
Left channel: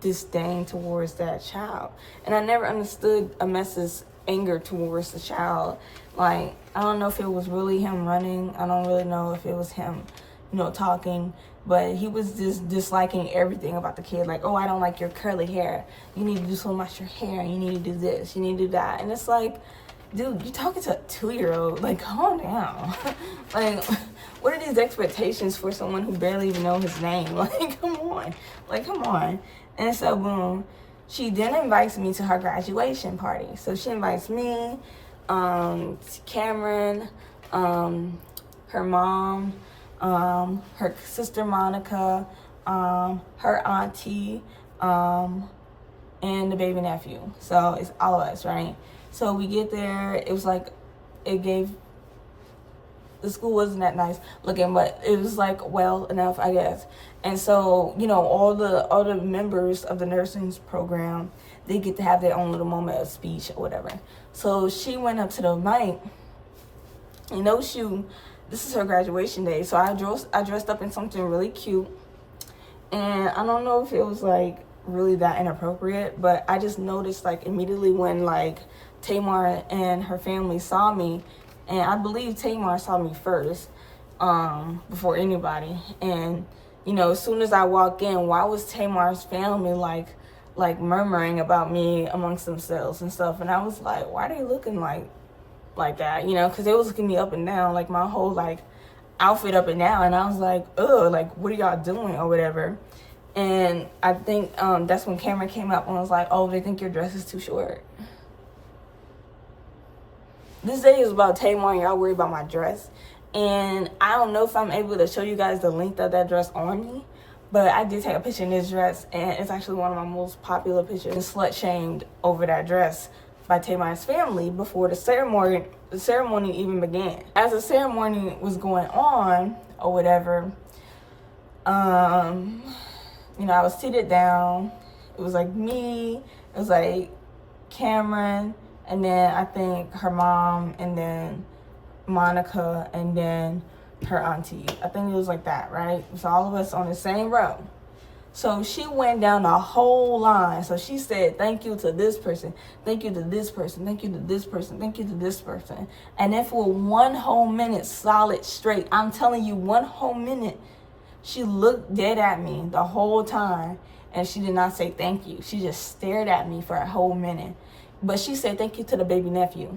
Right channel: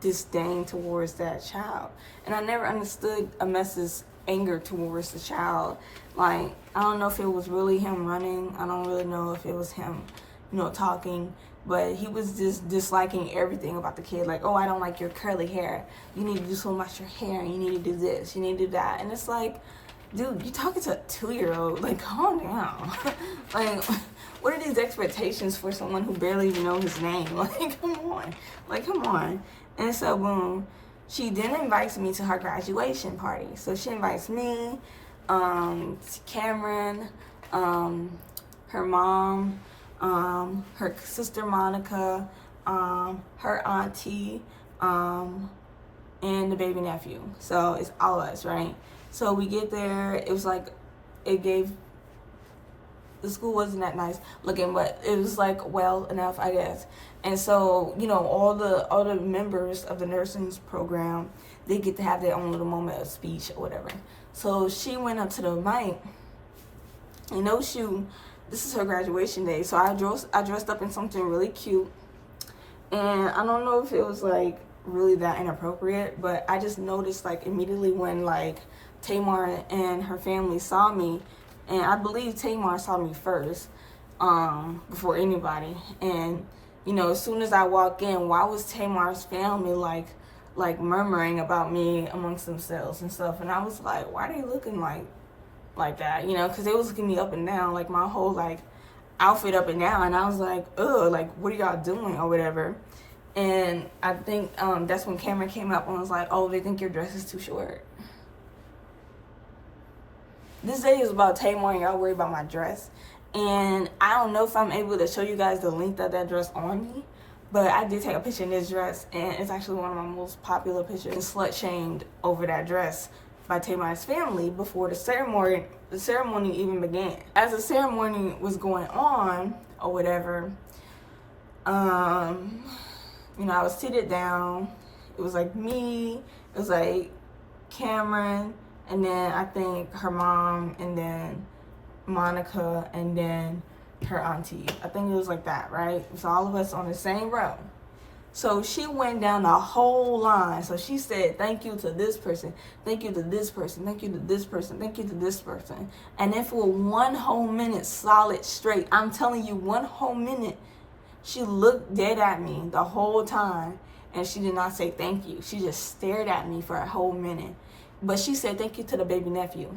disdain towards that child. And I never understood a mess's anger towards the child. Like, I don't know if it was really him running. I don't really know if it was him, talking. But he was just disliking everything about the kid. Like, oh, I don't like your curly hair. You need to do so much your hair. You need to do this. You need to do that. And it's like, dude, you're talking to a 2-year-old. Like, calm down. Like, what are these expectations for someone who barely even knows his name? Like, come on. Like, come on. And so, boom, she then invites me to her graduation party. So she invites me, Cameron, her mom, her sister Monica, her auntie, and the baby nephew. So it's all of us, right? So we get there. It was like, the school wasn't that nice looking, but it was like well enough, I guess. And so, all the members of the nursing program, they get to have their own little moment of speech or whatever. So she went up to the mic, and this is her graduation day. So I dressed up in something really cute, and I don't know if it was like really that inappropriate, but I just noticed like immediately when like Tamar and her family saw me, and I believe Tamar saw me first, before anybody. And as soon as I walked in, why was Tamar's family like murmuring about me amongst themselves and stuff? And I was like, why are they looking like that? Because they was looking me up and down, like my whole like outfit up and down. And I was like, ugh, like what are y'all doing or whatever? And I think that's when Cameron came up and was like, oh, they think your dress is too short. This day is about Tamar, and y'all worry about my dress. And I don't know if I'm able to show you guys the length of that dress on me, but I did take a picture in this dress, and it's actually one of my most popular pictures. And slut shamed over that dress by Tamar's family before the ceremony even began. As the ceremony was going on or whatever, I was seated down. It was like me, it was like Cameron, and then I think her mom, and then Monica, and then her auntie. I think it was like that, right? It was all of us on the same row. So she went down the whole line. So she said, thank you to this person, thank you to this person, thank you to this person, thank you to this person. And then for 1 whole minute solid straight, I'm telling you, 1 whole minute, she looked dead at me the whole time, and she did not say thank you. She just stared at me for a whole minute. But she said thank you to the baby nephew.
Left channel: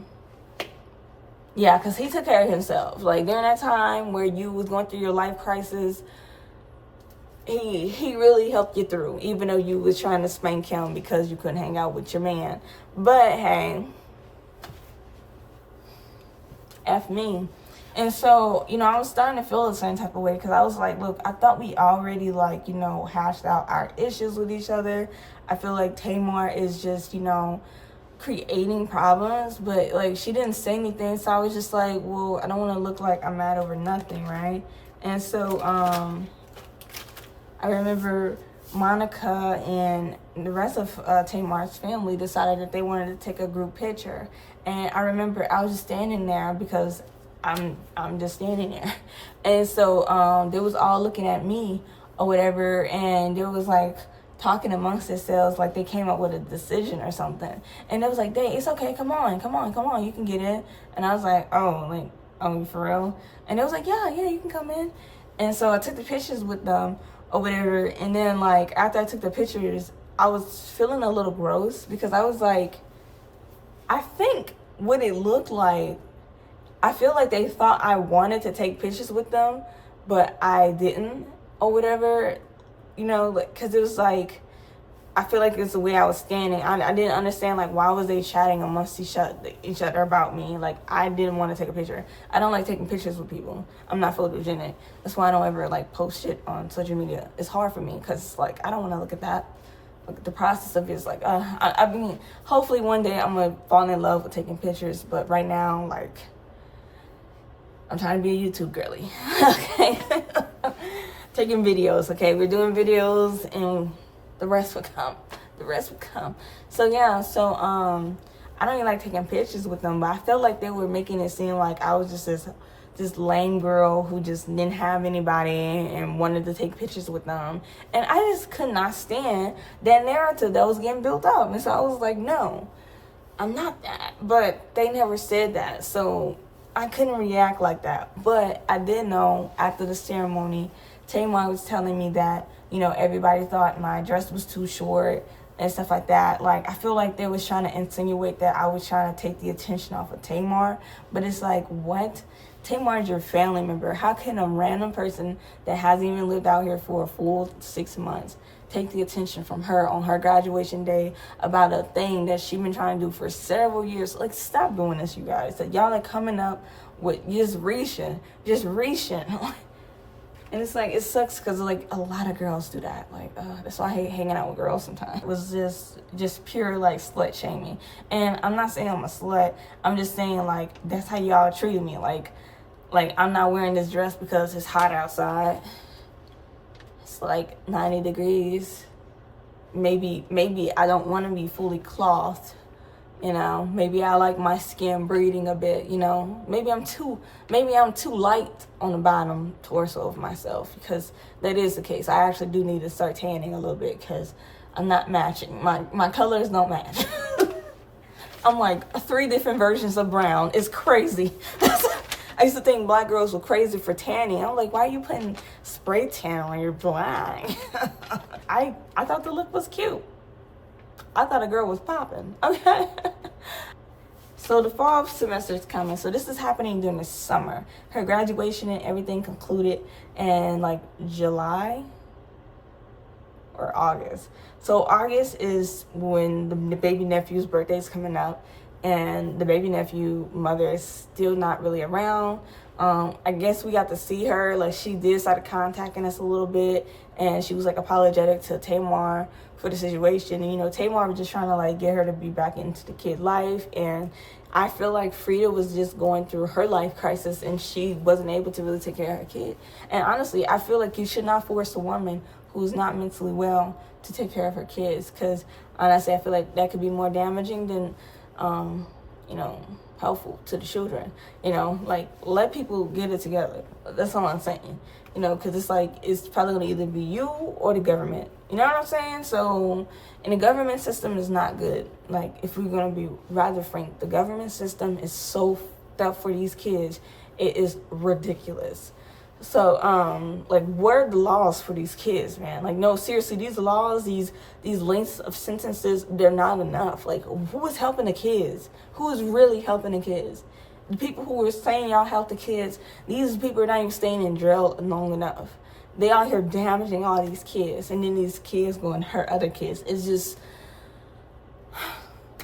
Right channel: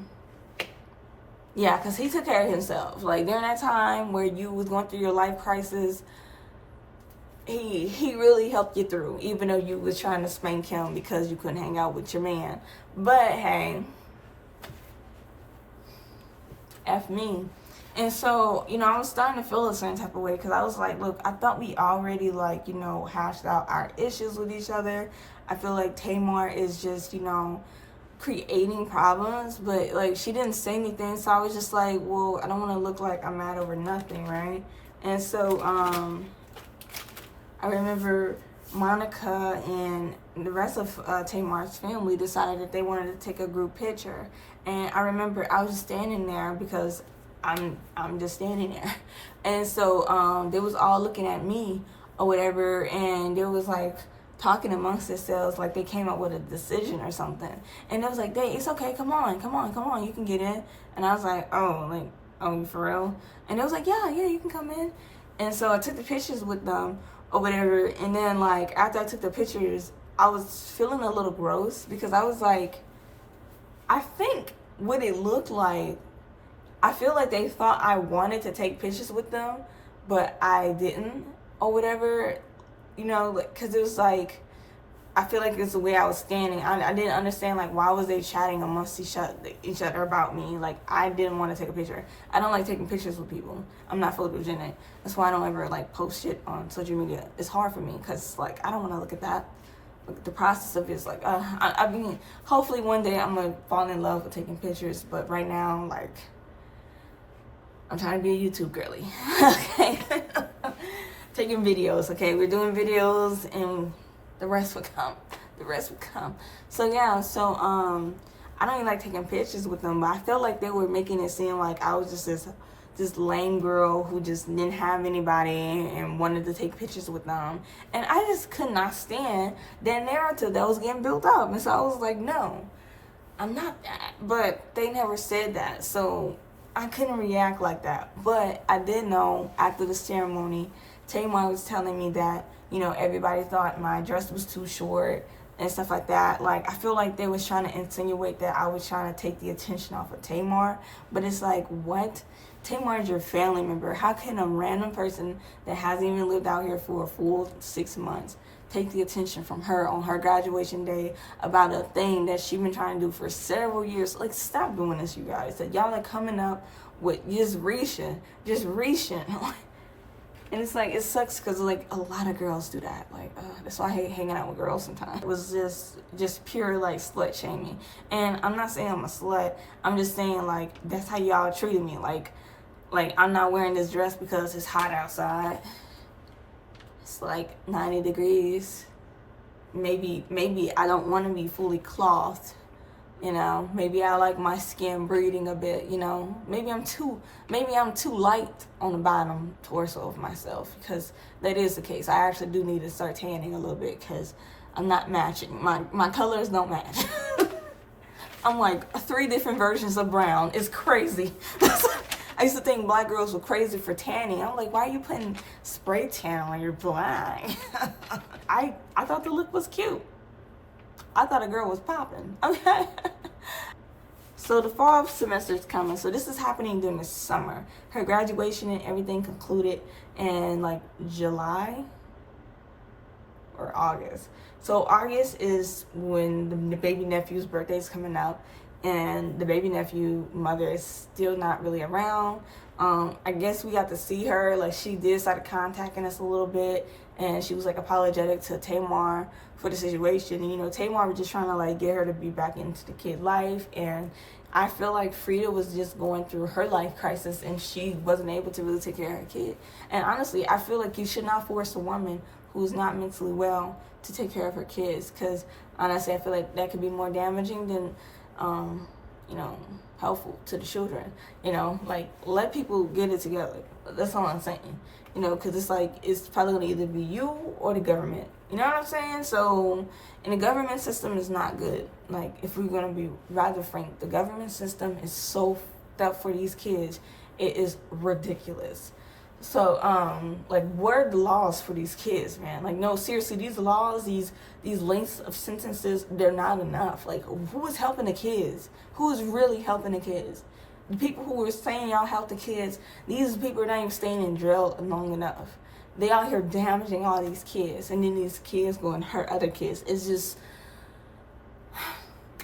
Yeah, because he took care of himself. Like, during that time where you was going through your life crisis, he really helped you through, even though you was trying to spank him because you couldn't hang out with your man. But, hey, F me. And so, I was starting to feel a certain type of way, because I was like, look, I thought we already, like, hashed out our issues with each other. I feel like Tamar is just, creating problems, but like she didn't say anything, so I was just like, well, I don't want to look like I'm mad over nothing, right? And so I remember Monica and the rest of Tamar's family decided that they wanted to take a group picture, and I remember I was just standing there because I'm just standing there. And so they was all looking at me or whatever, and they was like talking amongst themselves like they came up with a decision or something. And it was like, "Dang, it's okay, come on, you can get in." And I was like, "Oh, like, oh, for real?" And it was like, yeah, you can come in. And so I took the pictures with them or whatever. And then like after I took the pictures, I was feeling a little gross because I was like, I think what it looked like, I feel like they thought I wanted to take pictures with them, but I didn't or whatever, you know, because it was like, I feel like it's the way I was standing. I didn't understand, like, why was they chatting amongst each other about me? Like, I didn't want to take a picture. I don't like taking pictures with people. I'm not photogenic. That's why I don't ever, like, post shit on social media. It's hard for me because, like, I don't want to look at that. Like, the process of it is, like, I mean, hopefully one day I'm going to fall in love with taking pictures. But right now, like, I'm trying to be a YouTube girly. Okay? Taking videos, okay? We're doing videos and the rest will come. So yeah, so I don't even like taking pictures with them, but I felt like they were making it seem like I was just this lame girl who just didn't have anybody and wanted to take pictures with them. And I just could not stand that narrative that was getting built up. And so I was like, no, I'm not that. But they never said that, so I couldn't react like that. But I did know after the ceremony, Tamar was telling me that, you know, everybody thought my dress was too short and stuff like that. Like, I feel like they was trying to insinuate that I was trying to take the attention off of Tamar. But it's like, what? Tamar is your family member. How can a random person that hasn't even lived out here for a full 6 months take the attention from her on her graduation day about a thing that she's been trying to do for several years? Like, stop doing this, you guys. That y'all are coming up with just reaching. And it's like, it sucks because like a lot of girls do that. Like, that's why I hate hanging out with girls sometimes. It was just pure like slut shaming. And I'm not saying I'm a slut. I'm just saying like, that's how y'all treated me. Like I'm not wearing this dress because it's hot outside. It's like 90 degrees. Maybe I don't want to be fully clothed. You know, maybe I like my skin breathing a bit, you know. Maybe I'm too light on the bottom torso of myself, because that is the case. I actually do need to start tanning a little bit because I'm not matching. My colors don't match. I'm like 3 different versions of brown. It's crazy. I used to think black girls were crazy for tanning. I'm like, why are you putting spray tan when you're black? I thought the look was cute. I thought a girl was popping. Okay. So the fall semester is coming. So this is happening during the summer. Her graduation and everything concluded in like July or August. So August is when the baby nephew's birthday is coming up, and the baby nephew mother is still not really around. I guess we got to see her. Like, she did start contacting us a little bit, and she was like apologetic to Tamar for the situation. And, you know, Tamar was just trying to like get her to be back into the kid life. And I feel like Frida was just going through her life crisis, and she wasn't able to really take care of her kid. And honestly, I feel like you should not force a woman who's not mentally well to take care of her kids, because honestly, I feel like that could be more damaging than you know, helpful to the children. You know, like, let people get it together. That's all I'm saying. You know, because it's like, it's probably going to either be you or the government. You know what I'm saying? So, and the government system is not good. Like, if we're going to be rather frank, the government system is so f***ed up for these kids. It is ridiculous. So, like, what are the laws for these kids, man? Like, no, seriously, these laws, these lengths of sentences, they're not enough. Like, who is helping the kids? Who is really helping the kids? The people who are saying y'all help the kids, these people are not even staying in jail long enough. They out here damaging all these kids, and then these kids go and hurt other kids. It's just...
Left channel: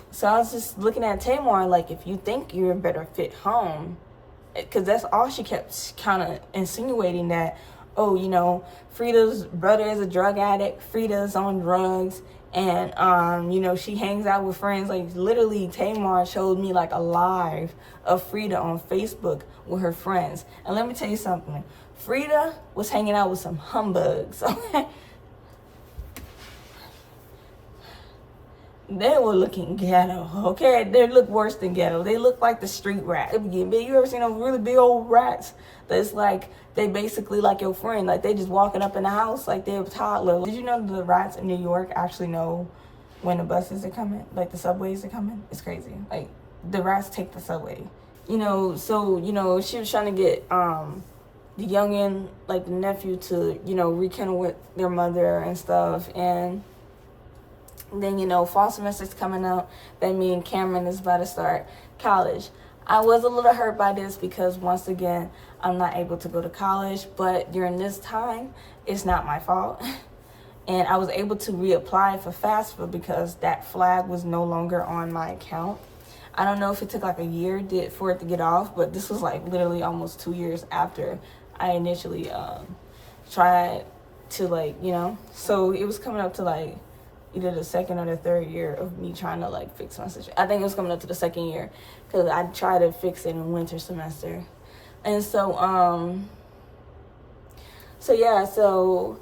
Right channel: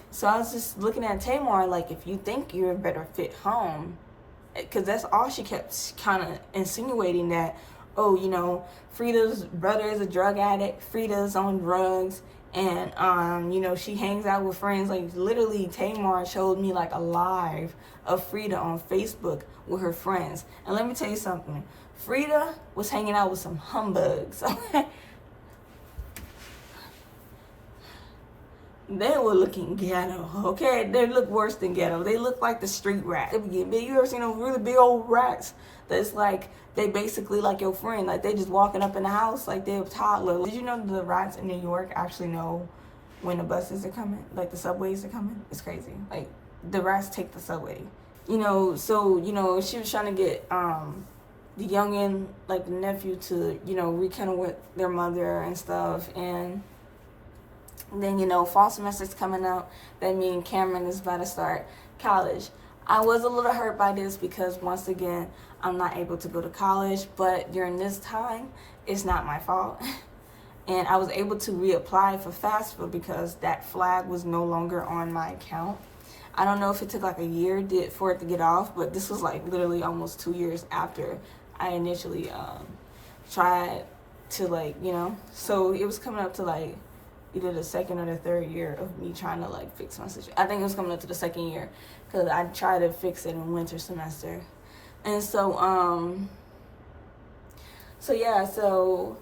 So I was just looking at Tamar, like, if you think you're a better fit home, because that's all she kept kind of insinuating, that, oh, you know, Frida's brother is a drug addict, Frida's on drugs, and, you know, she hangs out with friends. Like, literally, Tamar showed me, like, a live of Frida on Facebook with her friends. And let me tell you something. Frida was hanging out with some humbugs, okay? They were looking ghetto, okay? They look worse than ghetto. They look like the street rat. They be getting big. You ever seen those really big old rats? That's like, they basically like your friend. Like, they just walking up in the house like they're a toddler. Did you know the rats in New York actually know when the buses are coming? Like, the subways are coming? It's crazy. Like, the rats take the subway. You know, so, you know, she was trying to get the youngin', like the nephew, to, you know, rekindle with their mother and stuff. And then, you know, fall semester's coming up. Then me and Cameron is about to start college. I was a little hurt by this because, once again, I'm not able to go to college. But during this time, it's not my fault. And I was able to reapply for FAFSA because that flag was no longer on my account. I don't know if it took like a year for it to get off, but this was like literally almost 2 years after I initially tried to, like, you know. So it was coming up to like either the second or the third year of me trying to like fix my situation. I think it was coming up to the second year because I tried to fix it in winter semester. And so so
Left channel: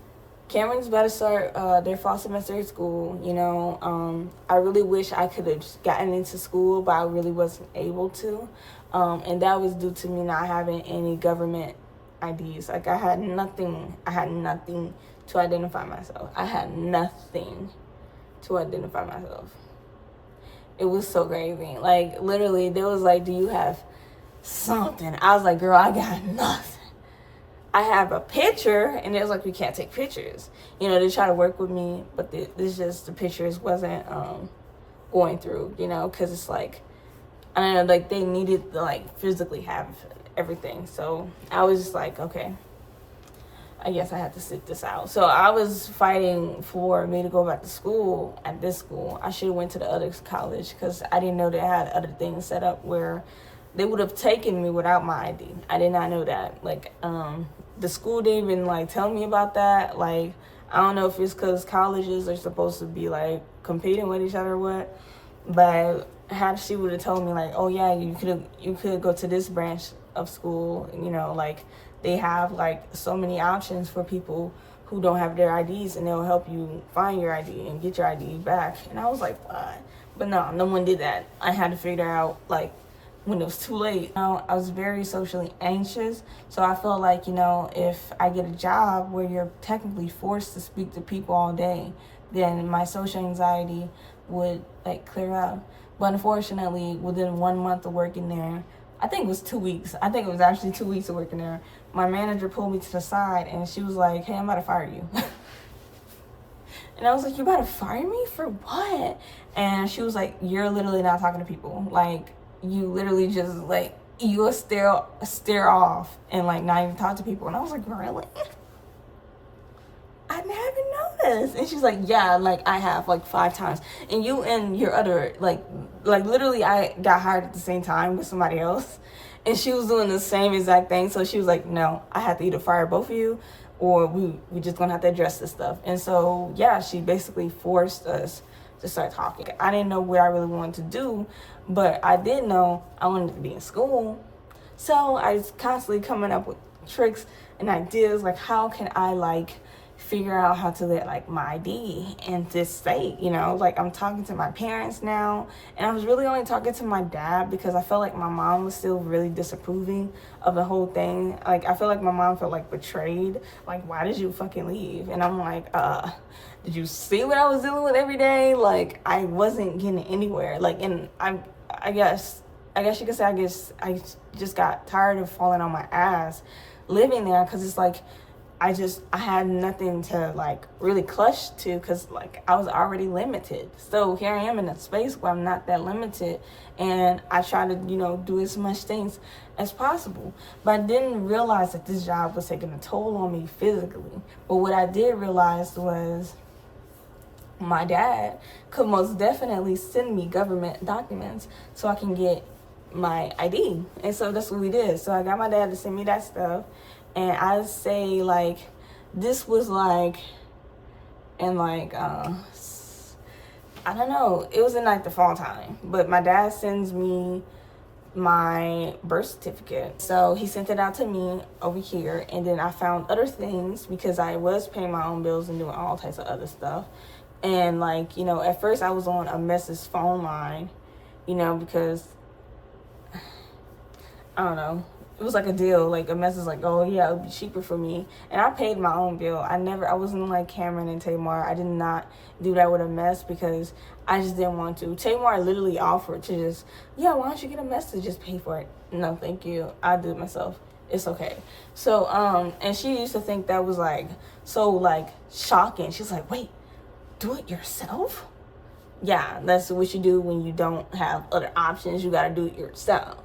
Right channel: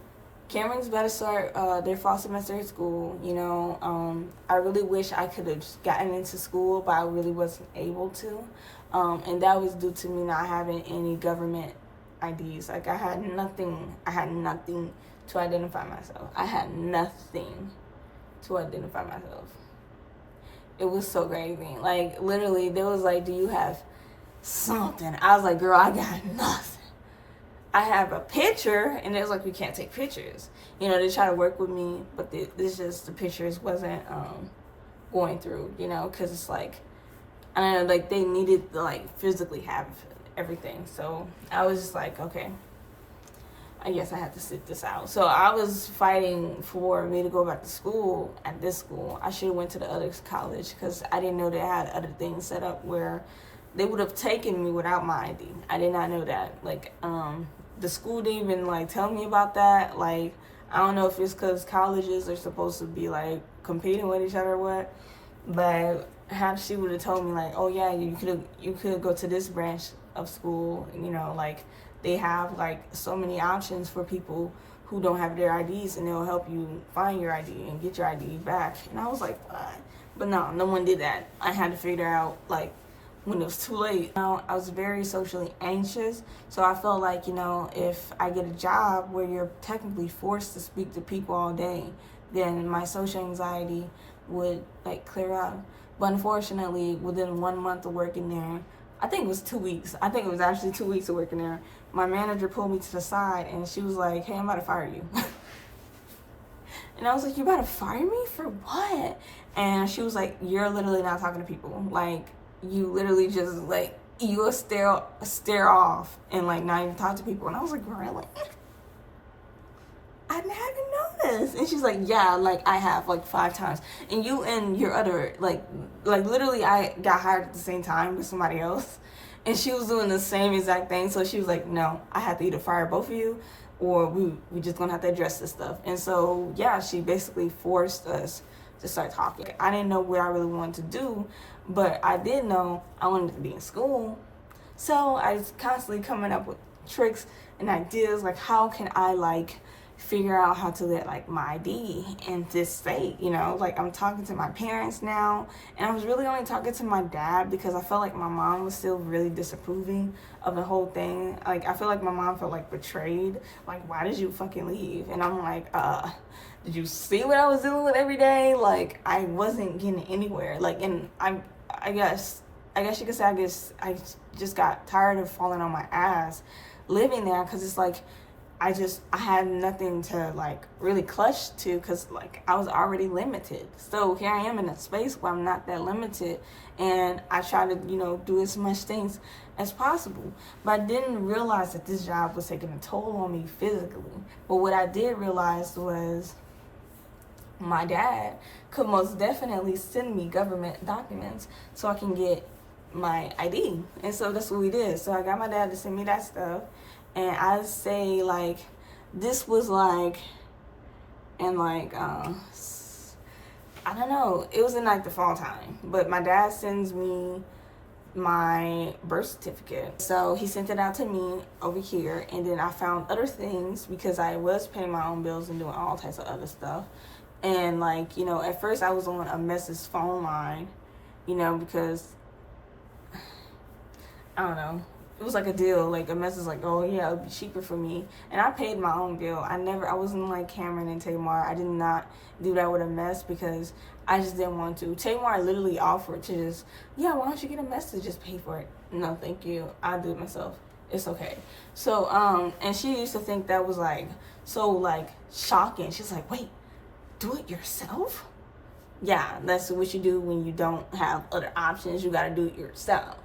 Cameron's about to start their fall semester at school, you know. I really wish I could have gotten into school, but I really wasn't able to. And that was due to me not having any government IDs. Like, I had nothing to identify myself. I had nothing to identify myself. It was so crazy. Like, literally, they was like, do you have something? I was like, girl, I got nothing. I have a picture, and it's like, we can't take pictures. You know, they try to work with me, but the pictures wasn't going through, you know, because it's like, I don't know, like, they needed to, like, physically have everything. So I was just like, okay, I guess I had to sit this out. So I was fighting for me to go back to school at this school. I should have went to the other college because I didn't know they had other things set up where they would have taken me without my ID. I did not know that. Like, the school didn't even, like, tell me about that. Like, I don't know if it's because colleges are supposed to be, like, competing with each other or what. But how she would have told me, like, oh, yeah, you could go to this branch of school. You know, like, they have, like, so many options for people who don't have their IDs, and they'll help you find your ID and get your ID back. And I was like, what? But no one did that. I had to figure out, like, when it was too late. You know, I was very socially anxious, so I felt like, you know, if I get a job where you're technically forced to speak to people all day, then my social anxiety would, like, clear up. But unfortunately, within 1 month of working there, I think it was 2 weeks. I think it was actually 2 weeks of working there. My manager pulled me to the side, and she was like, hey, I'm about to fire you. And I was like, you about to fire me for what? And she was like, you're literally not talking to people. Like, you literally just, like, you will stare off and, like, not even talk to people. And I was like, really? I haven't noticed. And she's like, yeah, like, I have, like, 5 times. And you and your other, like literally, I got hired at the same time with somebody else. And she was doing the same exact thing. So she was like, no, I have to either fire both of you, or we just gonna have to address this stuff. And so, yeah, she basically forced us to start talking. I didn't know what I really wanted to do, but I did know I wanted to be in school. So I was constantly coming up with tricks and ideas, like, how can I, like, figure out how to get, like, my ID in this state, you know? Like, I'm talking to my parents now, and I was really only talking to my dad because I felt like my mom was still really disapproving of the whole thing. Like, I feel like my mom felt, like, betrayed. Like, why did you fucking leave? And I'm like, did you see what I was dealing with every day? Like, I wasn't getting anywhere. Like, and I guess you could say I just got tired of falling on my ass living there, because it's like I had nothing to, like, really clutch to, because, like, I was already limited. So here I am in a space where I'm not that limited, and I try to, you know, do as much things as possible. But I didn't realize that this job was taking a toll on me physically. But what I did realize was my dad could most definitely send me government documents so I can get my ID. And so that's what we did. So I got my dad to send me that stuff. And I say, like, this was, like, in, like, I don't know. It was in, like, the fall time. But my dad sends me my birth certificate. So he sent it out to me over here. And then I found other things because I was paying my own bills and doing all types of other stuff. And like, you know, at first I was on 𝒎𝒅𝒊𝒂's phone line, you know, because I don't know, it was like a deal. Like 𝒎𝒅𝒄𝒊𝒂's is like, oh yeah, it would be cheaper for me. And I paid my own bill. I wasn't like Cameron and Tamar. I did not do that with 𝒎𝒅𝒄𝒊𝒂 because I just didn't want to. Tamar literally offered to just, yeah, why don't you get 𝒎𝒅𝒄𝒊𝒂, just pay for it. No, thank you. I'll do it myself. It's okay. So, and she used to think that was like, so like shocking. She's like, wait, do it yourself? Yeah, that's what you do when you don't have other options. You gotta do it yourself.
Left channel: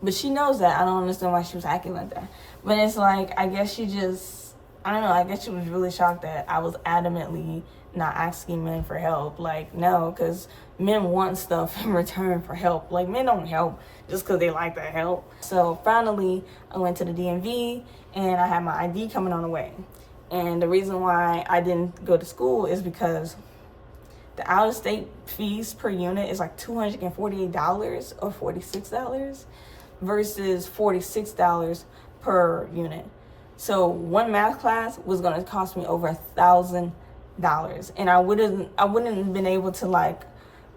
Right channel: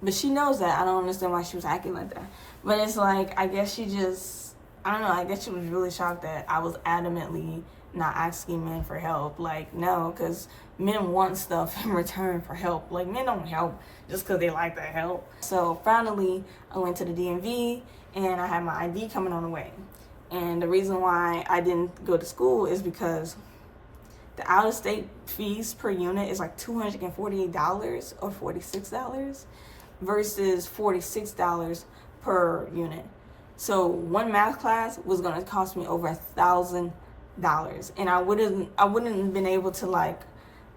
But she knows that. I don't understand why she was acting like that. But it's like, I guess she just, I don't know, I guess she was really shocked that I was adamantly not asking men for help. Like, no, because men want stuff in return for help. Like, men don't help just because they like that help. So finally, I went to the DMV and I had my ID coming on the way. And the reason why I didn't go to school is because the out-of-state fees per unit is like $248 or $46 versus $46 per unit. So one math class was gonna cost me over $1,000, and I wouldn't have been able to like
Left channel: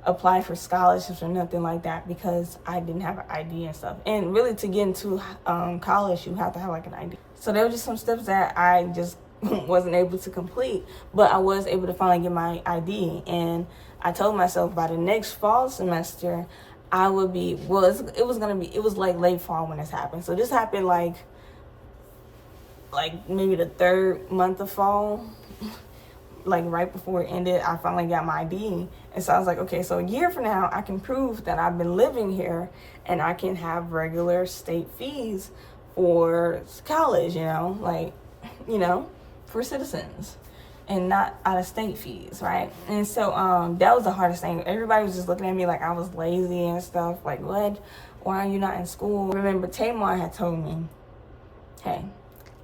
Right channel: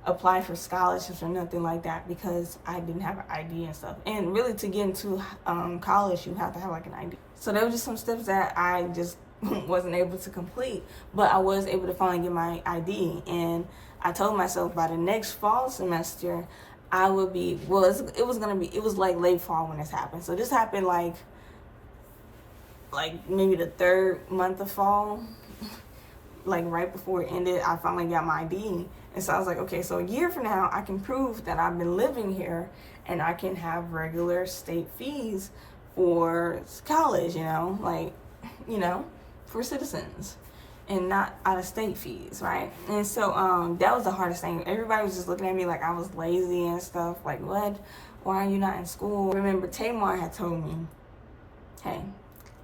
apply for scholarships or nothing like that because I didn't have an ID and stuff. And really, to get into college, you have to have like an ID. So there were just some steps that I just wasn't able to complete, but I was able to finally get my ID. And I told myself by the next fall semester, I would be, well, it was like late fall when this happened. So this happened like maybe the 3rd month of fall, like right before it ended. I finally got my ID. And so I was like, okay, so a year from now, I can prove that I've been living here and I can have regular state fees for college, you know, like, you know, for citizens, and not out-of-state fees, right? And so that was the hardest thing. Everybody was just looking at me like I was lazy and stuff. Like, what? Why are you not in school? Remember, Tamar had told me, hey,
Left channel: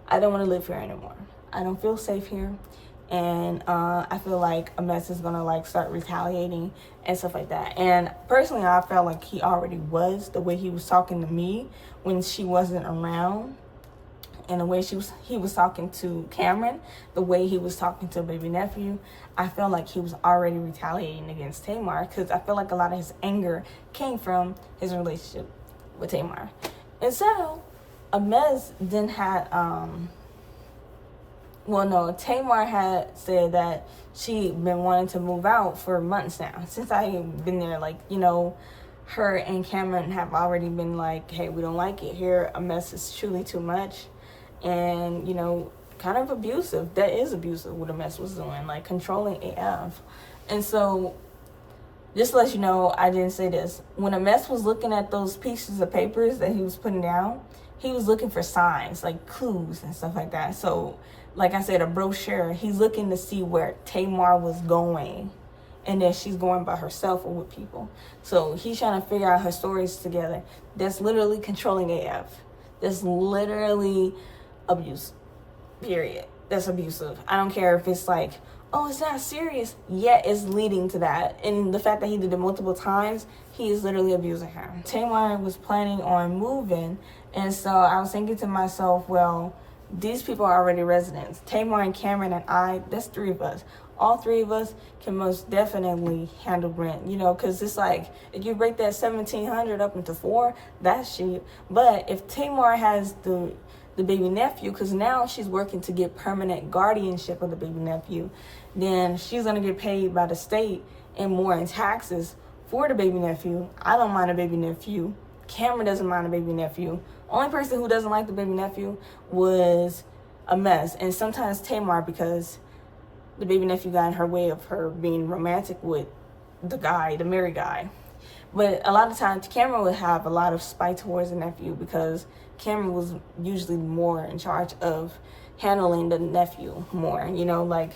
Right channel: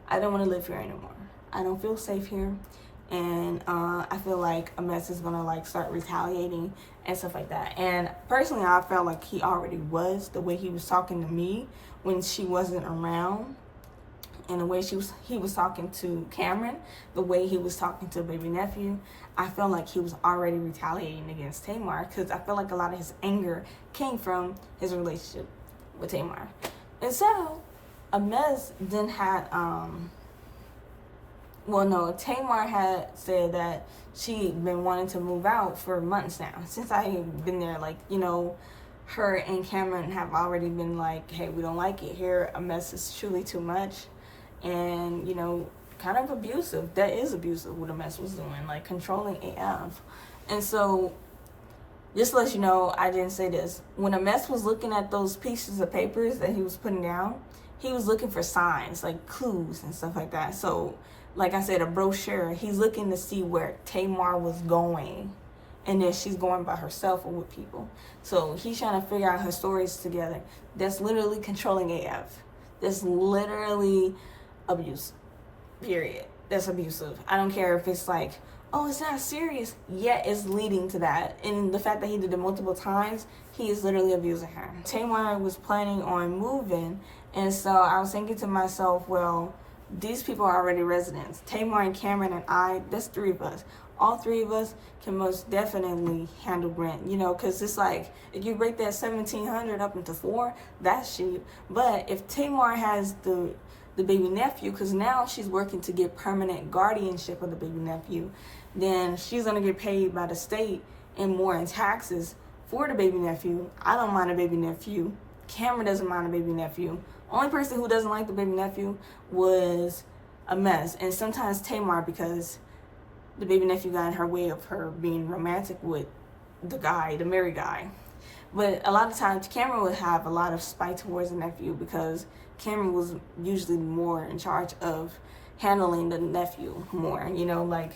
I don't want to live here anymore. I don't feel safe here. And I feel like 𝒎𝒅𝒄𝒊𝒂 is gonna like start retaliating and stuff like that. And personally, I felt like he already was, the way he was talking to me when she wasn't around. And the way he was talking to Cameron, the way he was talking to baby nephew, I felt like he was already retaliating against Tamar, because I feel like a lot of his anger came from his relationship with Tamar. And so 𝒎𝒅𝒄𝒊𝒂 then had, Tamar had said that she'd been wanting to move out for months now, since I've been there. Like, you know, her and Cameron have already been like, hey, we don't like it here. 𝒎𝒅𝒄𝒊𝒂 is truly too much. And, you know, kind of abusive. That is abusive what 𝒎𝒅𝒄𝒊𝒂 was doing, like controlling AF. And so, just to let you know, I didn't say this. When 𝒎𝒅𝒄𝒊𝒂 was looking at those pieces of papers that he was putting down, he was looking for signs, like clues and stuff like that. So, like I said, a brochure, he's looking to see where Tamar was going. And then she's going by herself or with people. So he's trying to figure out her stories together. That's literally controlling AF. That's literally abuse, period. That's abusive. I don't care if it's like, oh, it's not serious, yet it's leading to that. And the fact that he did it multiple times, he is literally abusing her. Tamar was planning on moving, and so I was thinking to myself, well, these people are already residents. Tamar and Cameron and I, that's 3 of us. All 3 of us can most definitely handle rent, you know, because it's like, if you break that $1,700 up into 4, that's cheap. But if Tamar has the baby nephew, because now she's working to get permanent guardianship of the baby nephew, then she's going to get paid by the state and more in taxes for the baby nephew. I don't mind a baby nephew. Cameron doesn't mind a baby nephew. Only person who doesn't like the baby nephew was 𝒎𝒅𝒄𝒊𝒂, and sometimes Tamar, because the baby nephew got in her way of her being romantic with the guy, the married guy. But a lot of times, Cameron would have a lot of spite towards the nephew because Cameron was usually more in charge of handling the nephew more. You know, like,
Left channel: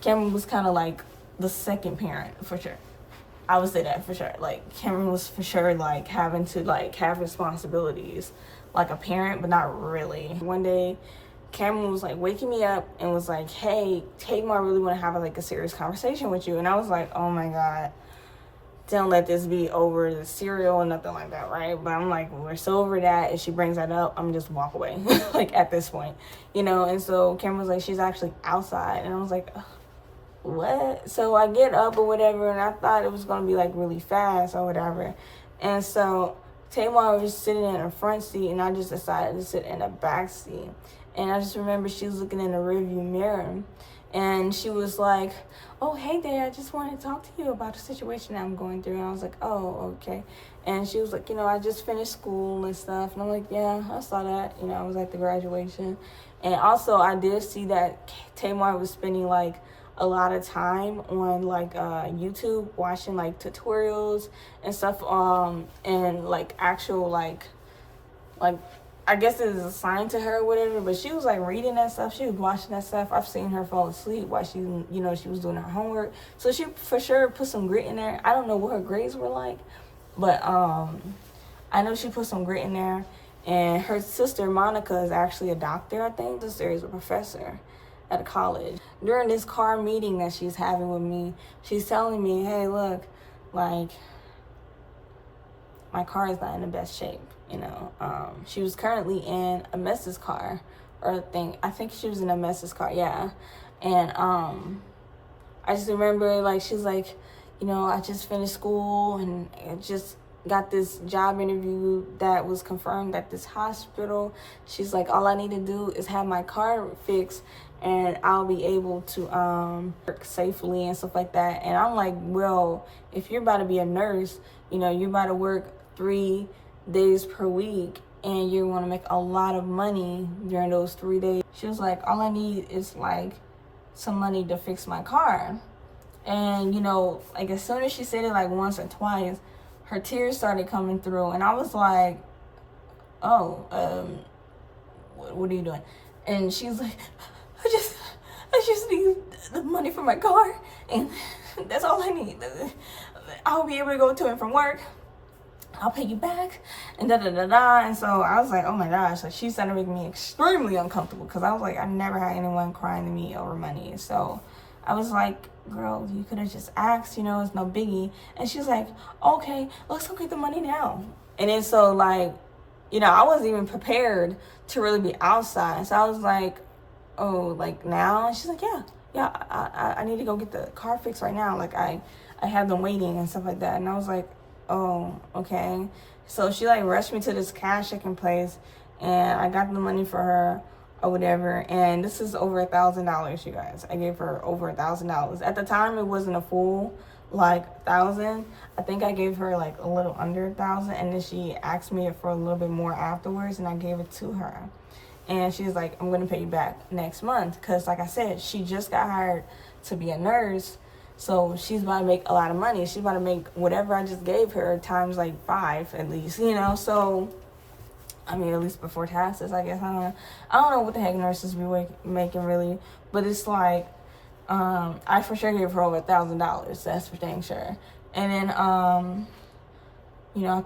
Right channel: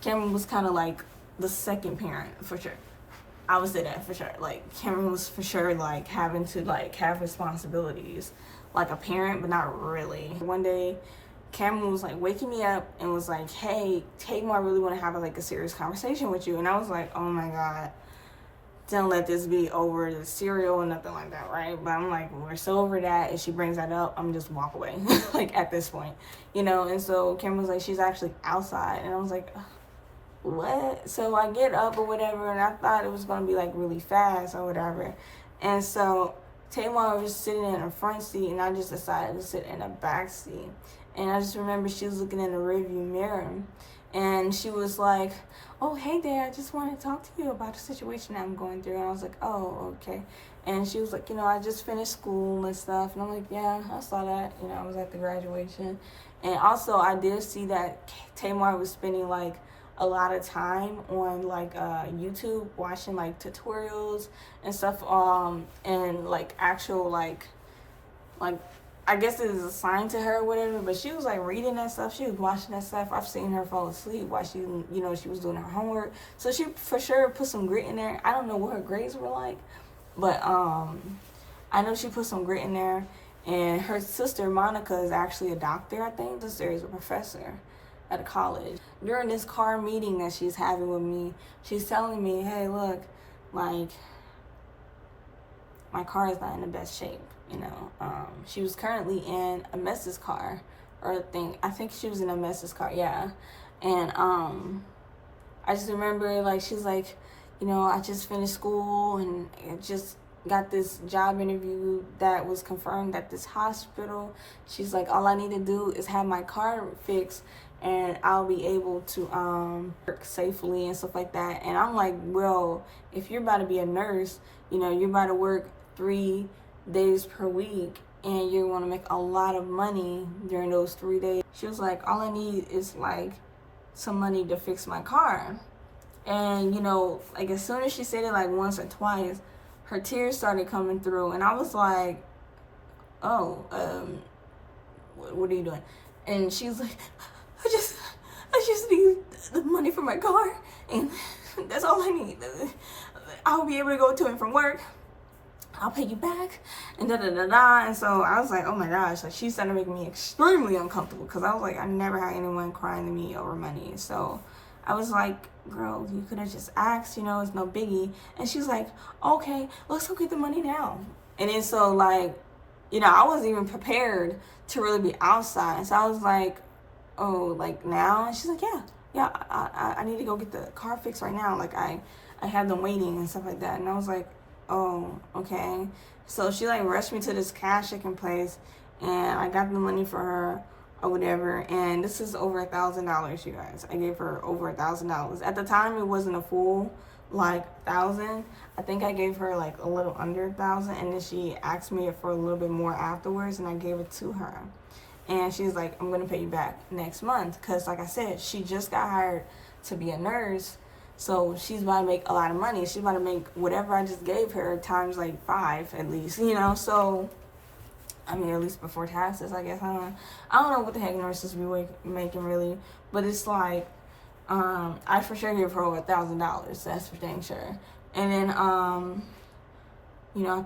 Cameron was kind of like the second parent, for sure. I would say that for sure. Like, Cameron was for sure, like, having to, like, have responsibilities like a parent, but not really. One day, Cameron was, like, waking me up and was like, hey, Tamar really want to have, like, a serious conversation with you. And I was like, oh, my God. Don't let this be over the cereal or nothing like that, right? But I'm like, we're so over that. If she brings that up, I'm just walk away, like, at this point, you know? And so Cameron was like, she's actually outside. And I was like, ugh. what? So I get up or whatever, and I thought it was going to be like really fast or whatever. And so Tamar was sitting in the front seat, and I just decided to sit in the back seat. And I just remember she was looking in the rearview mirror, and she was like, oh, hey there, I just wanted to talk to you about the situation I'm going through. And I was like, oh, okay. And she was like, I just finished school and stuff. And I'm like, yeah, I saw that. I was at the graduation. And also, I did see that Tamar was spending, like, a lot of time on, like, YouTube, watching, like, tutorials and stuff, and, like, actual, like, I guess it is assigned to her or whatever, but she was, like, reading that stuff. She was watching that stuff. I've seen her fall asleep while she, she was doing her homework. So she, for sure, put some grit in there. I don't know what her grades were like, but I know she put some grit in there. And her sister, Monica, is actually a doctor, I think. Her sister is a professor at a college. During this car meeting that she's having with me, she's telling me, hey, look, like, my car is not in the best shape. She was currently in a Mess's car, or I think she was in a Mess's car, yeah. And I just remember, like, she's like, I just finished school and it just got this job interview that was confirmed at this hospital. She's like, all I need to do is have my car fixed and I'll be able to work safely and stuff like that. And I'm like, well, if you're about to be a nurse, you're about to work 3 days per week and you want to make a lot of money during those 3 days. She was like, all I need is like some money to fix my car. And like, as soon as she said it like once or twice, her tears started coming through, and I was like, oh, what are you doing? And she was like, I just need the money for my car, and that's all I need. I'll be able to go to and from work. I'll pay you back, and da-da-da-da. And so I was like, oh my gosh, like, she started making me extremely uncomfortable, because I was like, I never had anyone crying to me over money. So I was like, girl, you could have just asked, it's no biggie. And she was like, okay, let's go get the money now. And then so, like, I wasn't even prepared to really be outside. So I was like, oh, like, now? And she's like, yeah, I need to go get the car fixed right now. Like, I have them waiting and stuff like that. And I was like, oh, okay. So she, like, rushed me to this cash checking place, and I got the money for her or whatever. And this is over $1,000, you guys. I gave her over $1,000. At the time, it wasn't a full, like, 1,000. I think I gave her, like, a little under 1,000, and then she asked me for a little bit more afterwards, and I gave it to her. And she's like, I'm going to pay you back next month, because, like I said, she just got hired to be a nurse. So she's about to make a lot of money. She's about to make whatever I just gave her times like 5 at least, So, I mean, at least before taxes, I guess. I don't know what the heck nurses be making really, but it's like, I for sure gave her over $1,000. That's for dang sure. And then, I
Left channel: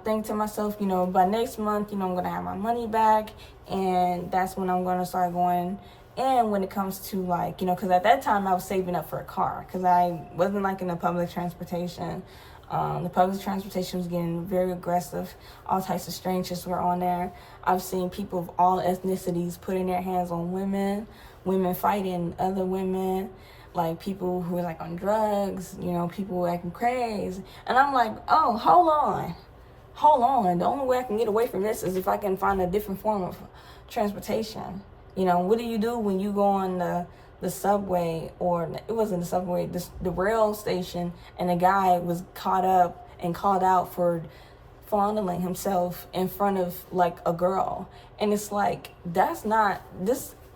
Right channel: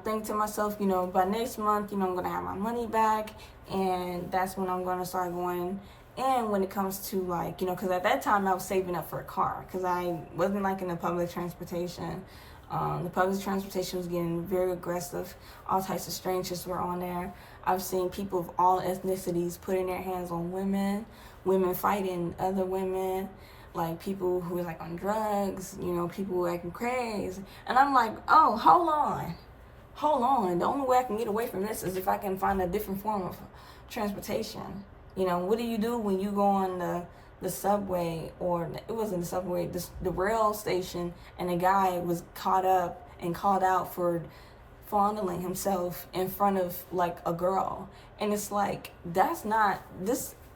think to myself, by next month, I'm going to have my money back, and that's when I'm going to start going. And when it comes to, like, because at that time I was saving up for a car, because I wasn't liking the public transportation. The public transportation was getting very aggressive. All types of strangers were on there. I've seen people of all ethnicities putting their hands on women fighting other women, like people who were like on drugs, people were acting crazy. And I'm like, oh, hold on. The only way I can get away from this is if I can find a different form of transportation. What do you do when you go on the subway, or it wasn't the subway, the rail station, and a guy was caught up and called out for fondling himself in front of, like, a girl? And it's like, this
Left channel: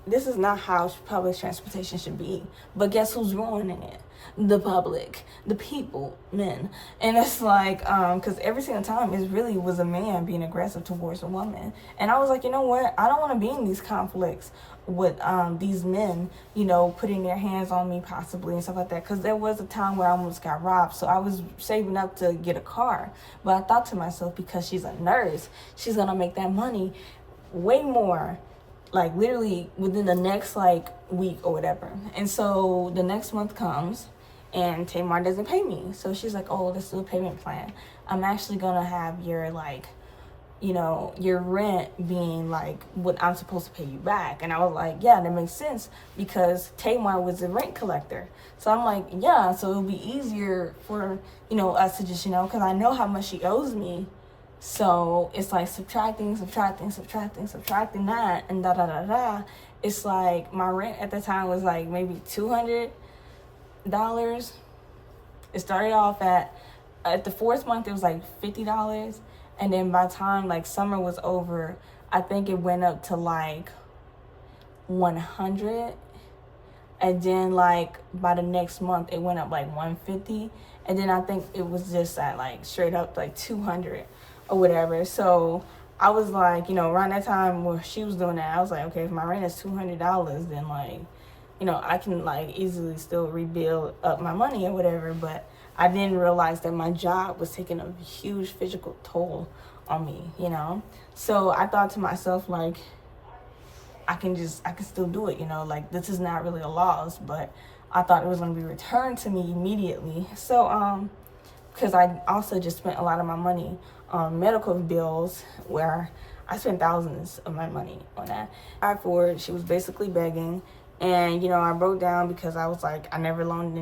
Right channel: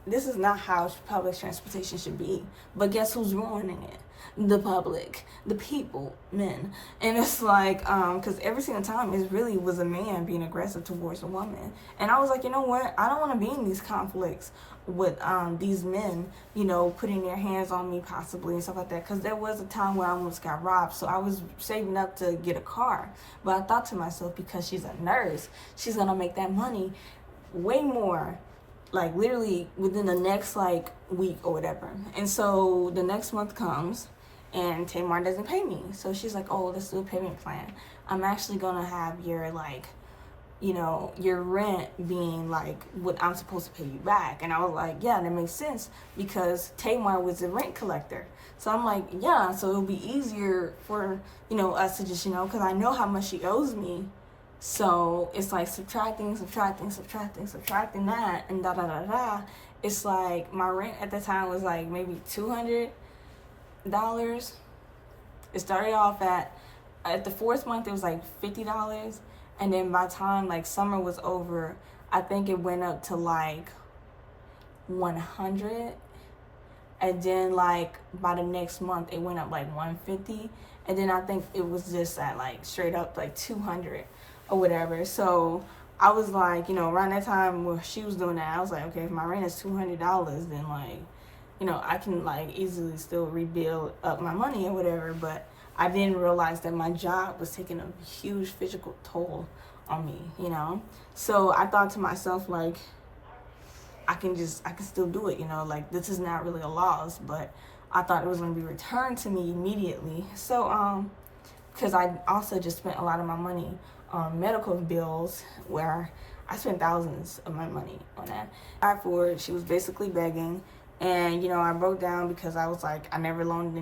is not how public transportation should be. But guess who's ruining it? The public, the people, men. And it's like, because every single time it really was a man being aggressive towards a woman. And I was like, you know what? I don't want to be in these conflicts with these men, putting their hands on me possibly and stuff like that. Because there was a time where I almost got robbed. So I was saving up to get a car. But I thought to myself, because she's a nurse, she's going to make that money way more, like, literally within the next, like, week or whatever. And so the next month comes, and Tamar doesn't pay me. So she's like, oh, let's do a payment plan. I'm actually going to have your, like, you know, your rent being like what I'm supposed to pay you back. And I was like, yeah, that makes sense because Tamar was a rent collector. So I'm like, yeah, so it'll be easier for, you know, us to just, you know, because I know how much she owes me. So it's like subtracting that and da. It's like my rent at the time was like maybe $200. It started off at the fourth month it was like $50, and then by the time like summer was over, I think it went up to like 100, and then like by the next month it went up like 150, and then I think it was just at like straight up like 200 or whatever. So I was like, you know, around that time where she was doing that, I was like, okay, if my rent is $200, then like, you know, I can like easily still rebuild up my money or whatever. But I didn't realize that my job was taking a huge physical toll on me, you know? So I thought to myself, like, I can still do it, you know? Like, this is not really a loss, but I thought it was going to be returned to me immediately. So, because I also just spent a lot of my money on medical bills, where I spent thousands of my money on that. For it, she was basically begging. And, you know, I broke down because I was like, I never loaned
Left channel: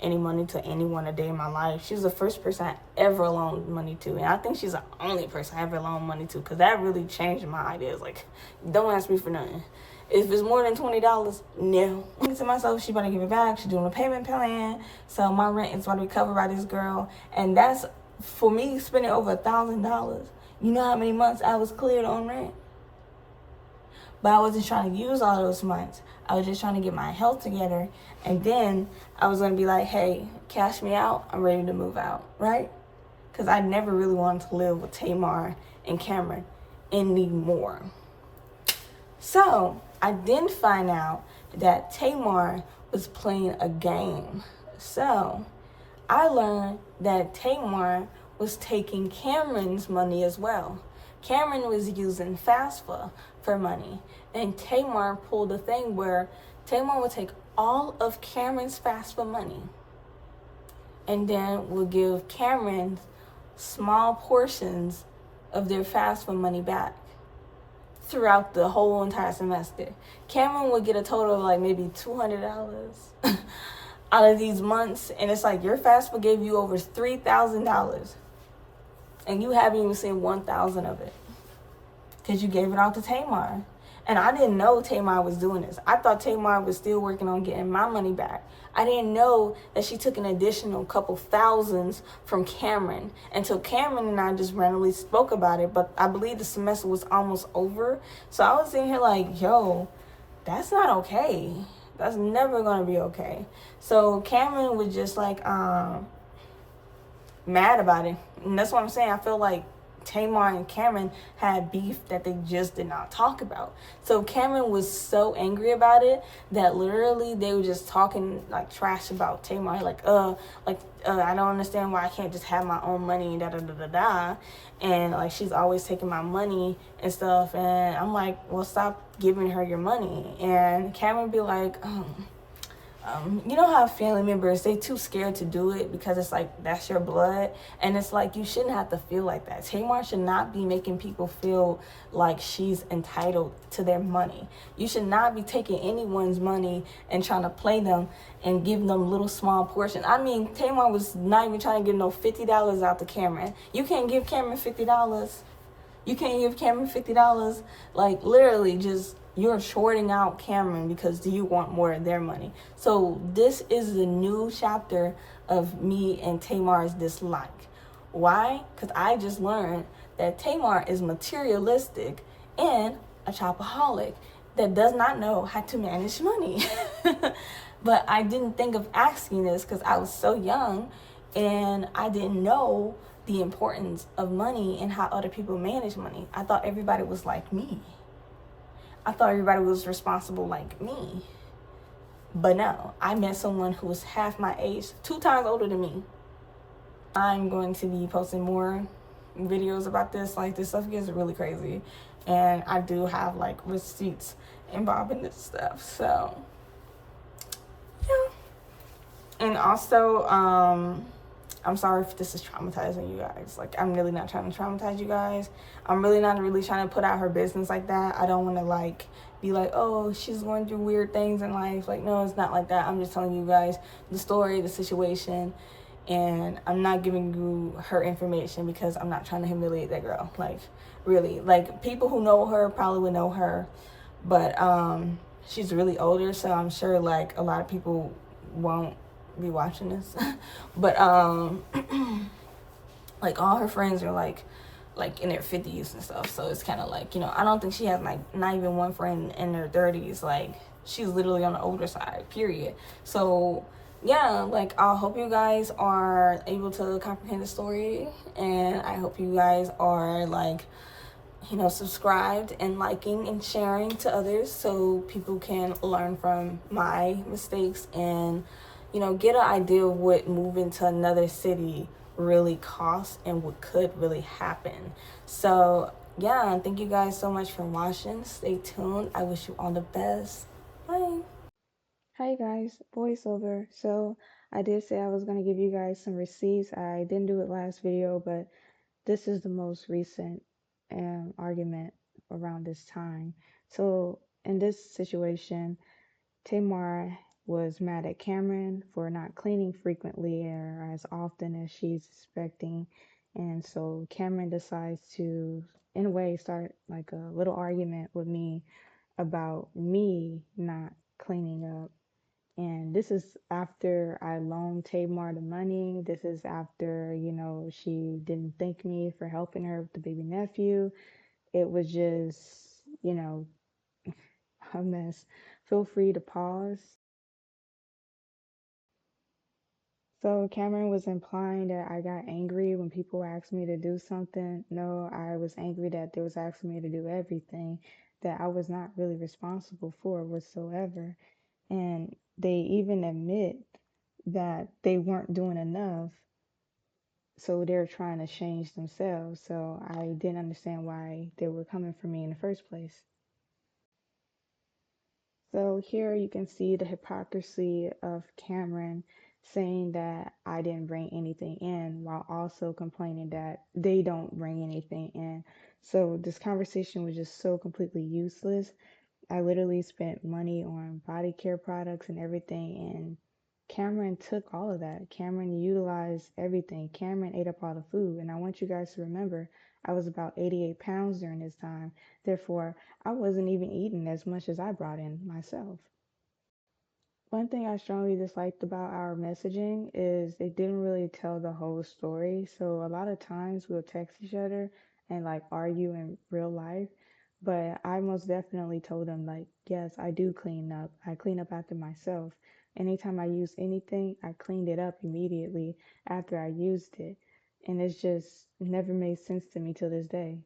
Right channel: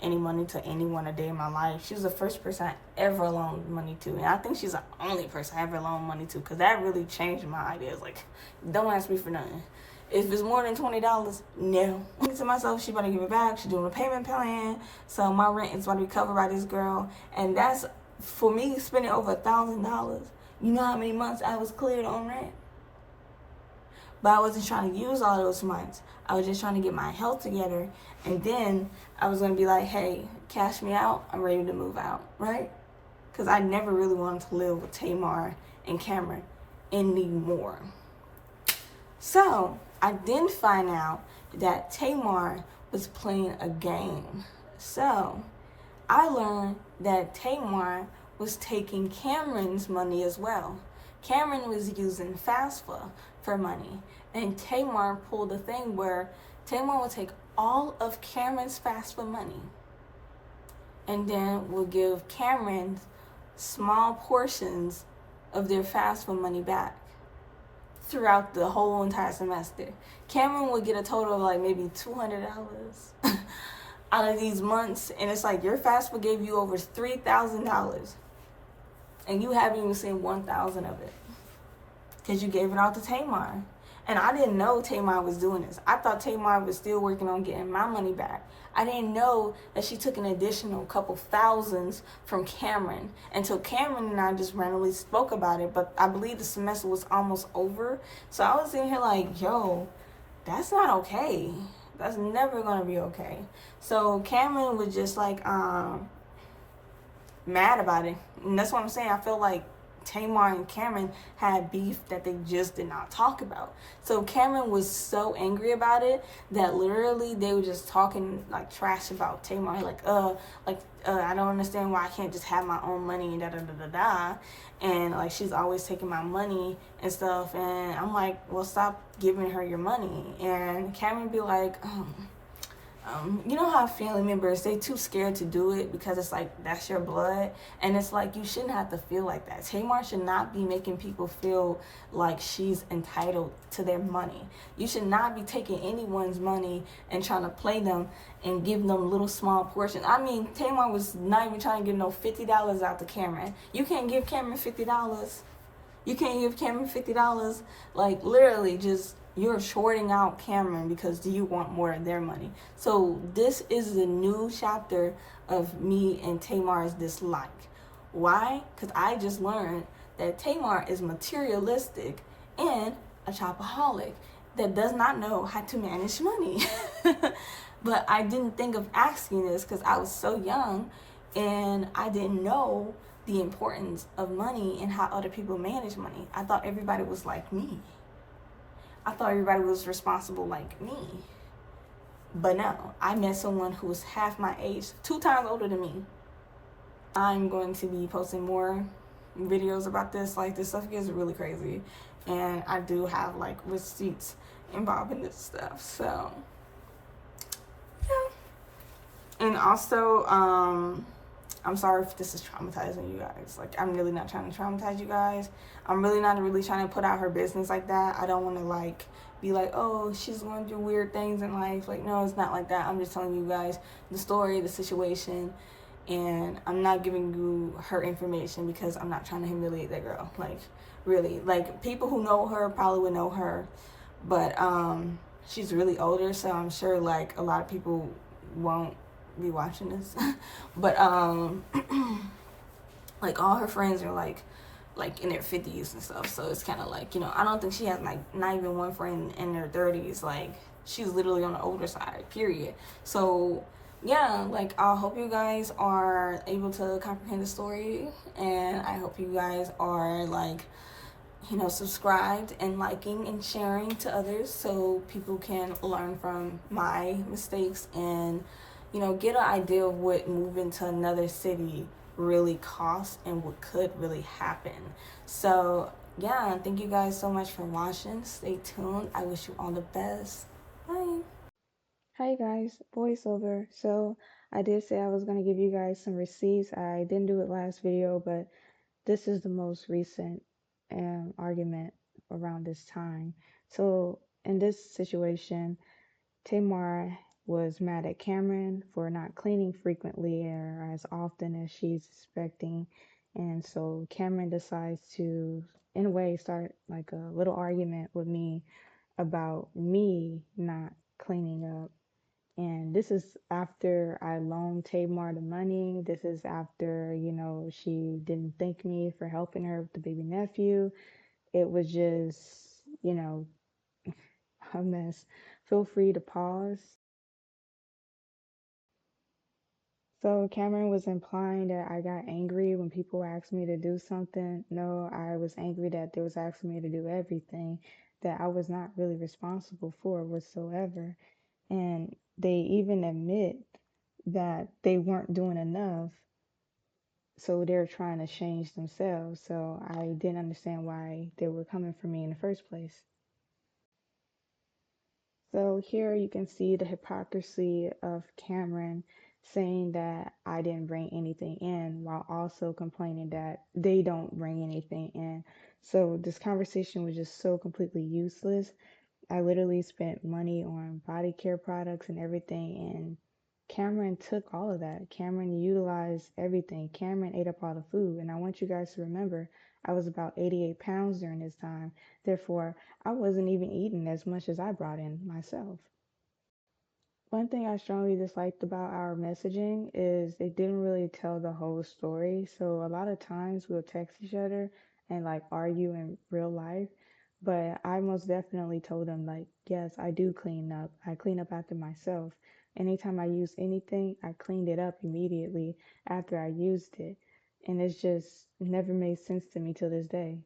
any money to anyone a day in my life. She was the first person I ever loaned money to. And I think she's the only person I ever loaned money to, because that really changed my ideas. Like, don't ask me for nothing. If it's more than $20, no. I'm thinking to myself, she better give it back. She's doing a payment plan. So my rent is going to be covered by this girl. And that's, for me, spending over $1,000. You know how many months I was cleared on rent? But I wasn't trying to use all those months. I was just trying to get my health together. And then I was going to be like, hey, cash me out. I'm ready to move out, right? Because I never really wanted to live with Tamar and Cameron anymore. So I then find out that Tamar was playing a game. So I learned that Tamar was taking Cameron's money as well. Cameron was using FAFSA for money, and Tamar pulled a thing where Tamar would take all of Cameron's FAFSA money and then would give Cameron small portions of their FAFSA money back throughout the whole entire semester. Cameron would get a total of like maybe $200 out of these months, and it's like your FAFSA gave you over $3,000. And you haven't even seen 1,000 of it because you gave it all to Tamar. And I didn't know Tamar was doing this. I thought Tamar was still working on getting my money back. I didn't know that she took an additional couple thousands from Cameron until Cameron and I just randomly spoke about it. But I believe the semester was almost over. So I was sitting here like, yo, that's not okay. That's never going to be okay. So Cameron was just like, mad about it. And that's what I'm saying. I feel like Tamar and Cameron had beef that they just did not talk about. So Cameron was so angry about it that literally they were just talking like trash about Tamar. Like, I don't understand why I can't just have my own money, da. And like, she's always taking my money and stuff. And I'm like, well, stop giving her your money. And Cameron be like, you know how family members, they too scared to do it because it's like, that's your blood. And it's like, you shouldn't have to feel like that. Tamar should not be making people feel like she's entitled to their money. You should not be taking anyone's money and trying to play them and give them little small portions. I mean, Tamar was not even trying to give no $50 out to Cameron. You can't give Cameron $50. You can't give Cameron $50. Like, literally just, you're shorting out Cameron because you want more of their money. So this is the new chapter of me and Tamar's dislike. Why? Because I just learned that Tamar is materialistic and a shopaholic that does not know how to manage money. But I didn't think of asking this because I was so young and I didn't know the importance of money and how other people manage money. I thought everybody was like me. I thought everybody was responsible like me. But no, I met someone who was half my age, 2 times older than me. I'm going to be posting more videos about this. Like, this stuff gets really crazy. And I do have like receipts involved in this stuff. So, yeah. And also, I'm sorry if this is traumatizing you guys. Like, I'm really not trying to traumatize you guys. I'm really not really trying to put out her business like that. I don't want to, like, be like, oh, she's going through weird things in life. Like, no, it's not like that. I'm just telling you guys the story, the situation, and I'm not giving you her information because I'm not trying to humiliate that girl. Like, really. Like, people who know her probably would know her, but she's really older, so I'm sure, like, a lot of people won't be watching this. But like, all her friends are like in their 50s and stuff, so it's kind of like, you know, I don't think she has like not even one friend in her 30s. Like, she's literally on the older side, period. So yeah, like, I hope you guys are able to comprehend the story, and I hope you guys are, like, you know, subscribed and liking and sharing to others so people can learn from my mistakes and, you know, get an idea of what moving to another city really costs and what could really happen. So yeah, thank you guys so much for watching. Stay tuned. I wish you all the best. Bye. Hi guys, voiceover. So I did say I was going to give you guys some receipts. I didn't do it last video, but this is the most recent argument around this time. So in this situation, Tamar was mad at Cameron for not cleaning frequently or as often as she's expecting. And so Cameron decides to, in a way, start like a little argument with me about me not cleaning up. And this is after I loaned Tamar the money. This is after, you know, she didn't thank me for helping her with the baby nephew. It was just, you know, a mess. Feel free to pause. So Cameron was implying that I got angry when people asked me to do something. No, I was angry that they was asking me to do everything that I was not really responsible for whatsoever. And they even admit that they weren't doing enough, so they're trying to change themselves. So I didn't understand why they were coming for me in the first place. So here you can see the hypocrisy of Cameron saying that I didn't bring anything in while also complaining that they don't bring anything in. So this conversation was just so completely useless. I literally spent money on body care products and everything, and Cameron took all of that. Cameron utilized everything. Cameron ate up all the food. And I want you guys to remember, I was about 88 pounds during this time. Therefore, I wasn't even eating as much as I brought in myself. One thing I strongly disliked about our messaging is it didn't really tell the whole story. So a lot of times we'll text each other and like argue in real life. But I most definitely told him like, yes, I do clean up. I clean up after myself. Anytime I use anything, I cleaned it up immediately after I used it. And it's just never made sense to me till this day.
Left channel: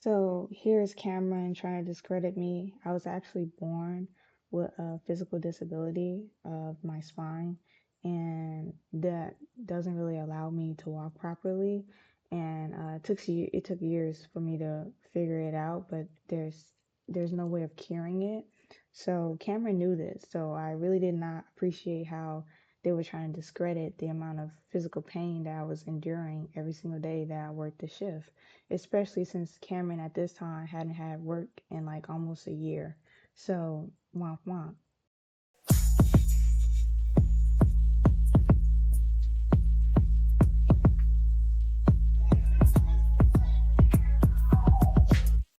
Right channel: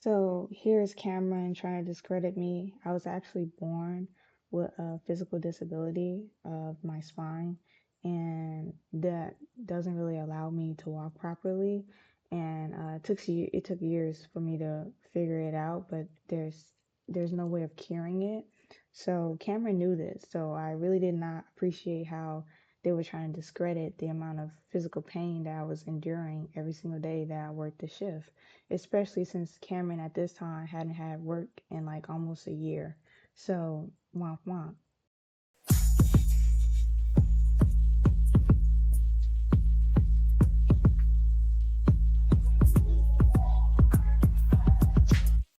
So here's Cameron trying to discredit me. I was actually born with a physical disability of my spine, and that doesn't really allow me to walk properly. And it took years for me to figure it out, but there's no way of curing it. So Cameron knew this, so I really did not appreciate how they were trying to discredit the amount of physical pain that I was enduring every single day that I worked the shift, especially since Cameron at this time hadn't had work in like almost a year. So, womp womp.